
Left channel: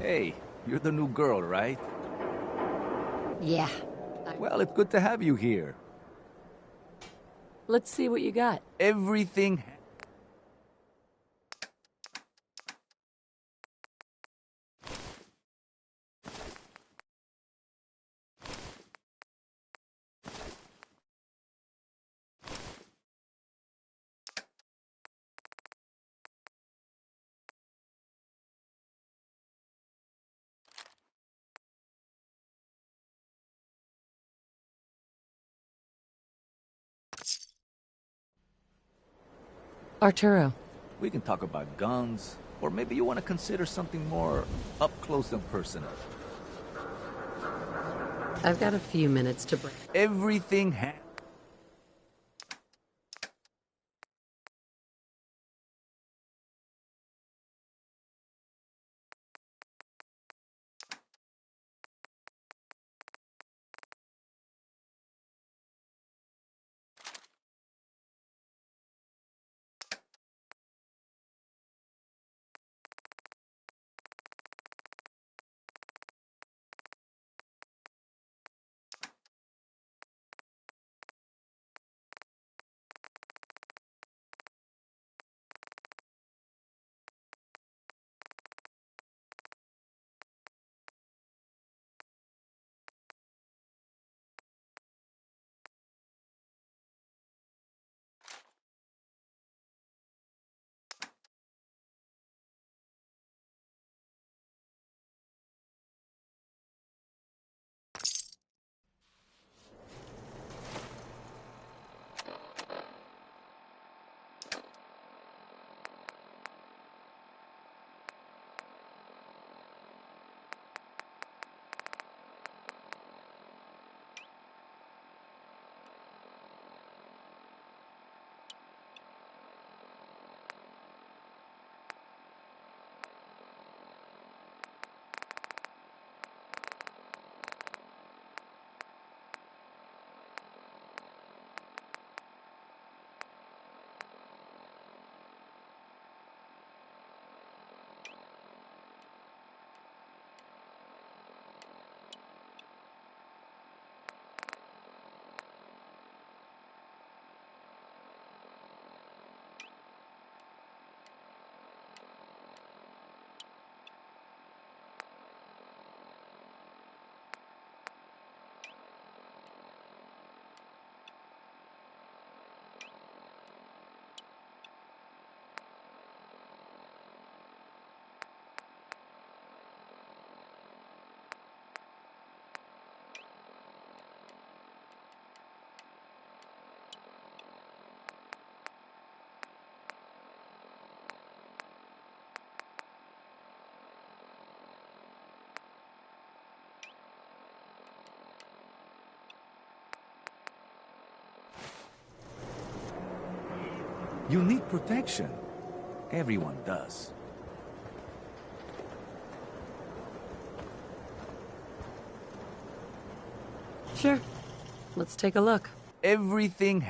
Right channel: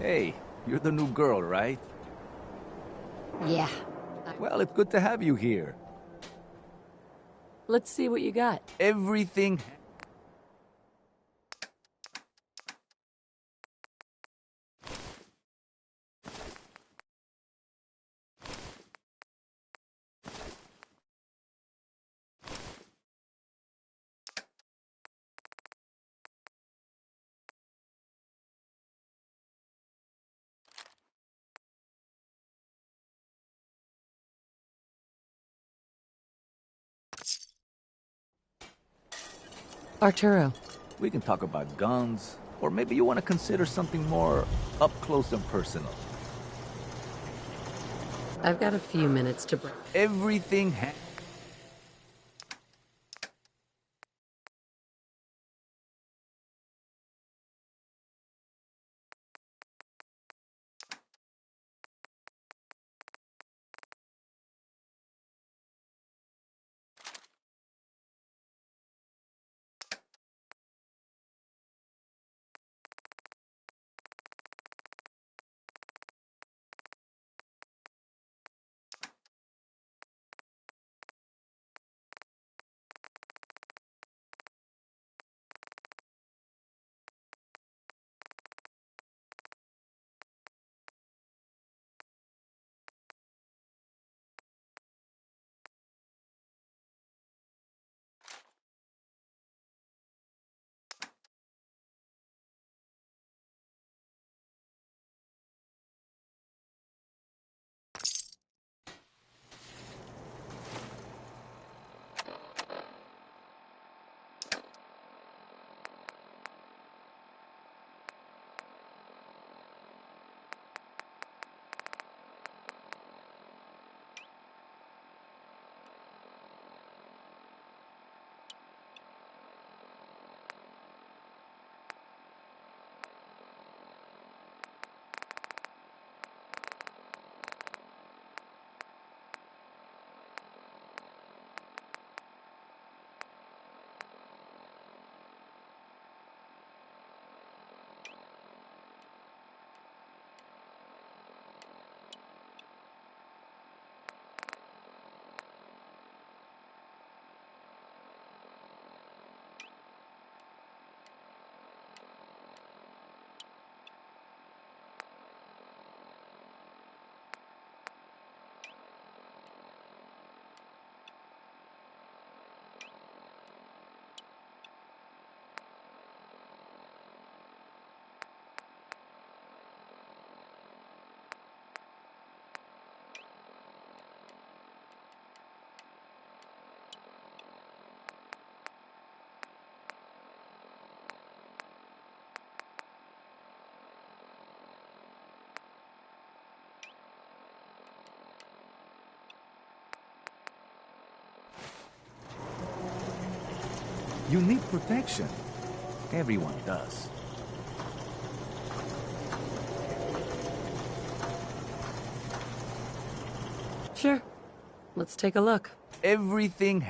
Hey, you're the new girl, right? Yeah. Well, it's good to have you here. Let's see what you got. Everything... Arturo. We can talk about guns, or maybe you want to consider something more up close and personal. I've got a few minutes to break. Everything You need protection. Everyone does. Sure. Let's take a look. Everything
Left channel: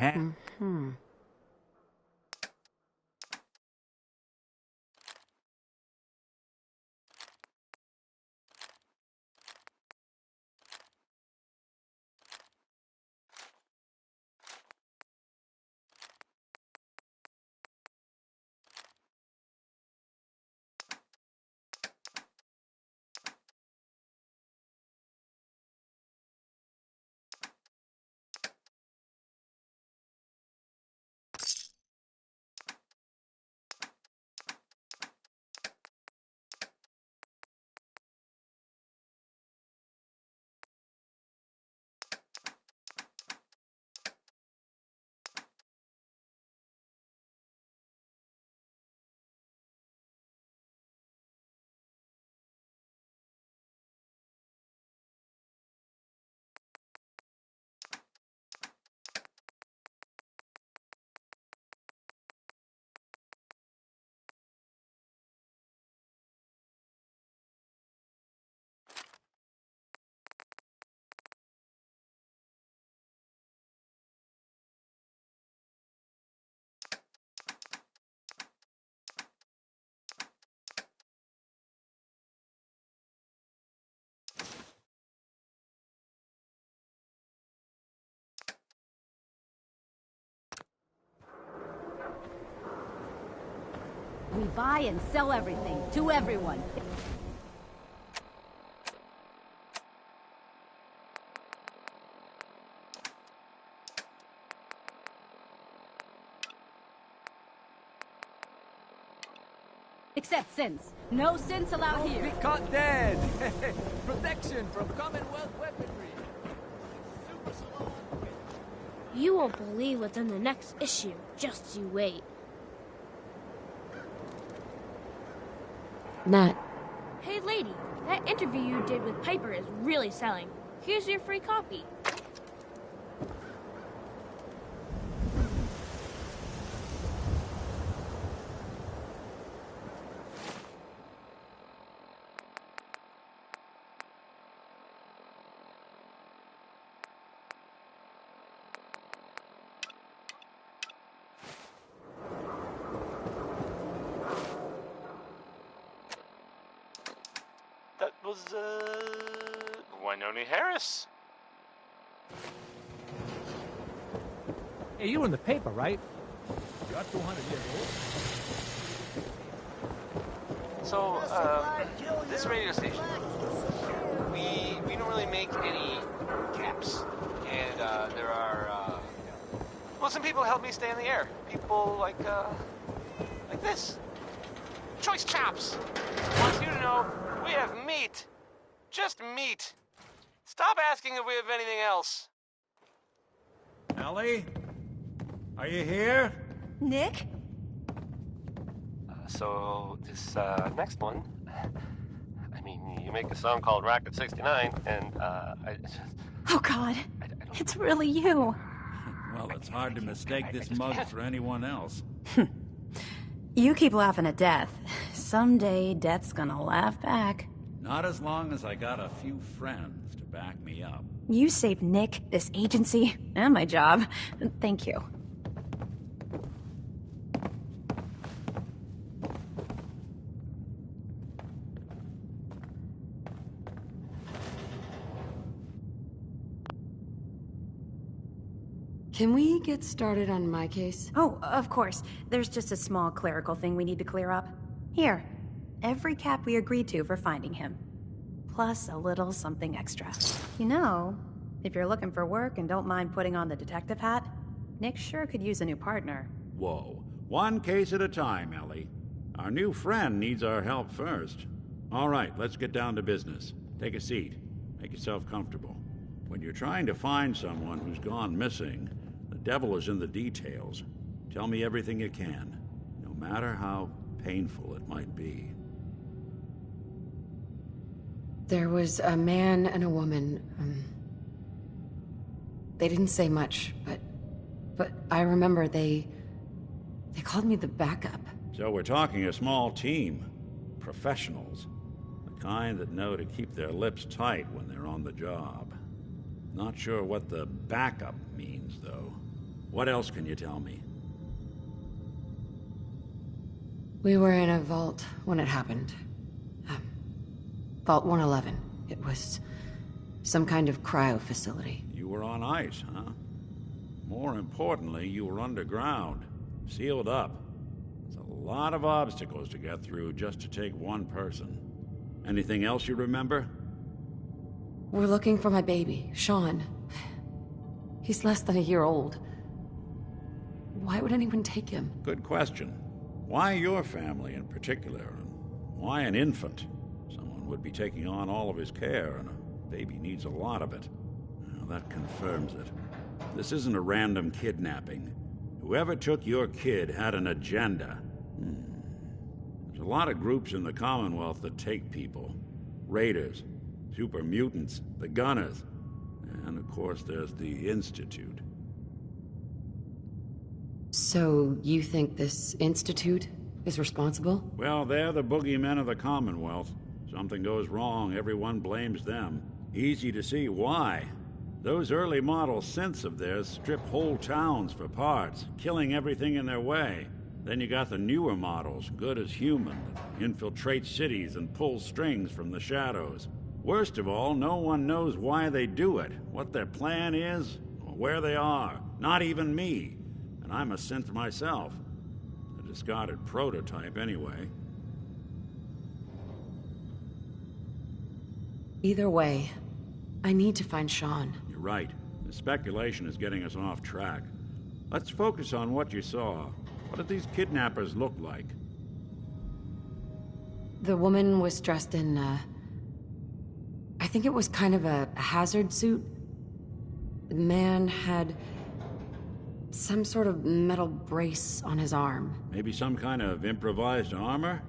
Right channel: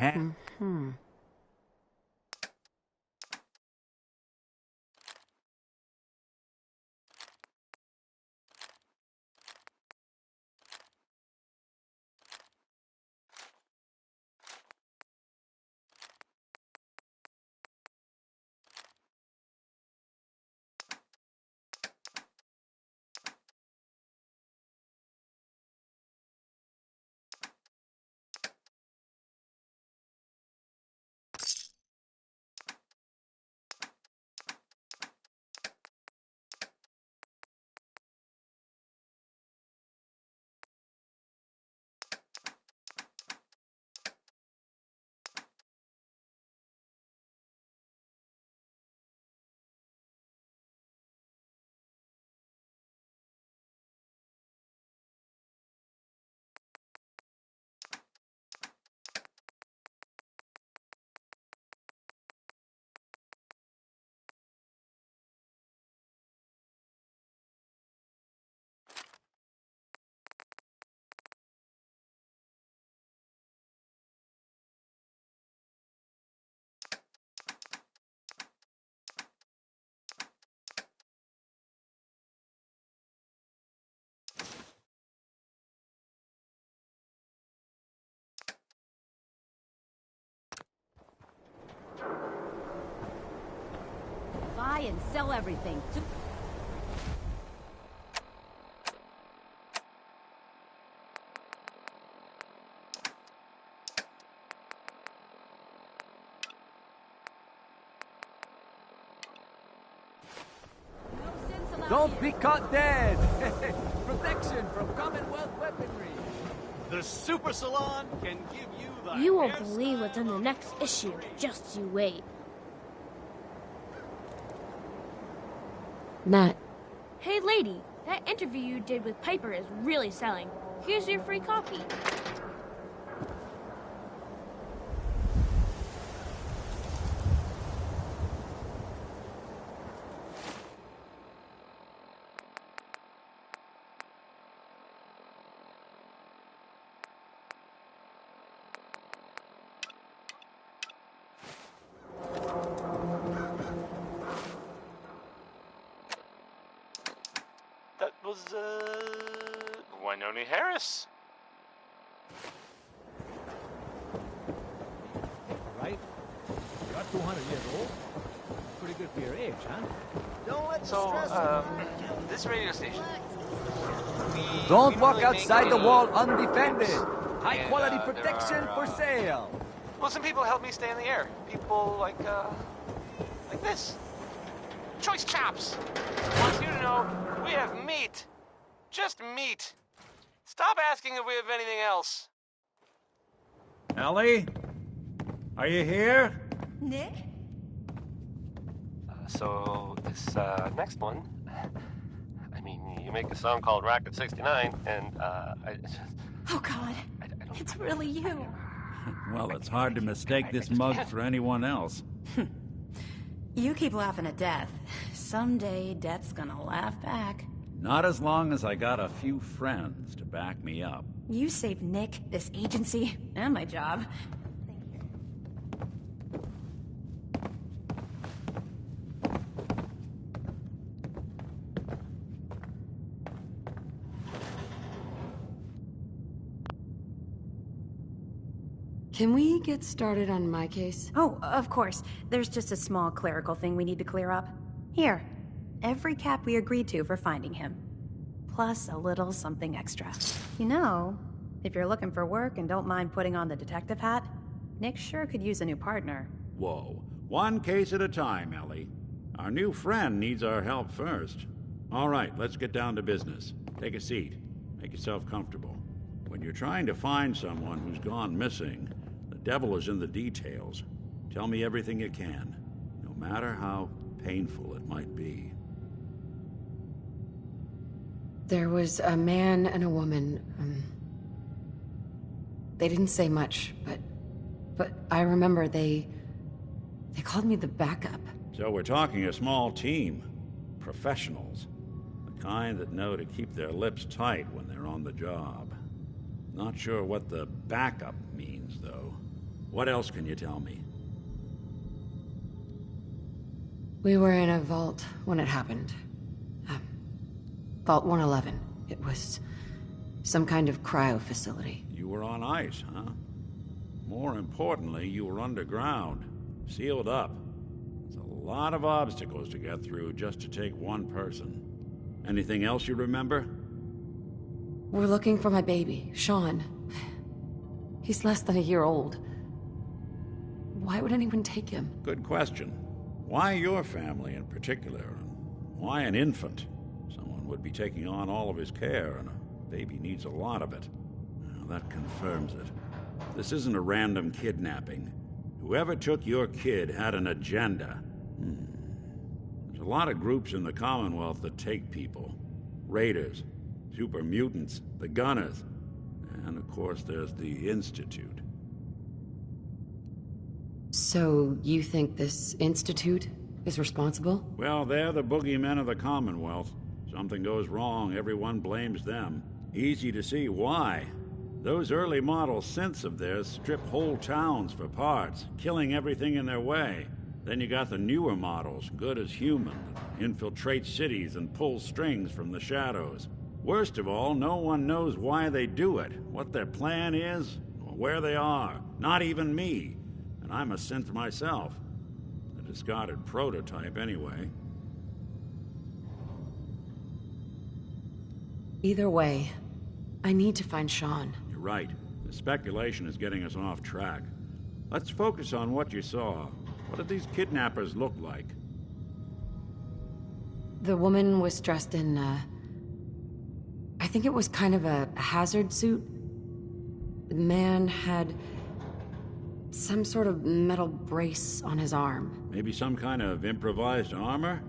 buy and sell everything to everyone. Except sins. No sins allowed Don't here. be caught dead! Protection from Commonwealth weaponry! The Super Salon can give you the... You won't believe what's in the next issue. Just you wait. Nat. Hey lady, that interview you did with Piper is really selling. Here's your free copy. That was, Winona Harris. Hey, you were in the paper, right? You're 200 years old. Pretty good for your age, huh? So, this radio station. Don't we walk really make outside the any wall undefended. apps. High And, quality there protection are, for sale. Well, some people help me stay in the air. People like this. Choice chops. Wants you to know we have meat. Just meat. Stop asking if we have anything else. Ellie? Are you here? Nick? So, this, next one. I mean, you make a song called Rocket 69, and, Oh, God. It's really you. Well, it's hard to mistake this mug for anyone else. You keep laughing at death. Someday, death's gonna laugh back. Not as long as I got a few friends to back me up. You saved Nick, this agency, and my job. Thank you. Can we get started on my case? Oh, of course. There's just a small clerical thing we need to clear up. Here, every cap we agreed to for finding him. Plus a little something extra. You know, if you're looking for work and don't mind putting on the detective hat, Nick sure could use a new partner. Whoa. One case at a time, Ellie. Our new friend needs our help first. All right, let's get down to business. Take a seat. Make yourself comfortable. When you're trying to find someone who's gone missing, the devil is in the details. Tell me everything you can, no matter how painful it might be. There was a man and a woman. They didn't say much, but I remember they called me the backup. So we're talking a small team. Professionals. The kind that know to keep their lips tight when they're on the job. Not sure what the backup means, though. What else can you tell me? We were in a vault when it happened. Vault 111. It was some kind of cryo facility. You were on ice, huh? More importantly, you were underground. Sealed up. There's a lot of obstacles to get through just to take one person. Anything else you remember? We're looking for my baby, Sean. He's less than a year old. Why would anyone take him? Good question. Why your family in particular? And why an infant? Someone would be taking on all of his care, and a baby needs a lot of it. Well, that confirms it. This isn't a random kidnapping. Whoever took your kid had an agenda. There's a lot of groups in the Commonwealth that take people. Raiders, super mutants, the Gunners, and of course there's the Institute. So, you think this Institute is responsible? Well, they're the boogeymen of the Commonwealth. Something goes wrong, everyone blames them. Easy to see why. Those early model synths of theirs strip whole towns for parts, killing everything in their way. Then you got the newer models, good as human, that infiltrate cities and pull strings from the shadows. Worst of all, no one knows why they do it, what their plan is, or where they are. Not even me. And I'm a synth myself. The A discarded prototype, anyway. Either way, I need to find Sean. You're right. The speculation is getting us off track. Let's focus on what you saw. What did these kidnappers look like? The woman was dressed in, I think it was kind of a hazard suit. The man had some sort of metal brace on his arm. Maybe some kind of improvised armor?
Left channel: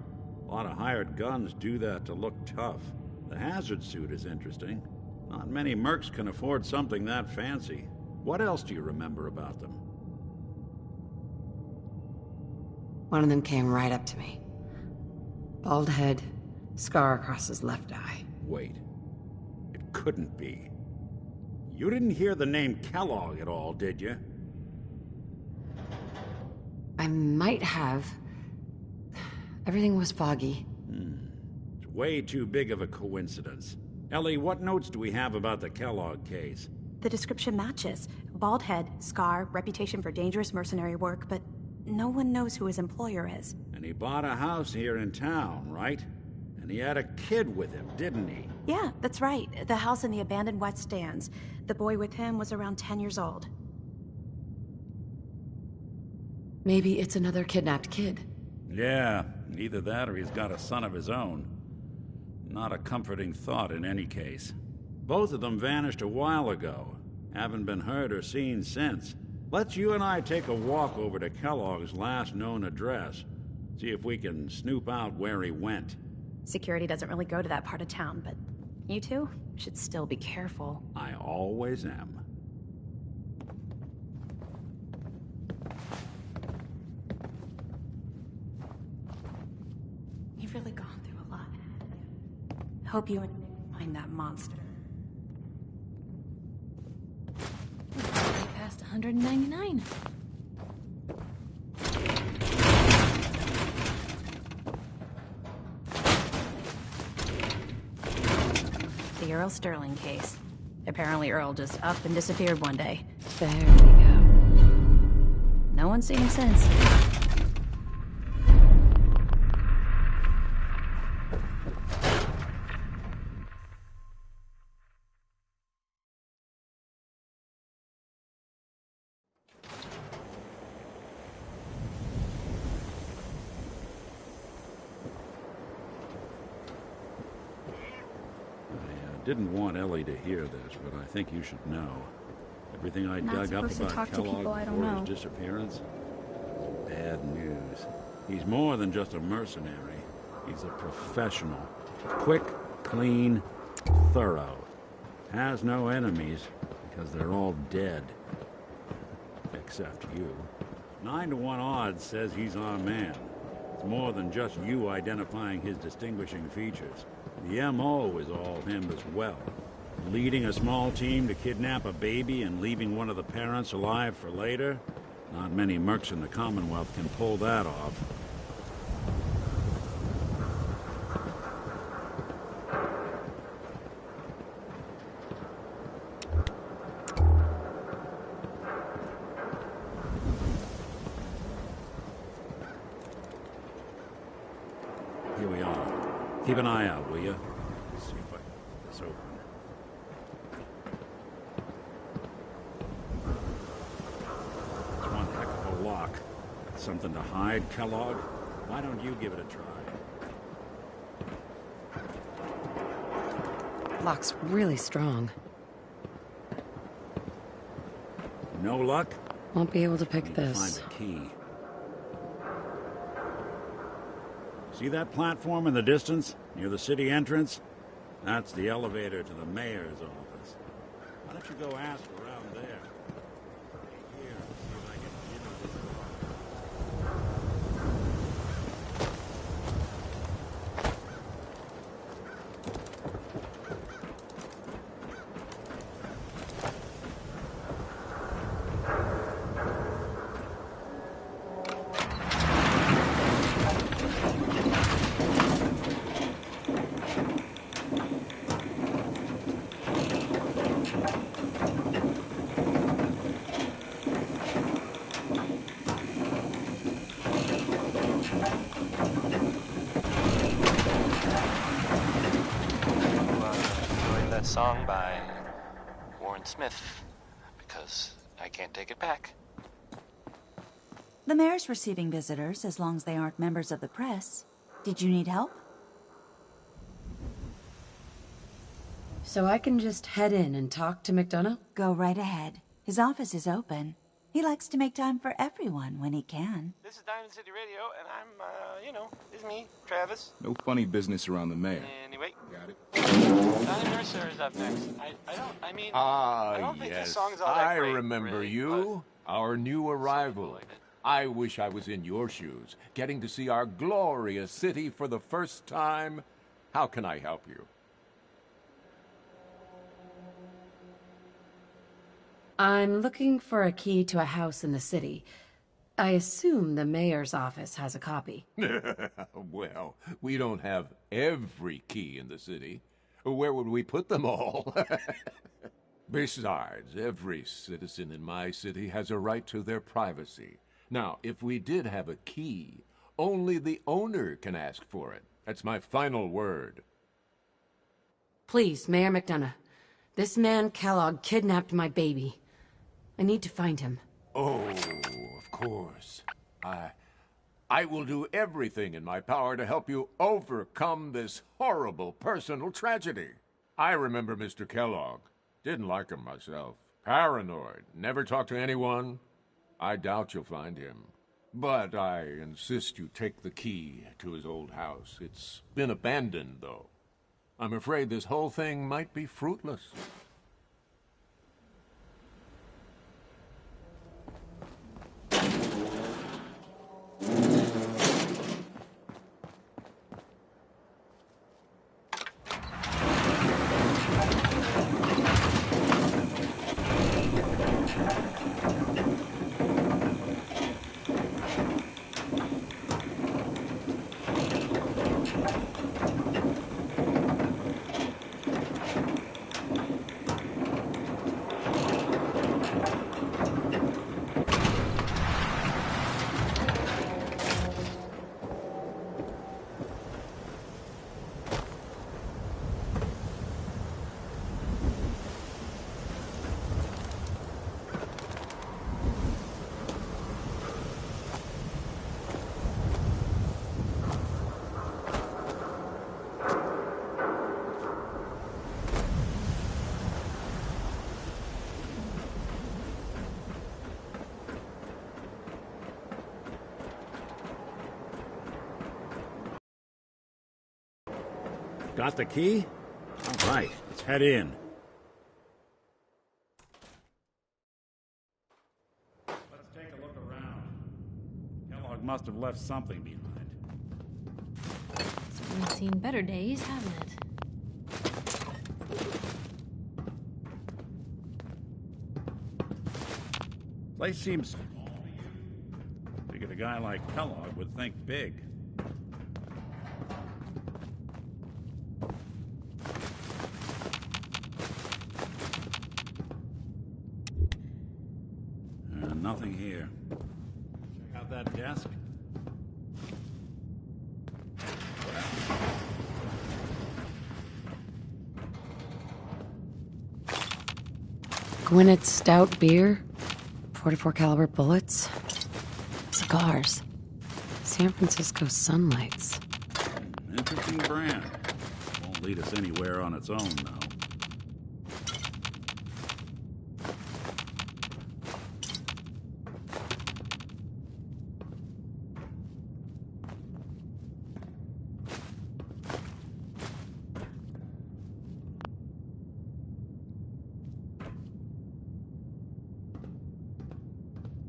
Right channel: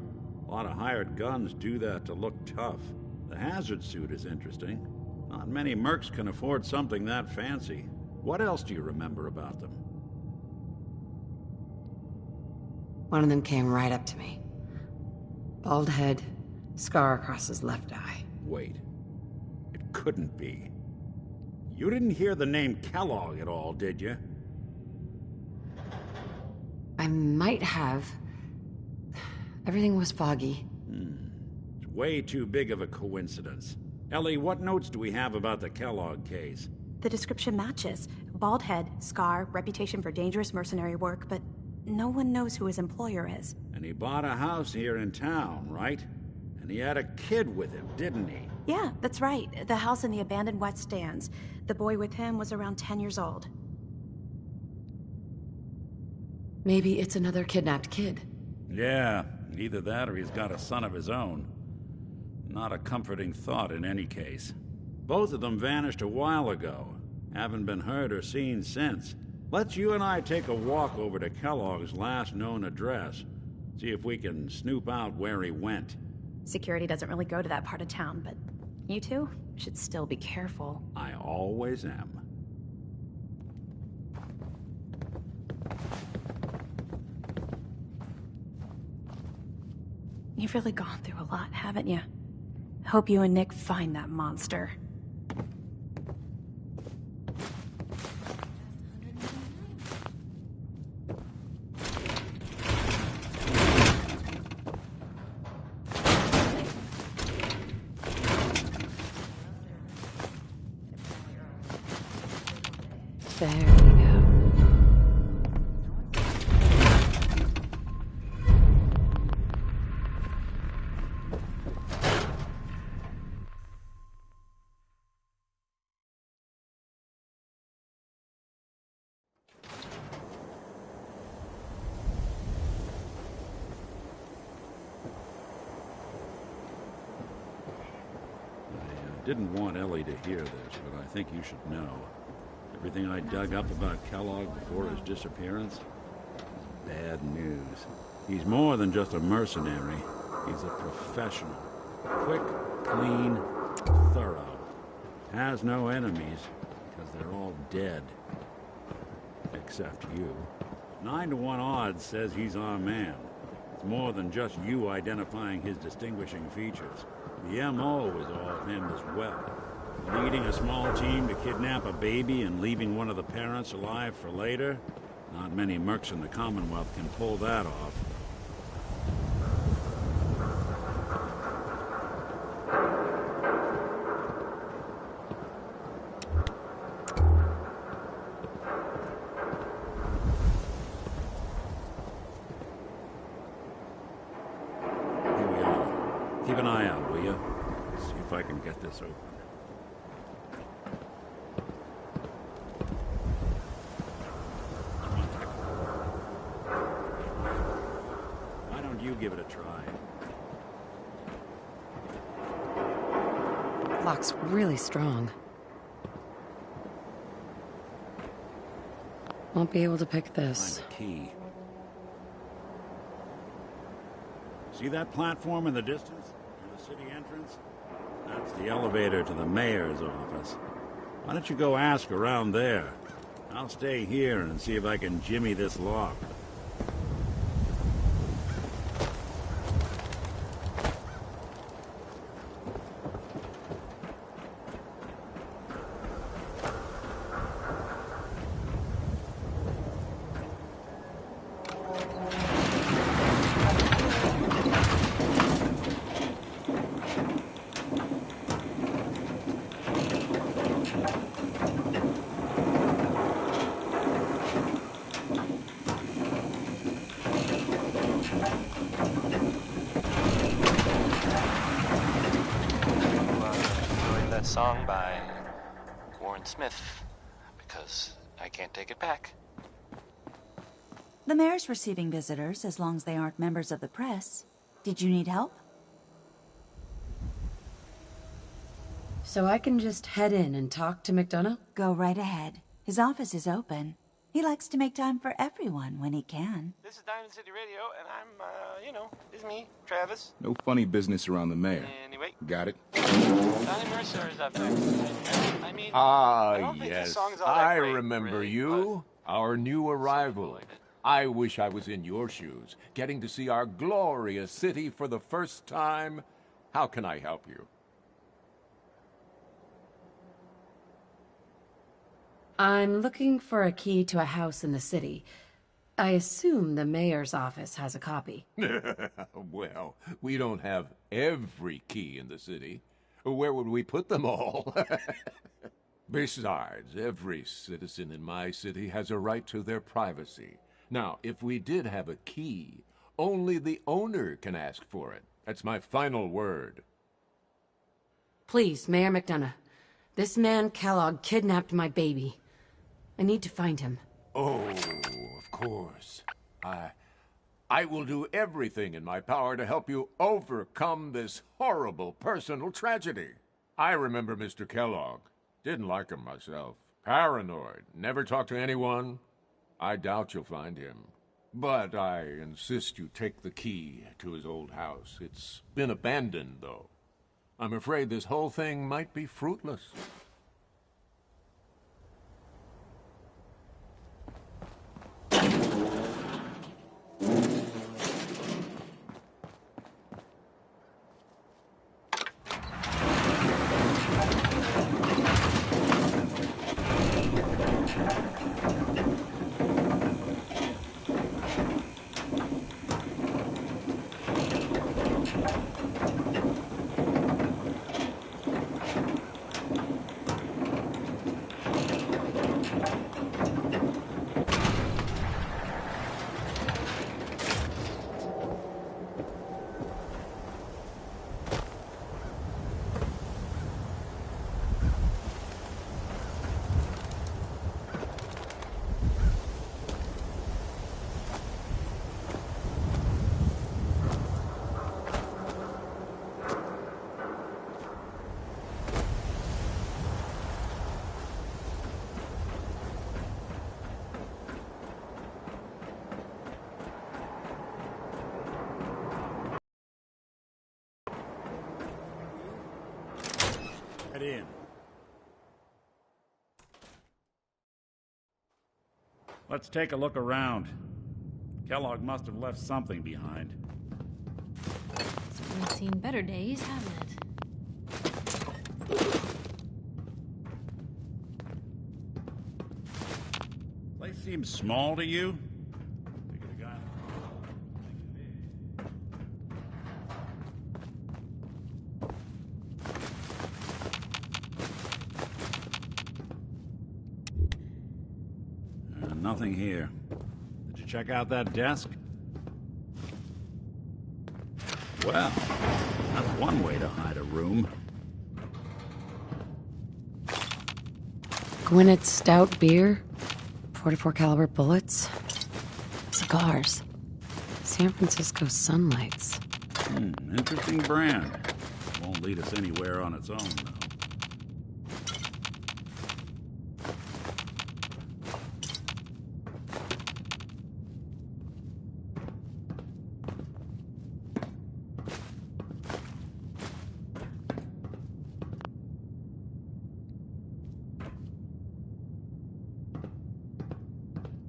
A lot of hired guns do that to look tough. The hazard suit is interesting. Not many mercs can afford something that fancy. What else do you remember about them? One of them came right up to me. Bald head, scar across his left eye. Wait. It couldn't be. You didn't hear the name Kellogg at all, did you? I might have. Everything was foggy. It's way too big of a coincidence. Ellie, what notes do we have about the Kellogg case? The description matches. Bald head, scar, reputation for dangerous mercenary work, but no one knows who his employer is. And he bought a house here in town, right? And he had a kid with him, didn't he? Yeah, that's right. The house in the abandoned West Stands. The boy with him was around 10 years old. Maybe it's another kidnapped kid. Yeah, either that or he's got a son of his own. Not a comforting thought in any case. Both of them vanished a while ago. Haven't been heard or seen since. Let's you and I take a walk over to Kellogg's last known address. See if we can snoop out where he went. Security doesn't really go to that part of town, but you two should still be careful. I always am. You've really gone through a lot, haven't you? Hope you and Nick find that monster. Past 199. The Earl Sterling case. Apparently Earl just up and disappeared one day. There we go. No one's seen him since. Didn't want Ellie to hear this, but I think you should know. Everything I dug up about Kellogg before his disappearance is bad news. He's more than just a mercenary. He's a professional. Quick, clean, thorough. Has no enemies, because they're all dead. Except you. 9-to-1 odds says he's our man. It's more than just you identifying his distinguishing features. The M.O. is all him as well. Leading a small team to kidnap a baby and leaving one of the parents alive for later? Not many mercs in the Commonwealth can pull that off. Here we are. Keep an eye out, will you? See if I can get this open. It's one heck of a lock. Something to hide, Kellogg? Why don't you give it a try? Lock's really strong. No luck? Won't be able to pick this. Find a key. See that platform in the distance, near the city entrance? That's the elevator to the mayor's office. Why don't you go ask around there? I'll stay here and see if I can jimmy this lock. song by Warren Smith, because I can't take it back. The mayor's receiving visitors as long as they aren't members of the press. Did you need help? So I can just head in and talk to McDonough? Go right ahead. His office is open. He likes to make time for everyone when he can. This is Diamond City Radio, and I'm, it's me, Travis. No funny business around the mayor. Anyway. Got it? Donnie Mercer is up next. I don't think this Yes. song's all that I great, remember really, you. Our new arrival. I wish I was in your shoes, getting to see our glorious city for the first time. How can I help you? I'm looking for a key to a house in the city. I assume the mayor's office has a copy. Well, we don't have every key in the city. Where would we put them all? Besides, every citizen in my city has a right to their privacy. Now, if we did have a key, only the owner can ask for it. That's my final word. Please, Mayor McDonough. This man Kellogg kidnapped my baby. I need to find him. Oh, of course. I will do everything in my power to help you overcome this horrible personal tragedy. I remember Mr. Kellogg. Didn't like him myself. Paranoid. Never talked to anyone. I doubt you'll find him. But I insist you take the key to his old house. It's been abandoned, though. I'm afraid this whole thing might be fruitless. Got the key? All right, let's head in. Let's take a look around. Kellogg must have left something behind. We've seen better days, haven't it? Place seems small to you? Figured a guy like Kellogg would think big. Nothing here. Did you check out that desk? Well, that's one way to hide a room. Gwyneth Stout beer, 44 caliber bullets, cigars, San Francisco Sunlights. Interesting brand. Won't lead us anywhere on its own, though.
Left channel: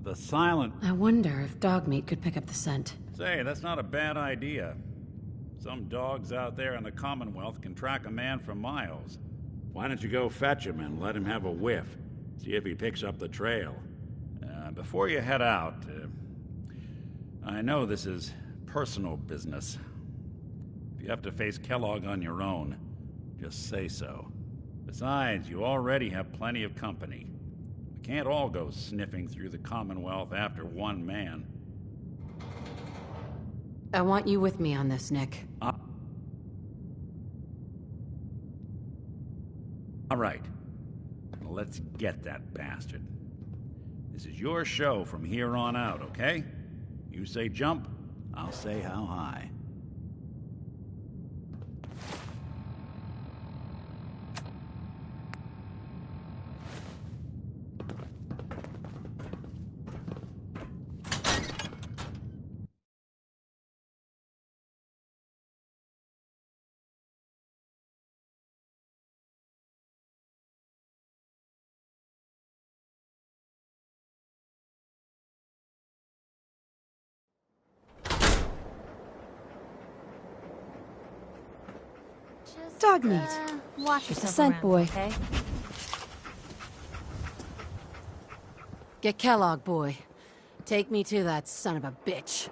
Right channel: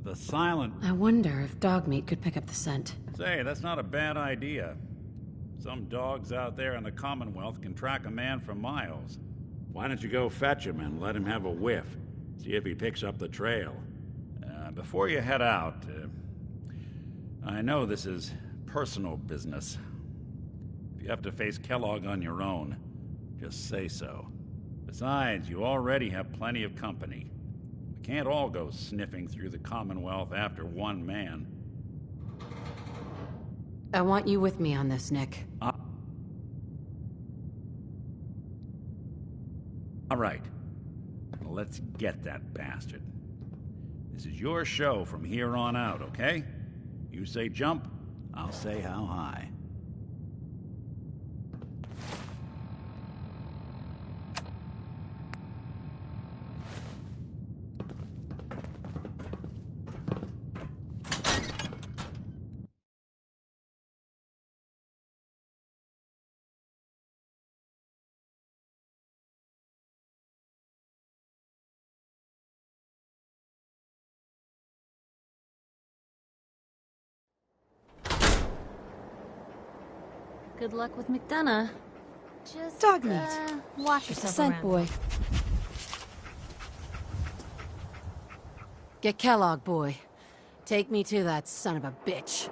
The silent... I wonder if dog meat could pick up the scent. Say, that's not a bad idea. Some dogs out there in the Commonwealth can track a man for miles. Why don't you go fetch him and let him have a whiff? See if he picks up the trail. Before you head out, I know this is personal business. If you have to face Kellogg on your own, just say so. Besides, you already have plenty of company. We can't all go sniffing through the Commonwealth after one man. I want you with me on this, Nick. All right. Let's get that bastard. This is your show from here on out, okay? You say jump, I'll say how high. Good luck with McDonough. Just Dog meat. Watch Just a yourself scent, around, boy. okay? Get Kellogg, boy. Take me to that son of a bitch.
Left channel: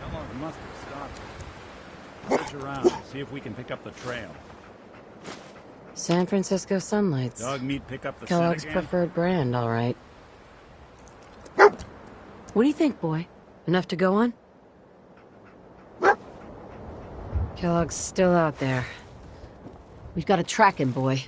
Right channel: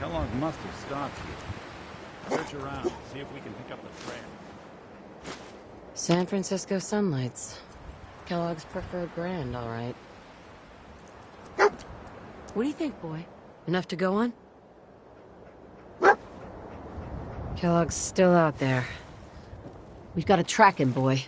Kellogg must have stopped here. Search around, see if we can pick up the trail. San Francisco Sunlights. Dog meat pick up the Kellogg's scent again? preferred brand, all right. What do you think, boy? Enough to go on? Kellogg's still out there. We've got to track him, boy.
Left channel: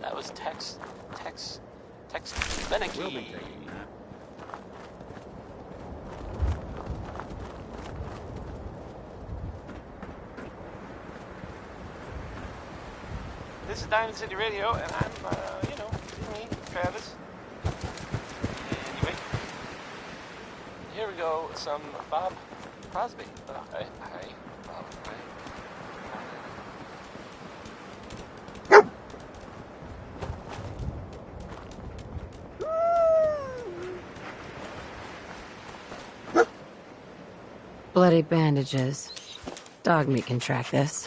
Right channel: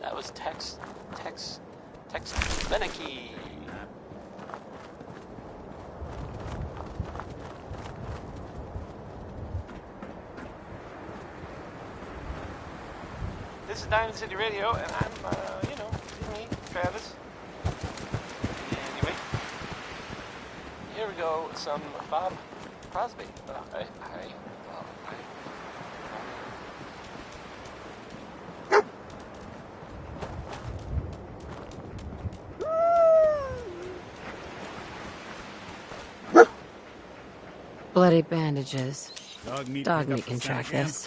That was Tex Beneke. This is Diamond City Radio, and I'm, me, Travis. Anyway, here we go, some Bob Crosby. Hi, Bob, hi. Bloody bandages. Dog meat can track this.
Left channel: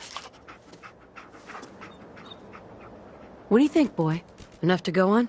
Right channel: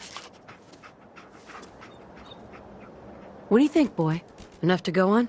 What do you think, boy? Enough to go on?